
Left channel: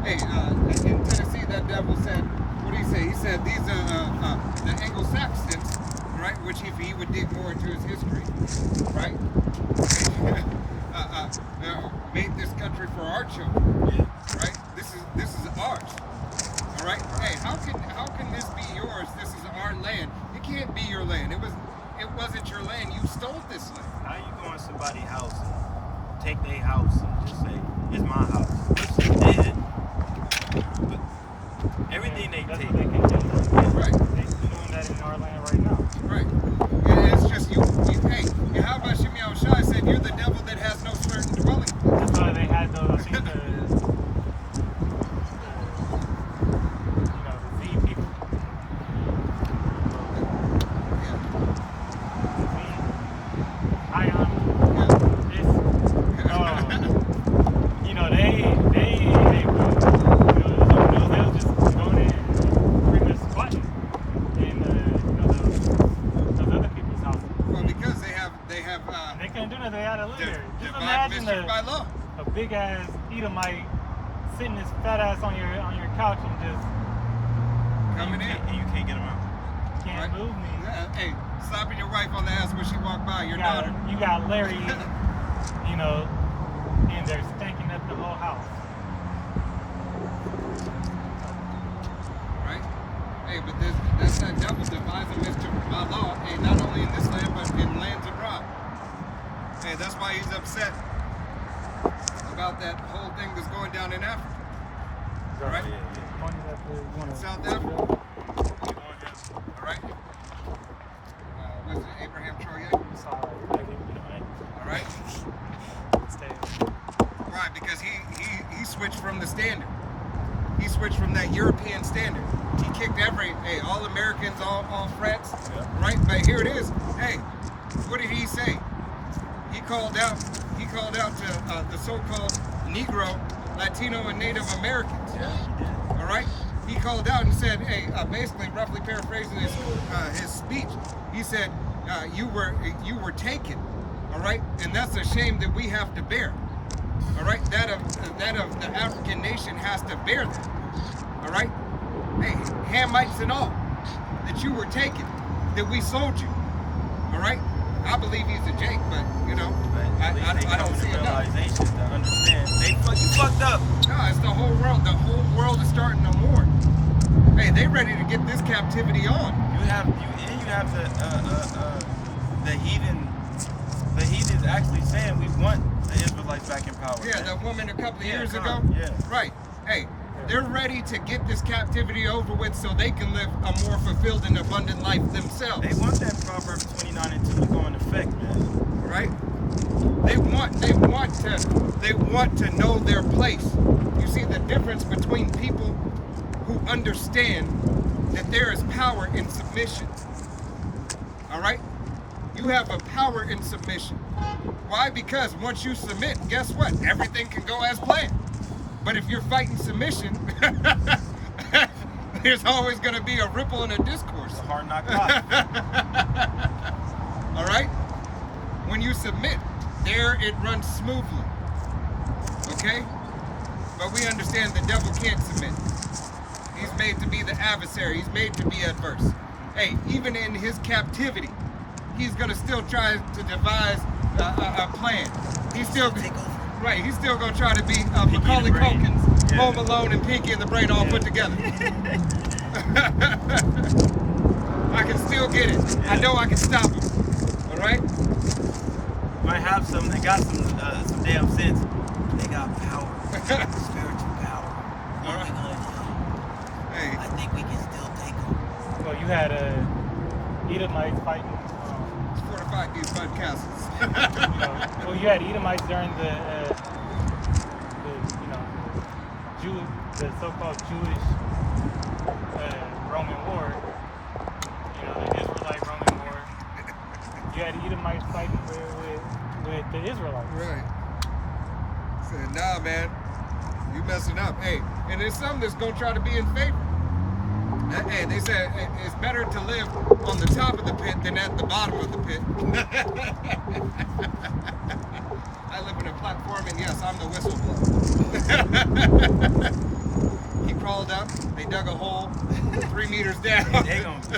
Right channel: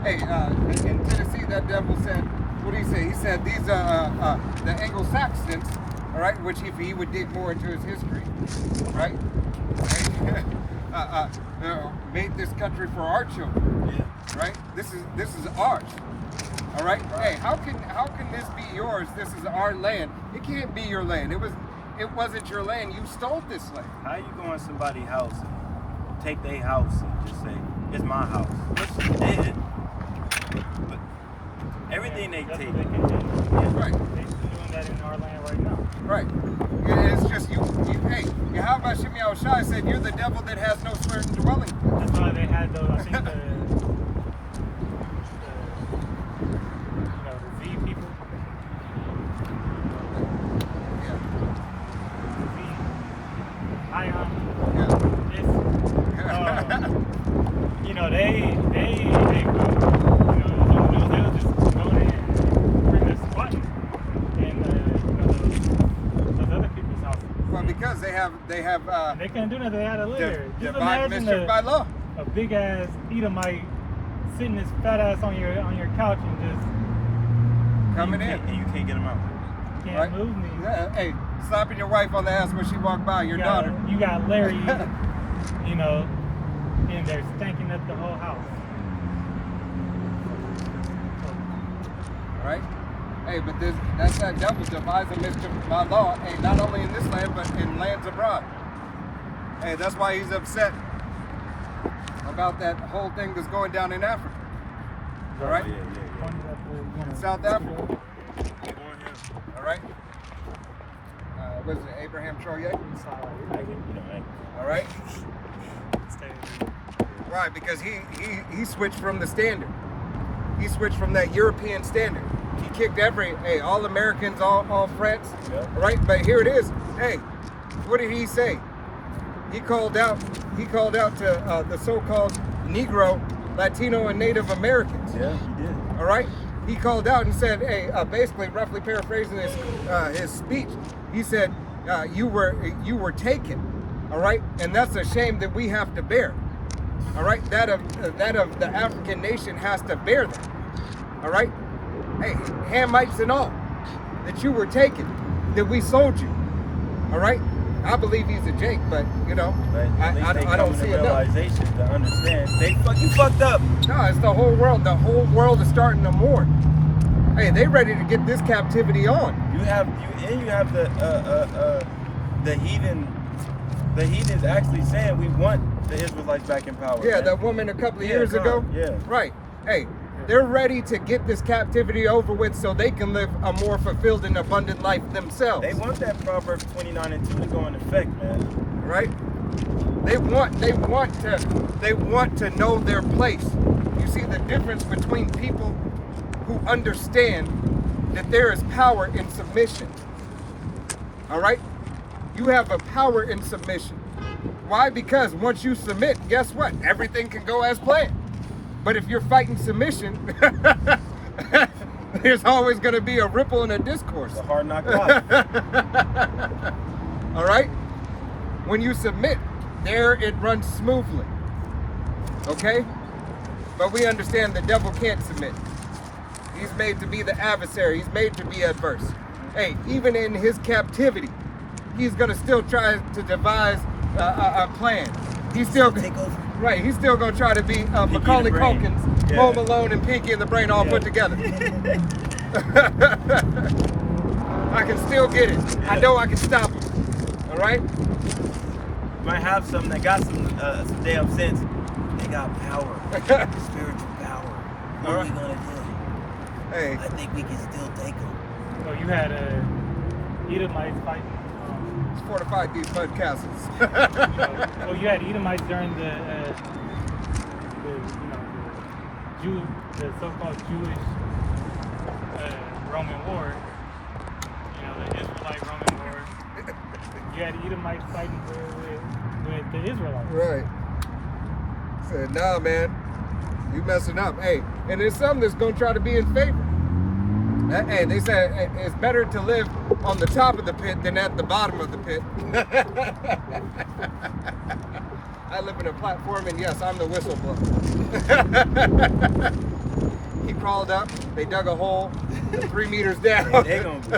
Hey, in Tennessee, that devil said, what did he say? He said these are the Anglo-Saxons, all right, which if he would dig more into his history, right? Made this country for our children. Yeah. Right? This is ours. All right? Hey, how can this be yours? This is our land. It can't be your land. It wasn't your land. You stole this land. How you go in somebody's house and take their house and just say, it's my house? Which they did. But everything they That's take. what they can do. Right. They're doing that in our land right now. Right. And it's just you hey, Yahweh Shemi Shai said you're the devil that has no certain dwelling. That's why they had those, I think, the Z people. Yeah. Ion. Yeah. This, they they'll just go in and bring us money in those other people's houses. Well, because they have And they couldn't do nothing. They had to live there. Just divine imagine mischief by law. a big ass Edomite sitting his fat ass on your couch and just Coming in. And you can't get them out. can't Right. move me. Yeah, hey, slapping your wife on the ass when she walked by, your daughter. You got Larry, and they're stanking up the whole house. Right? Hey, but that's that devil devising mischief by law. Hey, not only in this land, but in lands abroad. Hey, that's why he's upset about that whole thing that's going down in Africa. All right? Oh, yeah. South Africa. You want him? All right? Was it Abraham Troye? All right? Why? Because he switched from the standard. He switched from that European standard. He kicked all Americans, all France. Yep. Right? But here it is. Hey, what did he say? He called out to the so-called Negro, Latino, and Native Americans. Yeah, he did. All right? He called out and said, hey, basically roughly paraphrasing his speech, he said, you were taken. All right? And that's a shame that we have to bear. All right? That of the African nation has to bear that. All right? Hey, Hamites and all, that you were taken, that we sold you. All right? I believe he's a Jake, but But at least they I don't come see to it. realization to understand. You fucked up. No, it's the whole world. The whole world is starting to mourn. Hey, they ready to get this captivity on. You have the heathen. The heathens actually saying we want the Israelites back in power. Yeah, man. that woman a couple of Yeah, years ago. yeah. Right. Hey, they're ready to get this captivity over with so they can live a more fulfilled and abundant life themselves. They want that Proverbs 29:2 to go in effect, man. Right? They want to know their place. You see the difference between people who understand that there is power in submission. All right? You have a power in submission. Why? Because once you submit, guess what? Everything can go as planned. But if you're fighting submission, there's always going to be a ripple and a discourse. It's a hard knock life. All right? When you submit, there it runs smoothly. Okay? But we understand the devil can't submit. He's made to be the adversary. He's made to be adverse. Hey, even in his captivity, he's going to still try to devise a plan. He's still Take over. Right, he's still going to try to be Macaulay the Brain. Culkin's Yeah. Home Alone and Pinky and the Brain all Yeah. put together. I can still get it. I Yeah. know I can stop him. All right? Might have some that got some damn sense. They got power, spiritual power. What are we gonna do? Hey, I think we can still take them. Well, you had Edomites fighting. fortified these mud castles. Well, you had Edomites during the the so-called Jewish Roman war, you know, the Israelite Roman war, you had Edomites fighting with the Israelites. Right. Said, nah, man, you messing up. Hey, and there's some that's gonna try to be in favor. Hey, they said it's better to live on the top of the pit than at the bottom of the pit. I live in a platform, and yes, I'm the whistleblower. He crawled up, they dug a hole 3 meters down. They gonna be.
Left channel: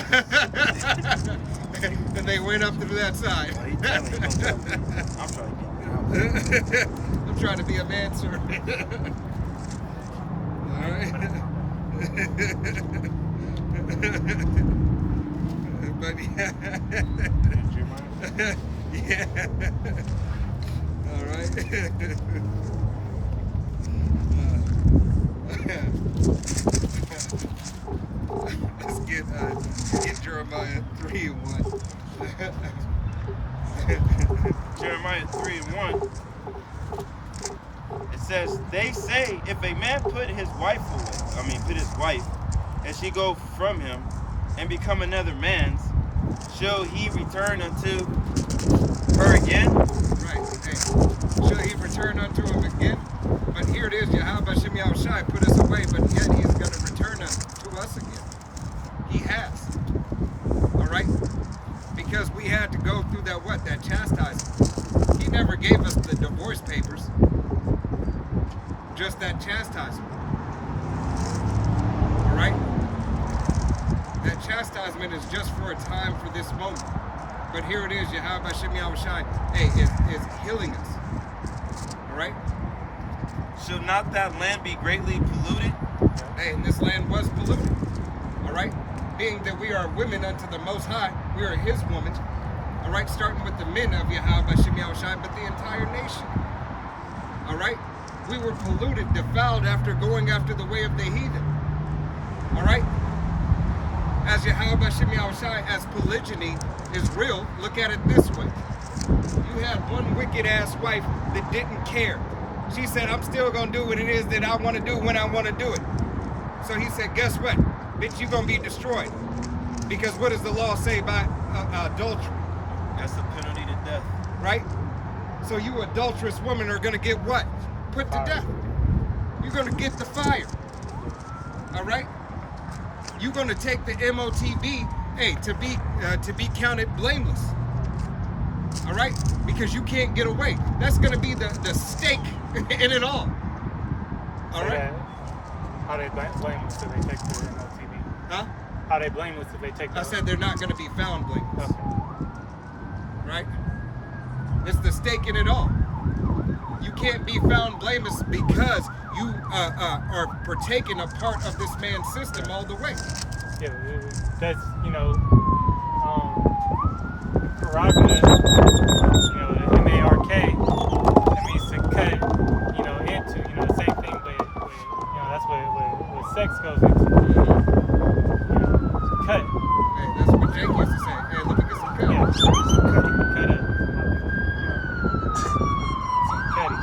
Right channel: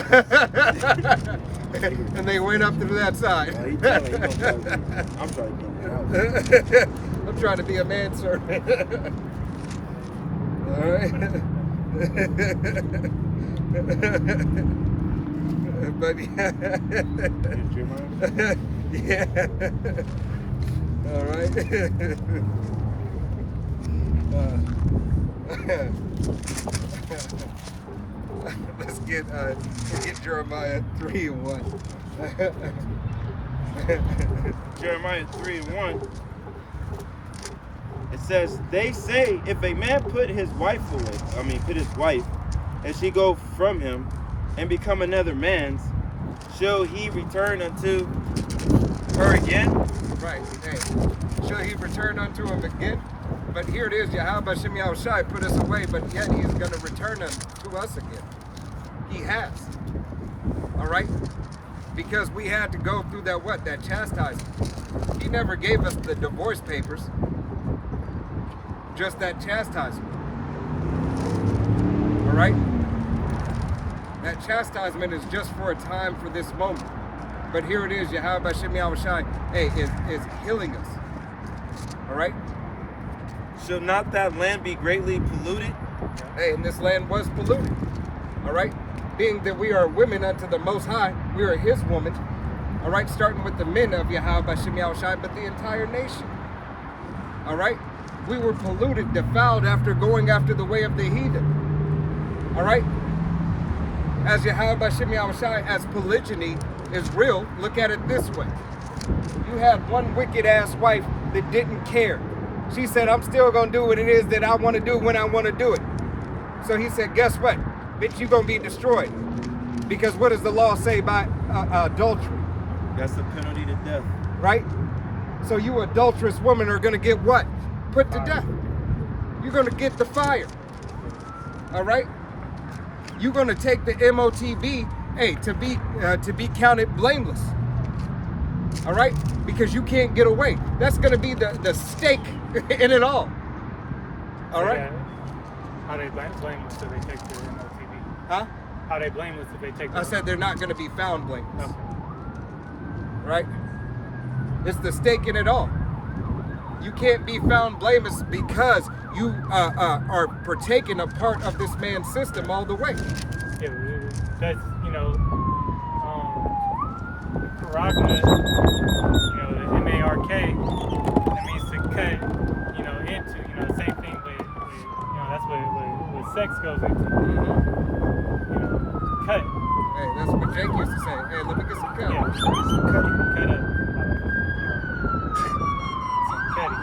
And they went up through that side. Well, he tell me he gonna try to get, I'm trying to get in the house. I'm trying to be a manservant. All right. But yeah. Yeah. All right. Let's get Jeremiah 3:1. Jeremiah 3:1. It says, they say, if a man put his wife, and she go from him and become another man's, shall he return unto her again? Right. Hey, shall he return unto him again? But here it is, Yahweh Shem Yahushai put us away, but yet he's going to return us to us again. He has. All right? Because we had to go through that chastisement. He never gave us the divorce papers. Just that chastisement. All right? That chastisement is just for a time, for this moment. But here it is, Yahweh Shem Yahushai, hey, is healing us. All right? Shall not that land be greatly polluted? Hey, and this land was polluted. All right? Being that we are women unto the Most High, we are His woman. All right? Starting with the men of Yahweh Shem Yahushai, but the entire nation. All right? We were polluted, defiled after going after the way of the heathen. All right? As Yahweh Shem Yahushai, as polygyny is real, look at it this way. You had one wicked ass wife that didn't care. She said, I'm still gonna do what it is that I wanna do when I wanna do it. So he said, guess what? Bitch, you're gonna be destroyed. Because what does the law say by adultery? That's the penalty to death. Right? So you adulterous women are gonna get what? Put to death. You're gonna get the fire. All right? You're gonna take the MOTB, hey, to be counted blameless. All right? Because you can't get away. That's gonna be the stake in it all. All right? How they blameless if they take the TV? Huh? How they blameless if they take the I said they're not gonna be found blameless. Okay. Right? It's the stake in it all. You can't be found blameless because you are partaking a part of this man's system all the way. Yeah, that's, you know, prerogative, you know, the M-A-R-K, that means to cut, you know, into, you know, the same thing, but, you know, that's what sex goes into. You know, cut. Hey, that's what Jake used to say. Hey, let me get some cut. Yeah, some cutting, cut up. Some cutting.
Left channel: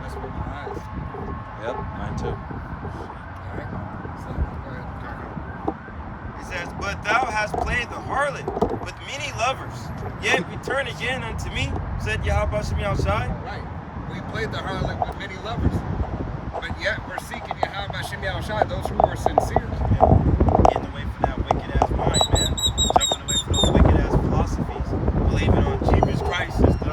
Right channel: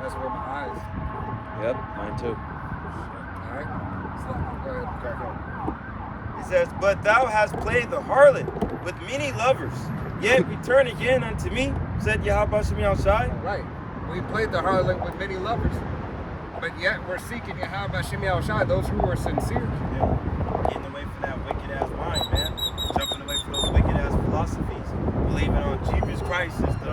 That's where my eyes. Yep, mine too. All right. So, go ahead. He says, but thou hast played the harlot with many lovers, yet return again unto me, said Yahweh Shem Yahushai. Right. We played the harlot with many lovers. But yet we're seeking Yahweh Shem Yahushai, those who are sincere. Yeah. Getting away from that wicked ass mind, man. Jumping away from those wicked ass philosophies. Believing on Jesus Christ is the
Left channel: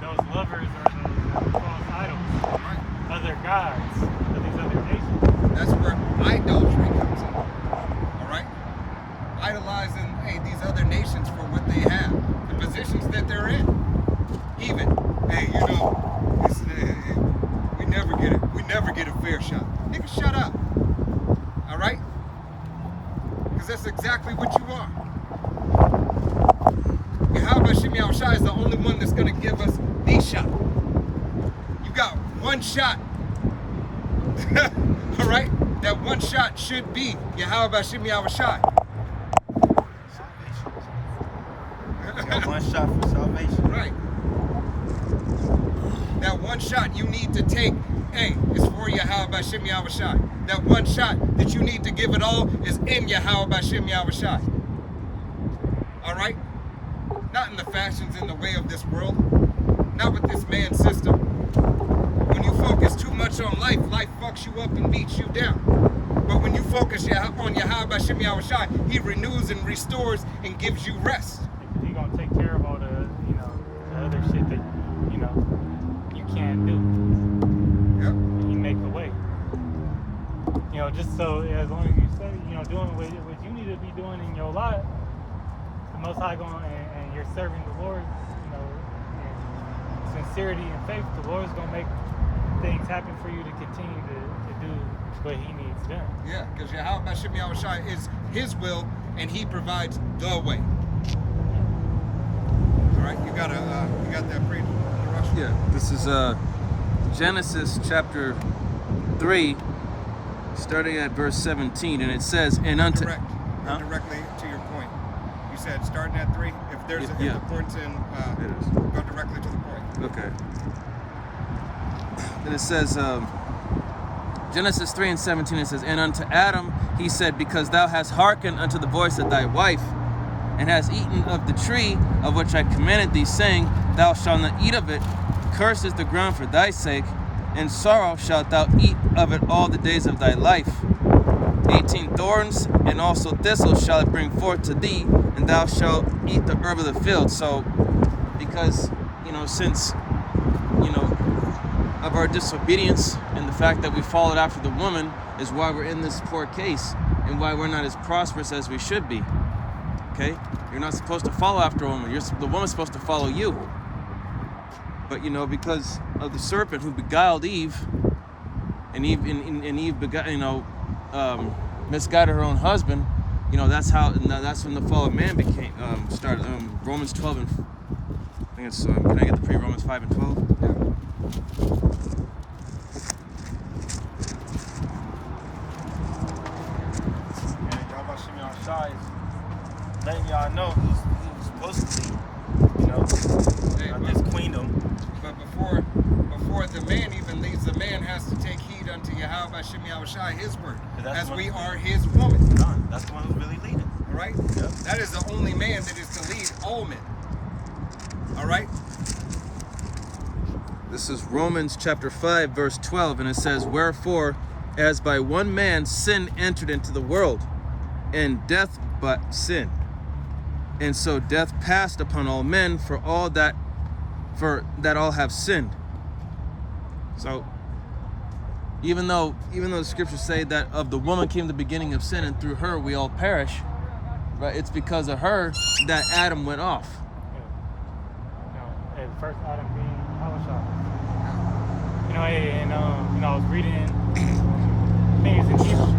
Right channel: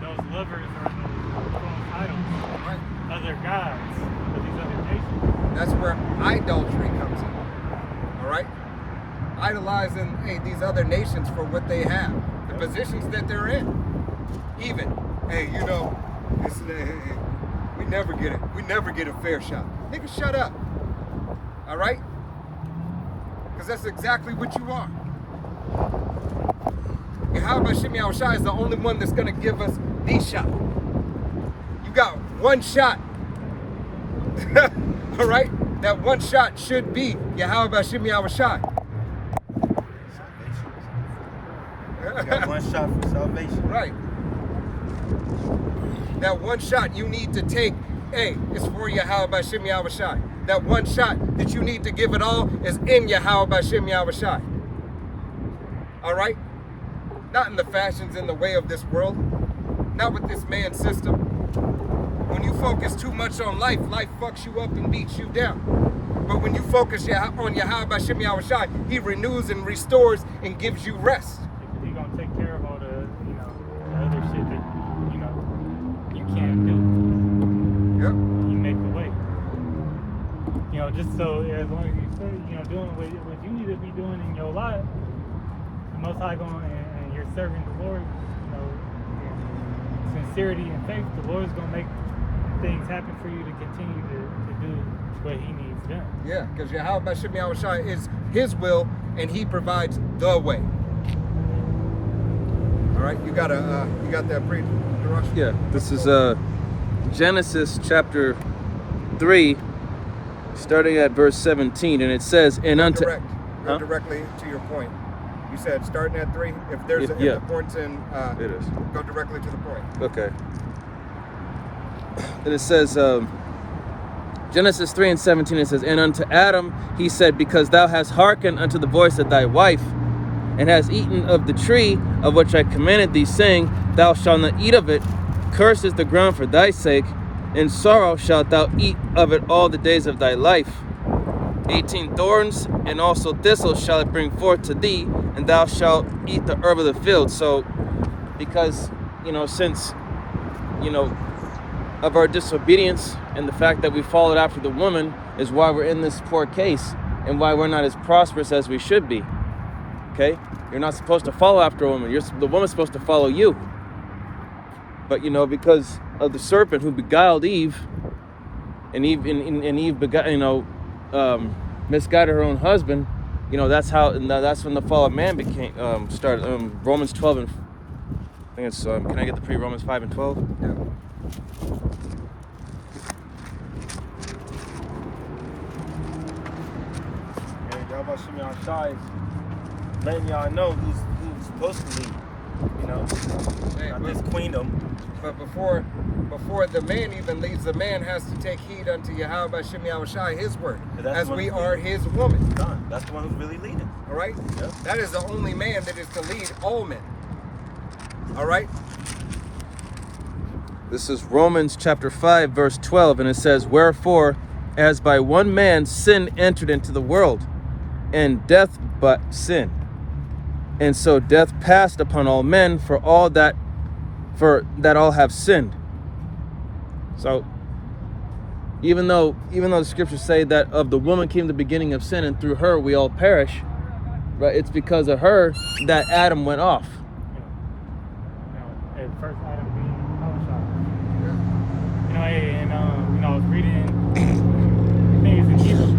Those lovers are idols, Right. other gods, of these other nations. That's where idolatry comes in. All right? Idolizing, hey, these other nations for what they have, the positions that they're in. Even, hey, you know, we never get a fair shot. Nigga, shut up. All right? Because that's exactly what you are. Yahweh Shem Yahushai is the only one that's going to give us the shot. You got one shot. All right? That one shot should be Yahweh Bashim Yahushai. Salvation. You got one shot for salvation. Right. That one shot you need to take, hey, is for Yahweh Bashim Yahushai. That one shot that you need to give it all is in Yahweh Bashim Yahushai. All right? Not in the fashions in the way of this world. Not with this man system. When you focus too much on life, life fucks you up and beats you down. But when you focus on Yahweh Bashim Yahushai, he renews and restores and gives you rest. He's gonna take care of all the, the other shit that, you can't do. Yep. He makes the way. Just so as long as you say, doing what you need to be doing in your life, the Most High going and you're serving the Lord, sincerity and faith, the Lord's gonna make things happen for you to continue to do what He needs done. Yeah, because Yahweh Bashim Yahushai is his will and he provides the way. All right, you got that pre. Yeah, this is Genesis chapter 3, starting at verse 17, and it says, "And unto." Direct. Go directly to your point. You said starting at 3. If there's if yeah. the point's in, It is. go directly to the point. Okay. And it says, Genesis 3 and 17, it says, "And unto Adam he said, Because thou hast hearkened unto the voice of thy wife, and hast eaten of the tree of which I commanded thee, saying, Thou shalt not eat of it. Cursed is the ground for thy sake. In sorrow shalt thou eat of it all the days of thy life. 18 thorns and also thistles shall it bring forth to thee, and thou shalt eat the herb of the field." So, because, since, of our disobedience and the fact that we followed after the woman is why we're in this poor case and why we're not as prosperous as we should be. Okay? You're not supposed to follow after a woman. The woman's supposed to follow you. But, because of the serpent who beguiled Eve, and Eve misguided her own husband, that's when the fall of man started. Romans 12 and I think it's, can I get the Romans 5 and 12? Yeah. And Yahweh Shimon Shai is letting y'all know who's supposed to lead. Hey, Not this queendom. But before the man even leads, the man has to take heed unto Yahweh Bashim Yahushai, his word, as we are his woman. Done. That's the one who's really leading. All right? Yep. That is the only man that is to lead all men. All right? This is Romans chapter 5, verse 12, and it says, "Wherefore, as by one man sin entered into the world, and death but sin. And so death passed upon all men, for that all have sinned." So, even though the scriptures say that of the woman came the beginning of sin, and through her we all perish, right? It's because of her that Adam went off. The first Adam being Yahushua. I was reading things in Hebrew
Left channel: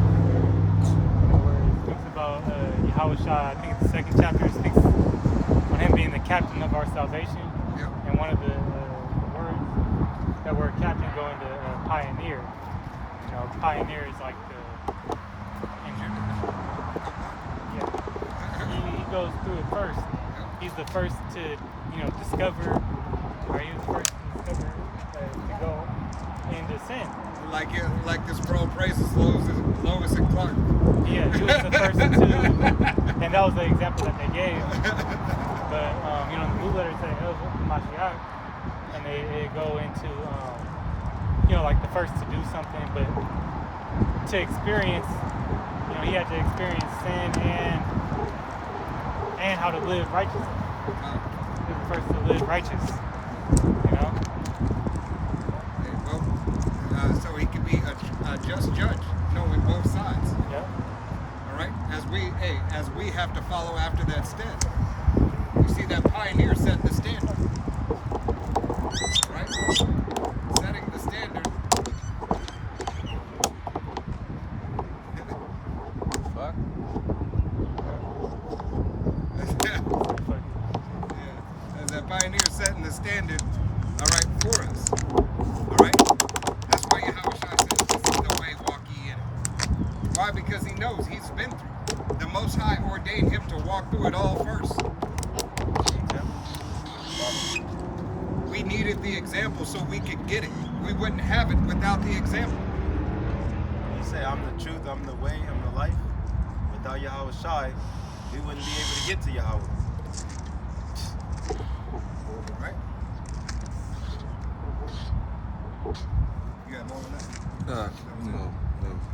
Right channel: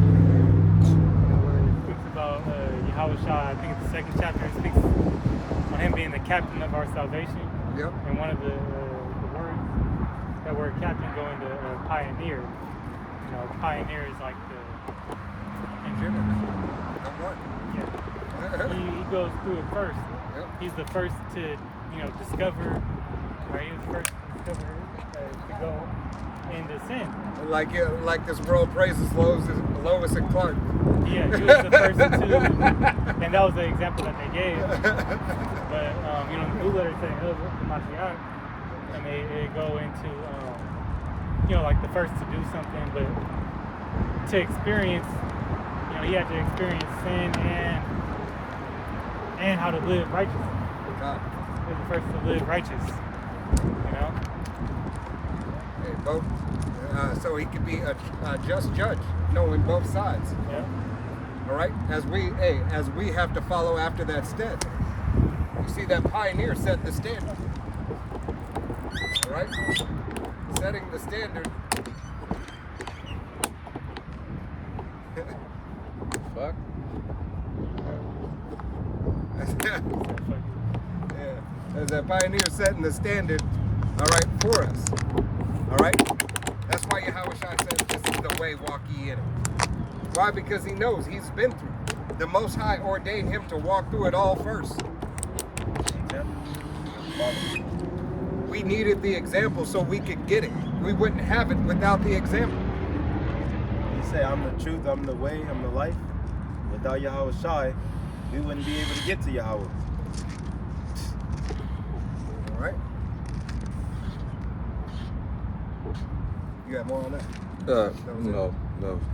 where it speaks about Yahushua. I think the second chapter speaks on him being the captain of our salvation. Yep. And one of the words that word captain go into pioneer. Pioneer is like the yeah. He goes through it first. Yep. He's the first to discover. Right? He was the first to discover to go into sin. Like this world praises Lois and Clark. Yeah, he was the first to, and that was the example that they gave. But the blue letter said the Mashiach, and they go into like the first to do something, but to experience, he had to experience sin and how to live righteously. God. He was the first to live righteous. Hey, well, so he could be a just judge, knowing both sides. Yeah. All right, as we have to follow after that standard. You see, that pioneer set the standard. All right, setting the standard. Fuck. Yeah, as that pioneer setting the standard. All right, for us. All right, that's why Yahweh Shai says, "This is the way, walk ye in it." Why? Because he knows he's been through. The Most High ordained him to walk through it all first. We needed the example so we could get it. We wouldn't have it without the example. You say, I'm the truth, I'm the way, I'm the life. Without Yahweh Shai, we wouldn't be able to get to Yahweh. All right. You got more on that? No.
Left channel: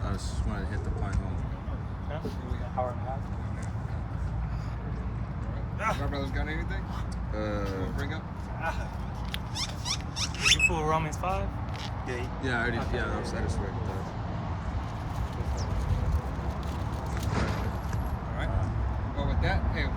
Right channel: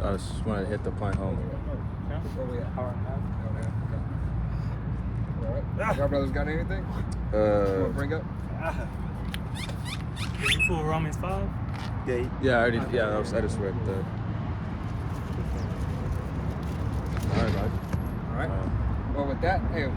I just wanted to hit the point home. Where we at? Hour and a half? All right. Y'all brothers got anything? You want to bring up? Did you pull Romans 5? Yeah, I already. Yeah, I just read that. All right. Well, with that, hey,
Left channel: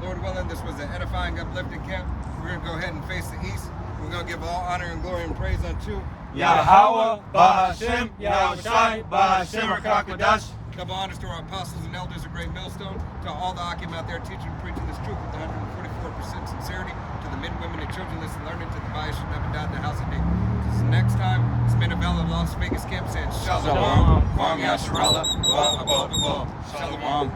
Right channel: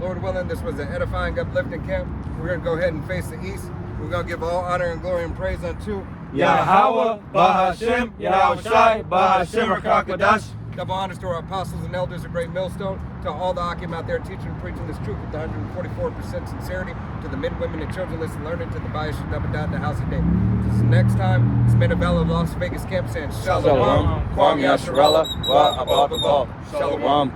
Lord willing, this was an edifying, uplifting camp. We're going to go ahead and face the east. We're going to give all honor and glory and praise unto Yahweh, Bahashem, Yahweh Shai, Bahashem, Rakakadash. double honors to our apostles and elders of Great Millstone, to all the Akim out there teaching and preaching this truth with 144% sincerity, to the men, women, and children listening, learning, to the bias should never die in the house of David. This next time, it's Minabella of Las Vegas Camp saying Shalom, Shalom, Kwam Yasharella, Wa Abba. Shalom.